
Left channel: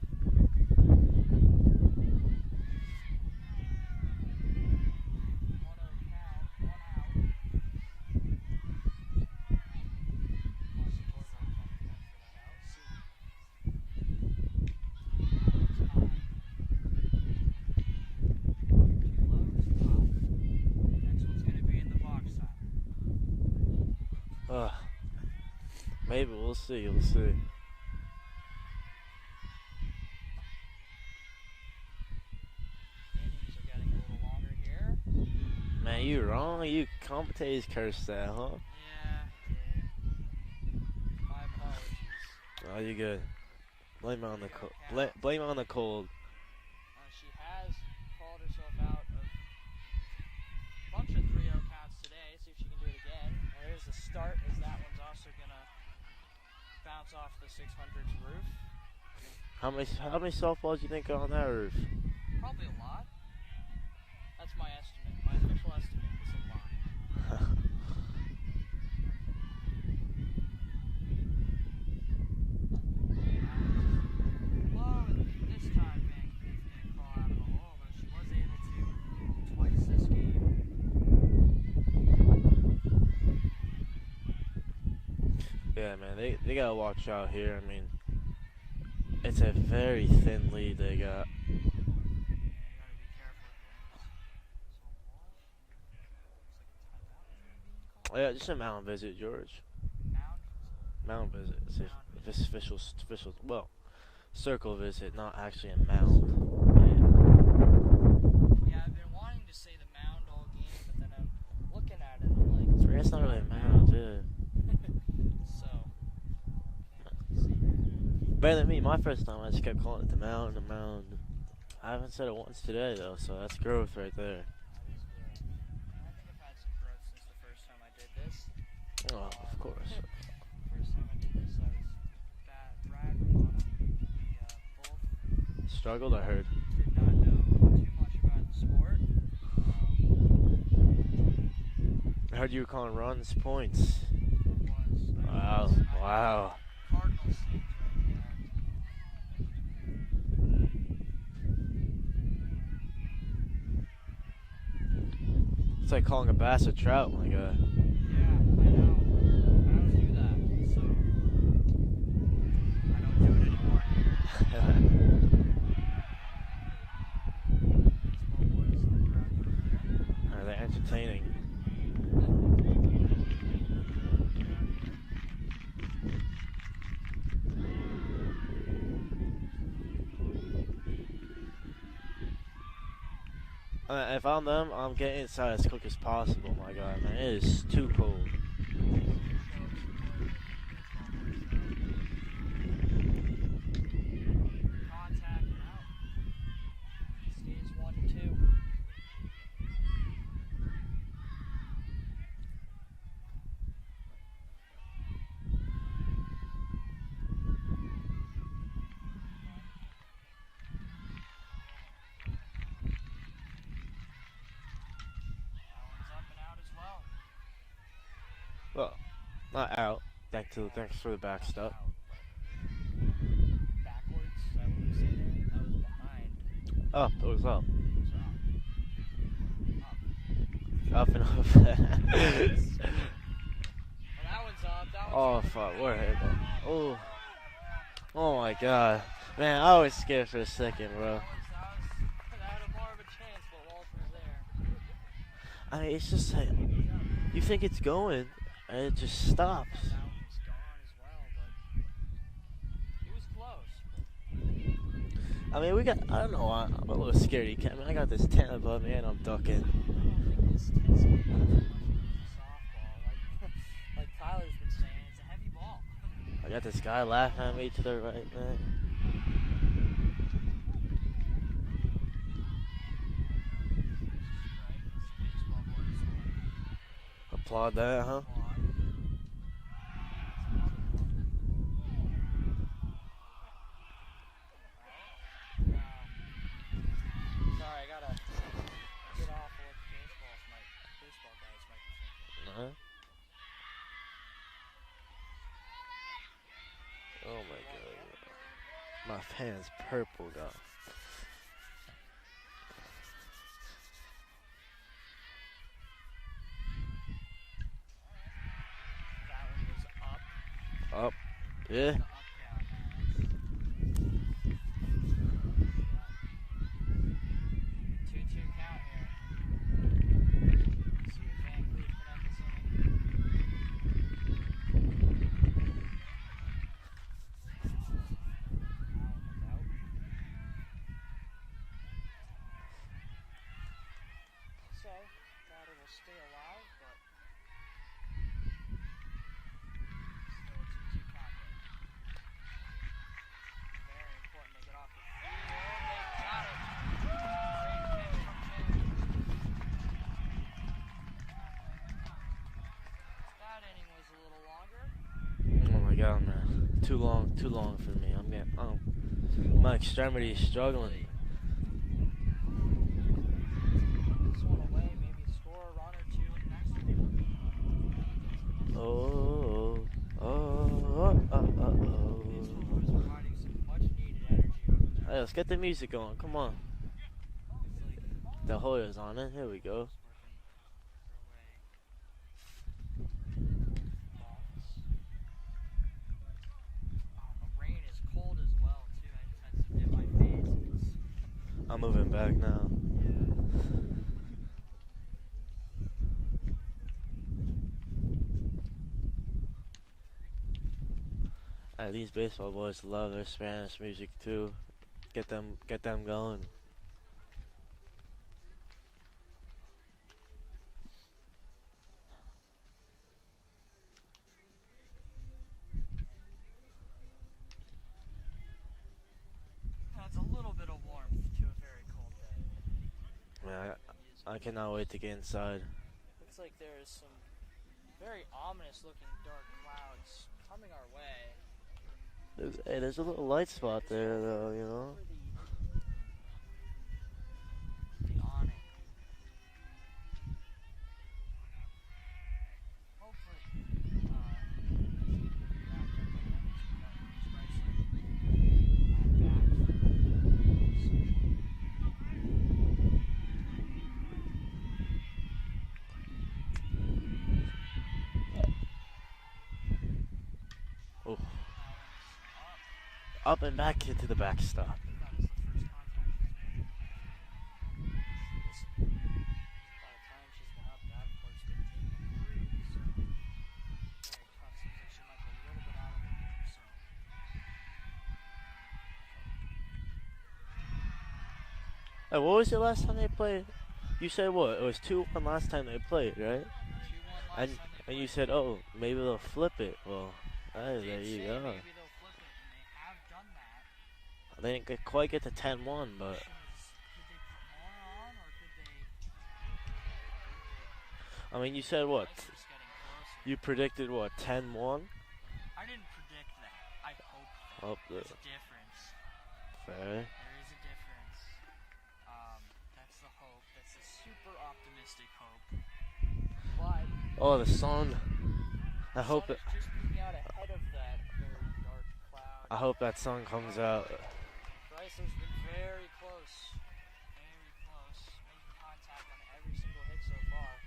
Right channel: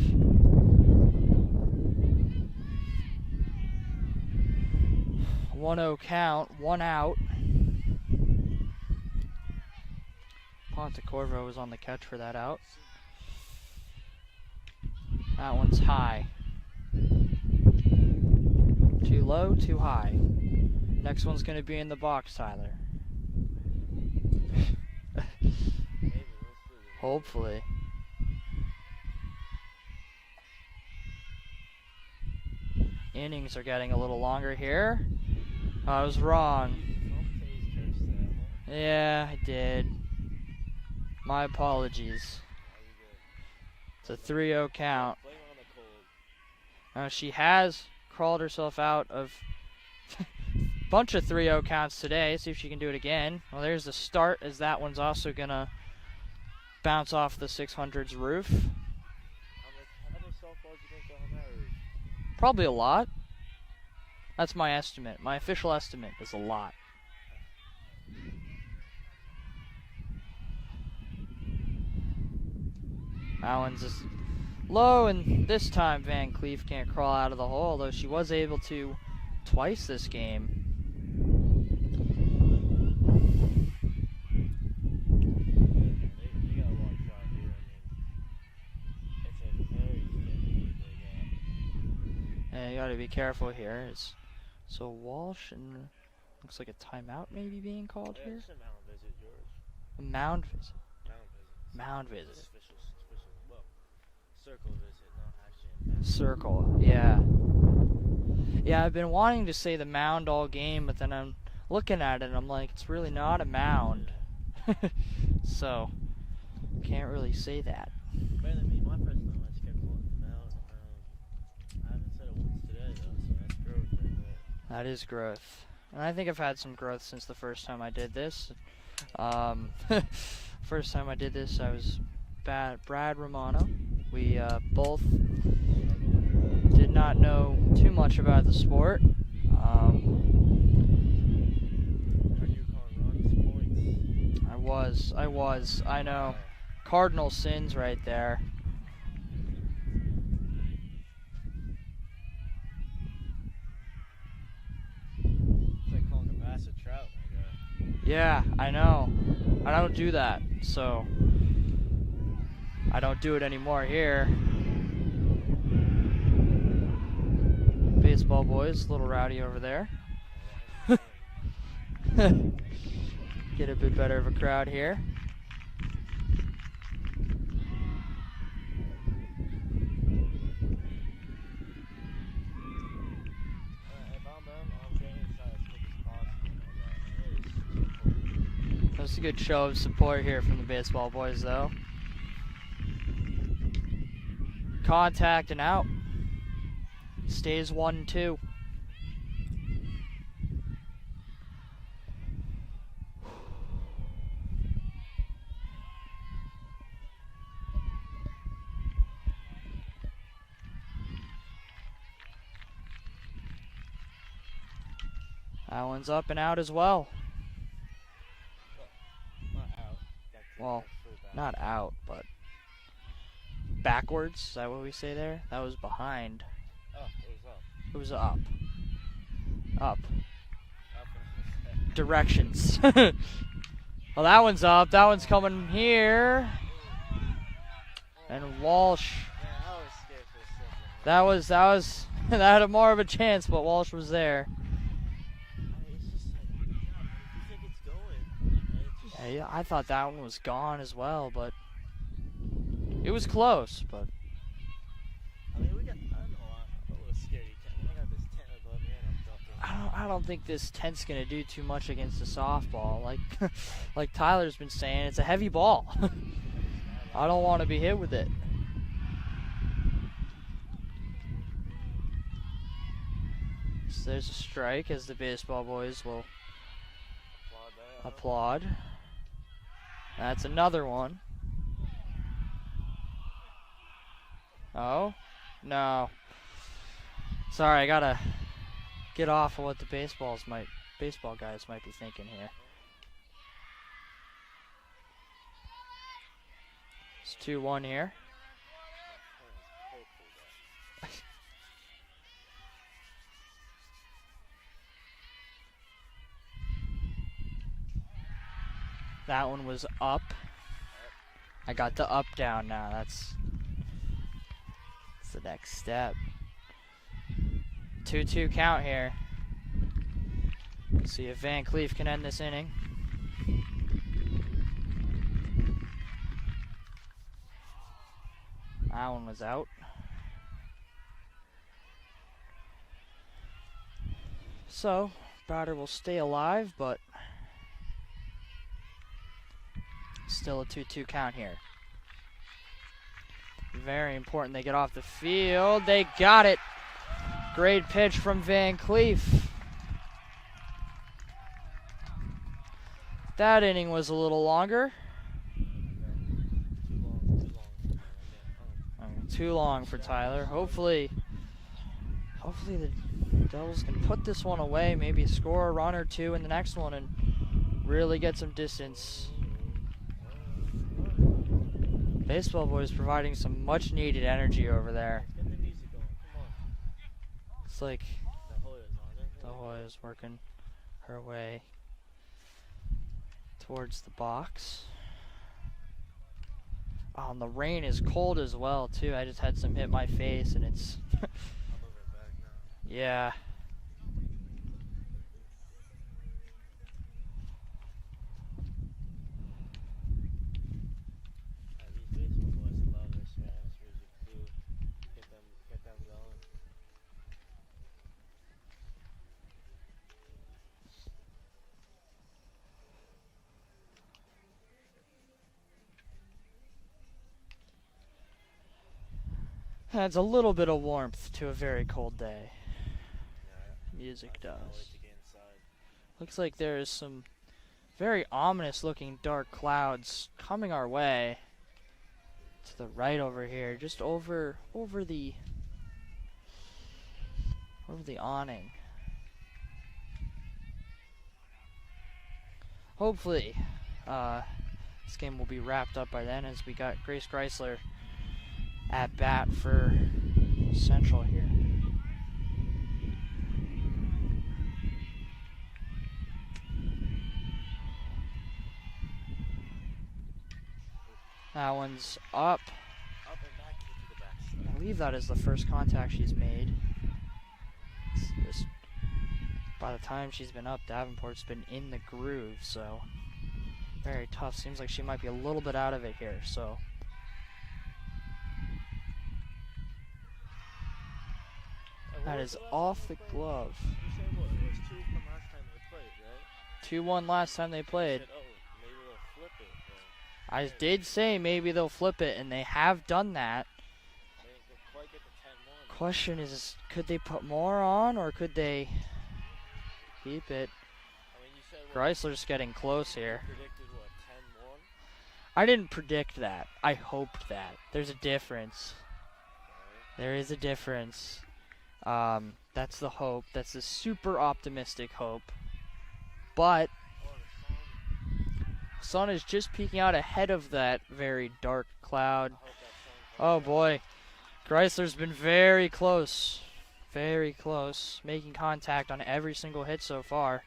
One 0 count, 1 out. Pontecorvo was on the catch for that out. That one's high. Too low, too high. Next one's going to be in the box, Tyler. Maybe we'll see. We'll Hopefully. See. Innings are getting a little longer here. I was wrong. You commentators cursed that, huh? Yeah, I did. My apologies. Oh, you're good. It's a 3-0 count. Blame it on the cold. She has crawled herself out of a bunch of 3-0 counts today. See if she can do it again. Well, there's the start, as that one's also going to bounce off the 600's roof. How many softballs do you think are on that roof? Probably a lot. That's my estimate. My official estimate is a lot. That one's just low, and this time Van Cleve can't crawl out of the hole, although she was able to twice this game. Yeah, man, they gotta watch out here. I mean, it's a very thin lead they got. And you gotta be careful here. So Walsh, and looks like a timeout maybe being called. Yeah, just a mound visit, George. A mound visit. Mound visit. It's Mound visit. This official, well, circle visit, not actually a mound. Circle, yeah. Yeah, I've been wanting to say the mound all game, but then I'm looking at it and I'm like, it's really not a mound. Yeah. So, can't really say that. Better than me. My first time, I just kept calling it the mound, the mound. I haven't said it once today, though, so that's growth right there. That is growth. And I think I've had some growth since the first time I did this. Of course. First time I did this, I was Brad Romano. We both Struggled, I heard. did not know too much about the sport. I heard you were calling runs, points. I was. I know. Wow. Cardinal sins right there. It's like calling a bass a trout, my guy. Yeah, I know. I don't do that, so I don't do it anymore here. Baseball boys, a little rowdy over there. They're entertaining. Get a bit better of a crowd here. If I'm them, I'm getting inside as quick as possible, my guy, man. It is too cold. That's a good show of support here from the baseball boys, though. Contact and out. Stays 1-2. That one's up and out as well. Well, not out. Thanks for the back Not step. out, but backwards. Is that what we say there? That was behind. Up. It was up. It was up. Up. Up and up. Directions. Well, that one's up. That one's coming fuck, here. Oh. Oh And my gosh. Walsh. Man, I was scared for a second, bro. That had more of a chance, but Walsh was there. I mean, it's just like you think it's going, and it just I stops. thought that one was gone as well, but it was close. But I mean, I don't know. I'm a little scared. I mean, I got this 10 above me, and I'm ducking. I don't think this 10's gonna do too much against the softball. Like like Tyler's been saying, it's a heavy ball. I got this guy laughing. I don't at want to me be for hit with it. So there's a strike, as the baseball boys will Applaud that, huh? applaud. That's another one. Oh, no. Sorry, I gotta get off of what the baseball guys might be thinking here. Uh-huh. It's 2-1 here. My fan's purple, though. That one was up. Up. I got the up down now. That's the next step. 2-2 count here. Let's see if Van Cleef can end this inning. That one was out. So, batter will stay alive, but still a 2-2 count here. Very important they get off the field. They got it. Great pitch from Van Cleef. That inning was a little longer. Oh my god, man. Too long for me. I'm getting Too long for extremity Tyler. struggling. Hopefully the Devils can put this one away, maybe score a run or two in the next one and really get some distance. Baseball boys providing some much needed energy over there. Yeah, let's get the music going. Come on. It's like The Hoya's on it. Here we go. Hoya's working her way towards the box. Oh, and the rain is cold as well too. I just had some hit my face and it's I'm moving back now. yeah. These baseball boys love their Spanish music too. Get them going. Adds a little bit of warmth to a very cold day. Man, Music I cannot does. wait to get inside. Looks like there is some very ominous looking dark clouds coming our way. Hey, there's a Right little over light here, spot just there, over you know? over the awning. Hopefully, this game will be wrapped up by then, as we got Grace Chrysler at bat for Central here. Oh. That one's up. Up and back into the I backstop. believe that is the first contact she's made. By the time she's been up, Davenport's been in the groove, so very tough. Seems like she might be a little bit out of it here, so. Hey, what was the last time they played? Glove. You said what? It was 2-1 last time they played, right? 2-1 last And- time they and played. you said, oh, maybe they'll flip it. Well, I hey, did you say don't know. maybe they'll flip it, and they have done that. They didn't quite get to 10-1. but- Question is, could they put more on, or could they keep it? I mean, you said what? Chrysler's getting close You here. predicted what? 10-1? I didn't predict that. I hoped that. Oh, There's a difference. Fair. There is a difference. That's the hope. That's the super optimistic hope. But Oh, the sun. the sun is just peeking out ahead of that very dark cloud. I hope that sun comes Oh out. boy. Chrysler's been very close. Very close. Making contact on every single hit so far.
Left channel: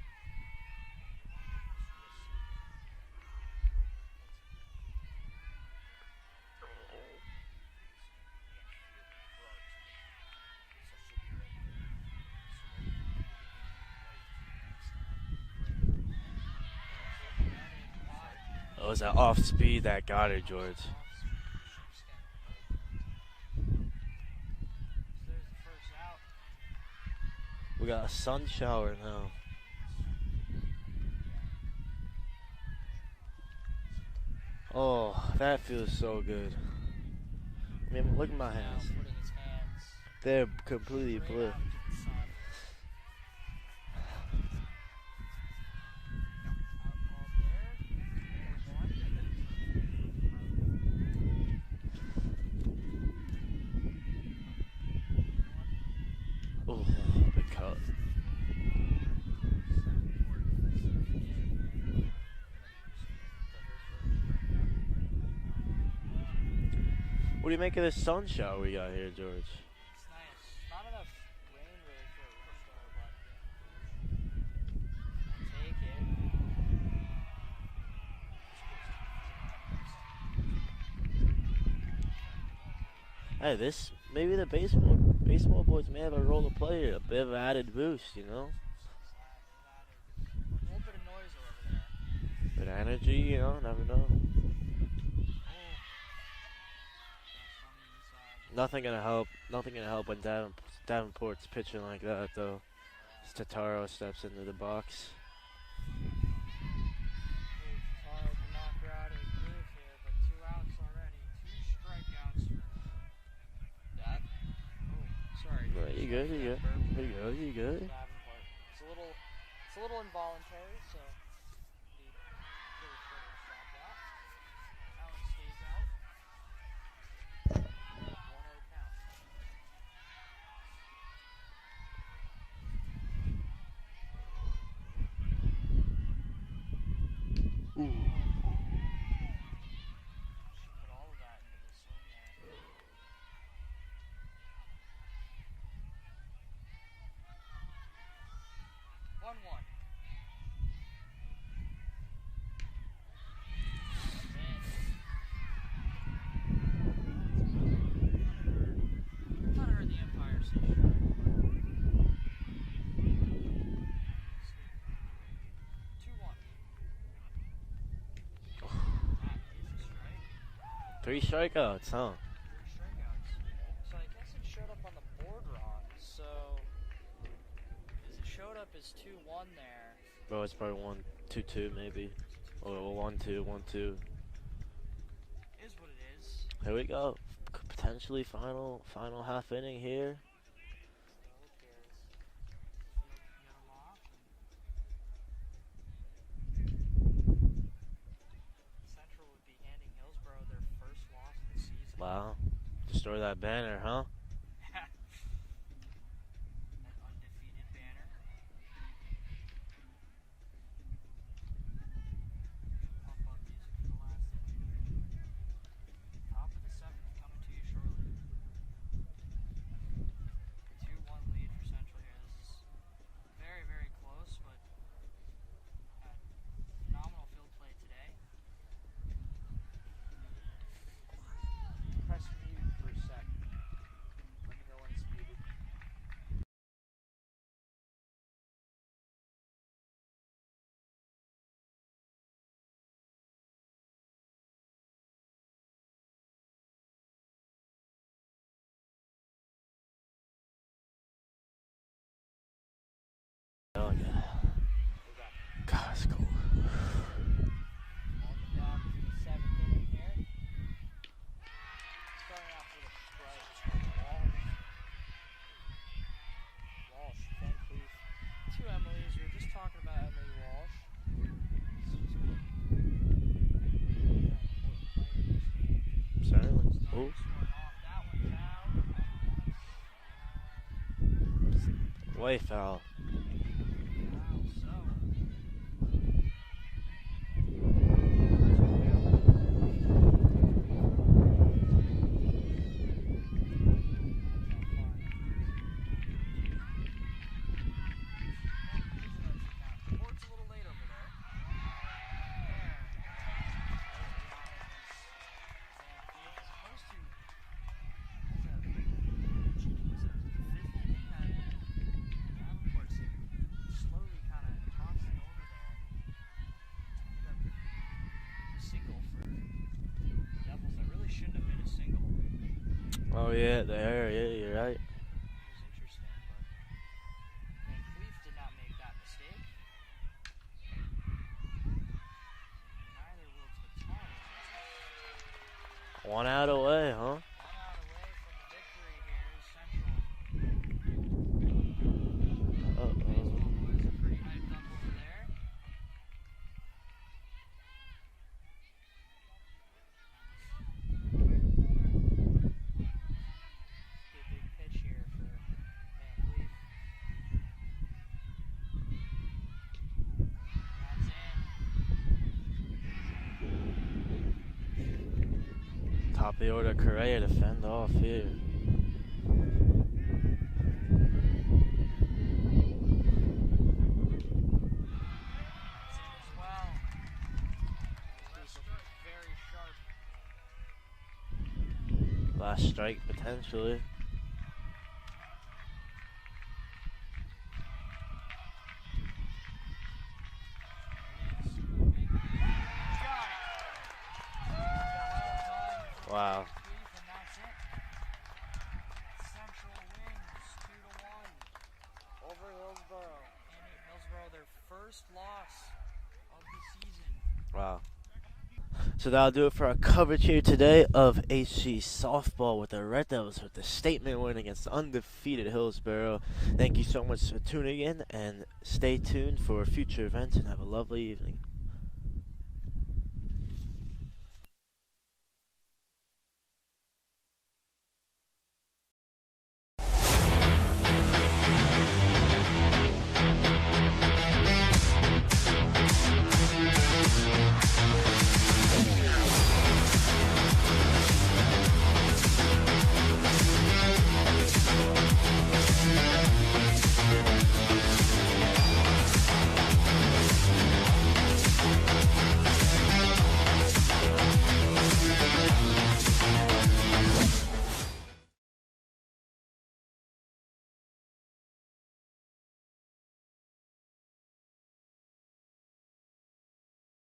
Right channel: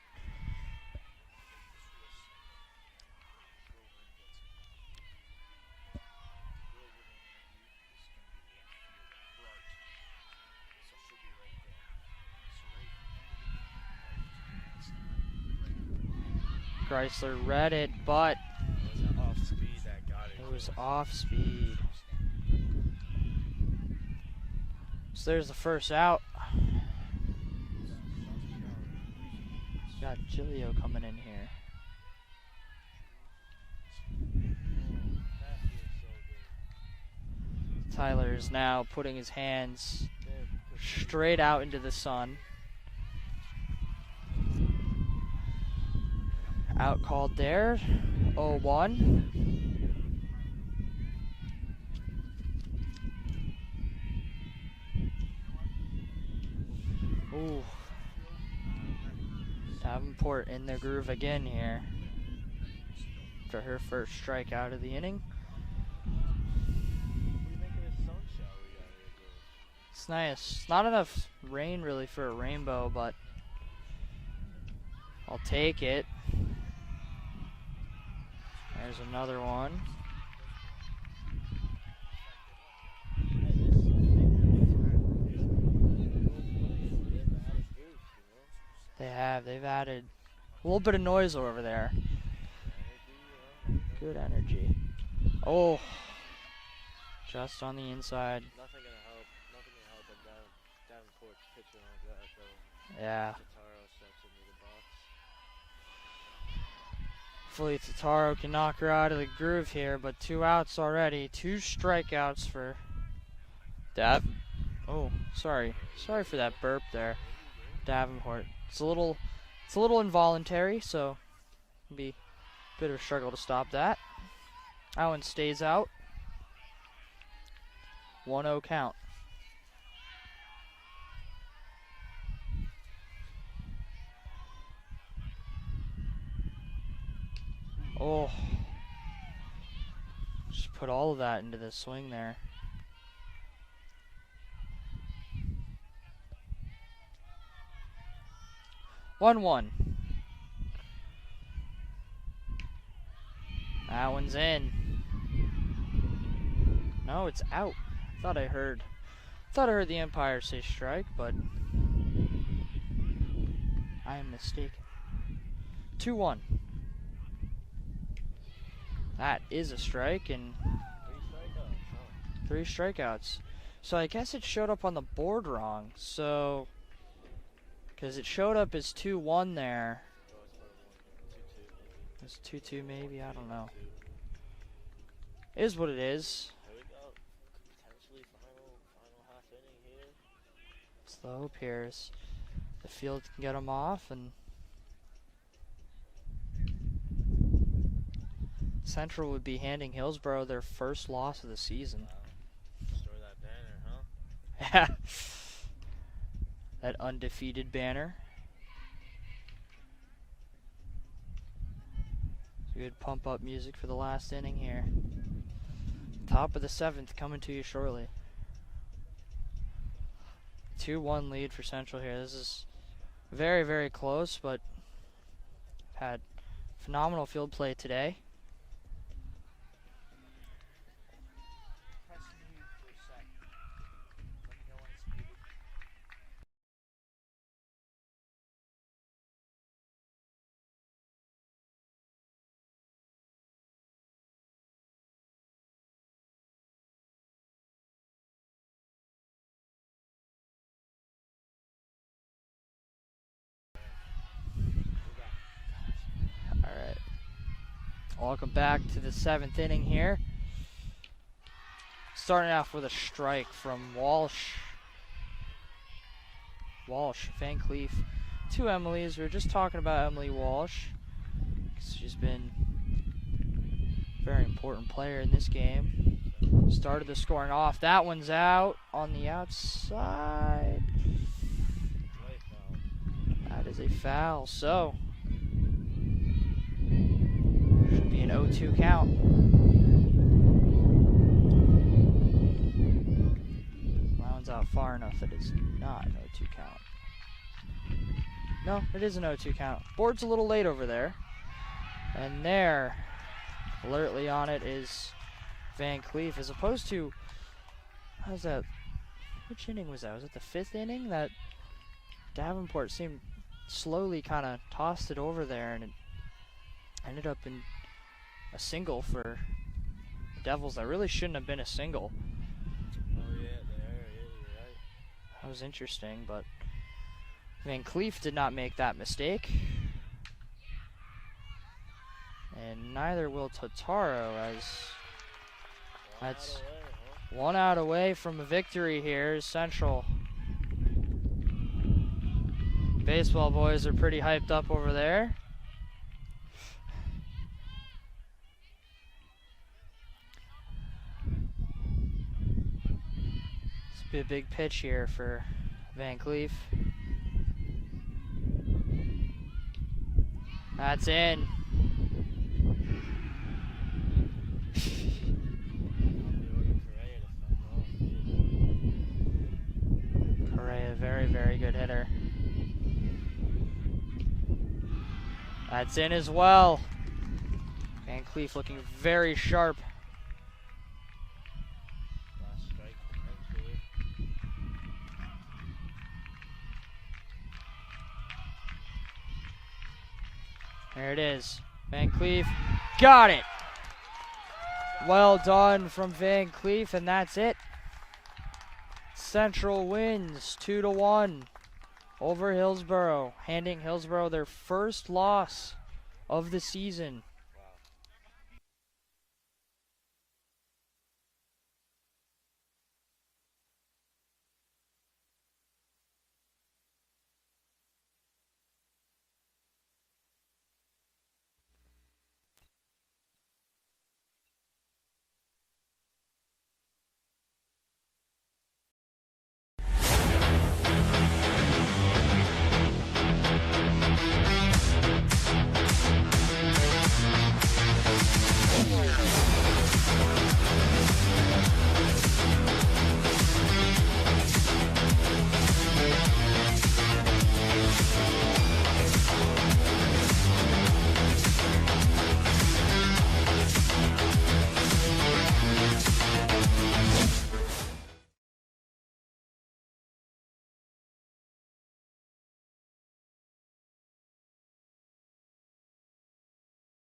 Chrysler read it, but It was an off speed that got it, it was George. off speed. So there's the first out. We got a sun shower now. We got Giglio coming in here. Oh, that feels so good. Tyler is now putting his hands They're completely straight blue. out into the sun. Out called there. 0-1. Ooh, Ooh. Davenport in the groove again here. For her first strikeout of the inning. What do you make of this sun shower we got here, George? It's nice. Not enough rain really for a rainbow, but I'll take it. There's another one. Hey, maybe the baseball boys may have a role to play here. A bit of added boost, you know? They've added a little bit of noise over there. Good energy, you know, never know. Good energy. Oh, just on the inside. Nothing gonna help when Davenport's pitching like that, though. Yeah. Tataro steps into the box. Hopefully Tataro can knock her out of the groove here, but 2 outs already. 2 strikeouts for Dav. Oh, sorry. You Sorry good, for you that good? burp there. You good? Davenport. It's a little involuntary, so it'll be a bit of a struggle to stop that. That one stays out. 1-0 count. Oh. Just put all of that into the swing there. One. That one's in. No, it's out. Thought I heard the umpire say strike, but I am mistaken. 2-1. That is a strike, and 3 strikeouts, huh? 3 strikeouts. So I guess it showed up on the board wrong. So, because it showed up as 2-1 there. Oh, it's probably 1-2-2 maybe. It's 2-2 Or maybe. 1-2, I don't know. 1-2. Is what it is. Here we go. Potentially final half inning here. It's the hope here is the field can get them off, and Central would be handing Hillsborough their first loss of the season. Wow. Destroy that banner, huh? Yeah. That undefeated banner. Good pump up music for the last inning here. Top of the 7th coming to you shortly. 2-1 lead for Central here. This is very, very close, but had phenomenal field play today. Press mute for a sec. Let me know when it's muted. Oh, yeah. God, that's cool. Welcome back to the 7th inning here. Starting off with a strike from Walsh, Van Cleef to Emily's. We were just talking about Emily Walsh. She's been a very important player in this game. Started the scoring off. That one's out on the outside. Way foul. That is a foul. So, should be an 0-2 count. That one's out far enough that it's not an 0-2 count. No, it is an 0-2 count. Board's a little late over there. And there, alertly on it, is Van Cleef, as opposed to, how's that? Which inning was that? Was it the 5th inning that Davenport seemed slowly kind of tossed it over there, and it ended up in a single for Devils that really shouldn't have been a single. Oh yeah, there. Yeah, you're right. That was interesting, but Van Cleef did not make that mistake. And neither will Totaro, as One out away, huh? 1 out away from a victory here is Central. Baseball boys are pretty hyped up over there. This will be a big pitch here for Van Cleef. That's in. Top of the order, Correa to fend off here. Correa, very, very good hitter. That's in as well. Van Cleef looking very sharp. Last strike potentially. There it is. Van Cleef got it. Well done from Wow. Van Cleef, and that's it. Central wins 2-1 over Hillsborough, handing Hillsborough their first loss of the season. Wow. So that'll do it for our coverage here today of HC softball with the Red Devils with the statement win against undefeated Hillsborough. Thank you so much for tuning in, and stay tuned for future events, and have a lovely evening.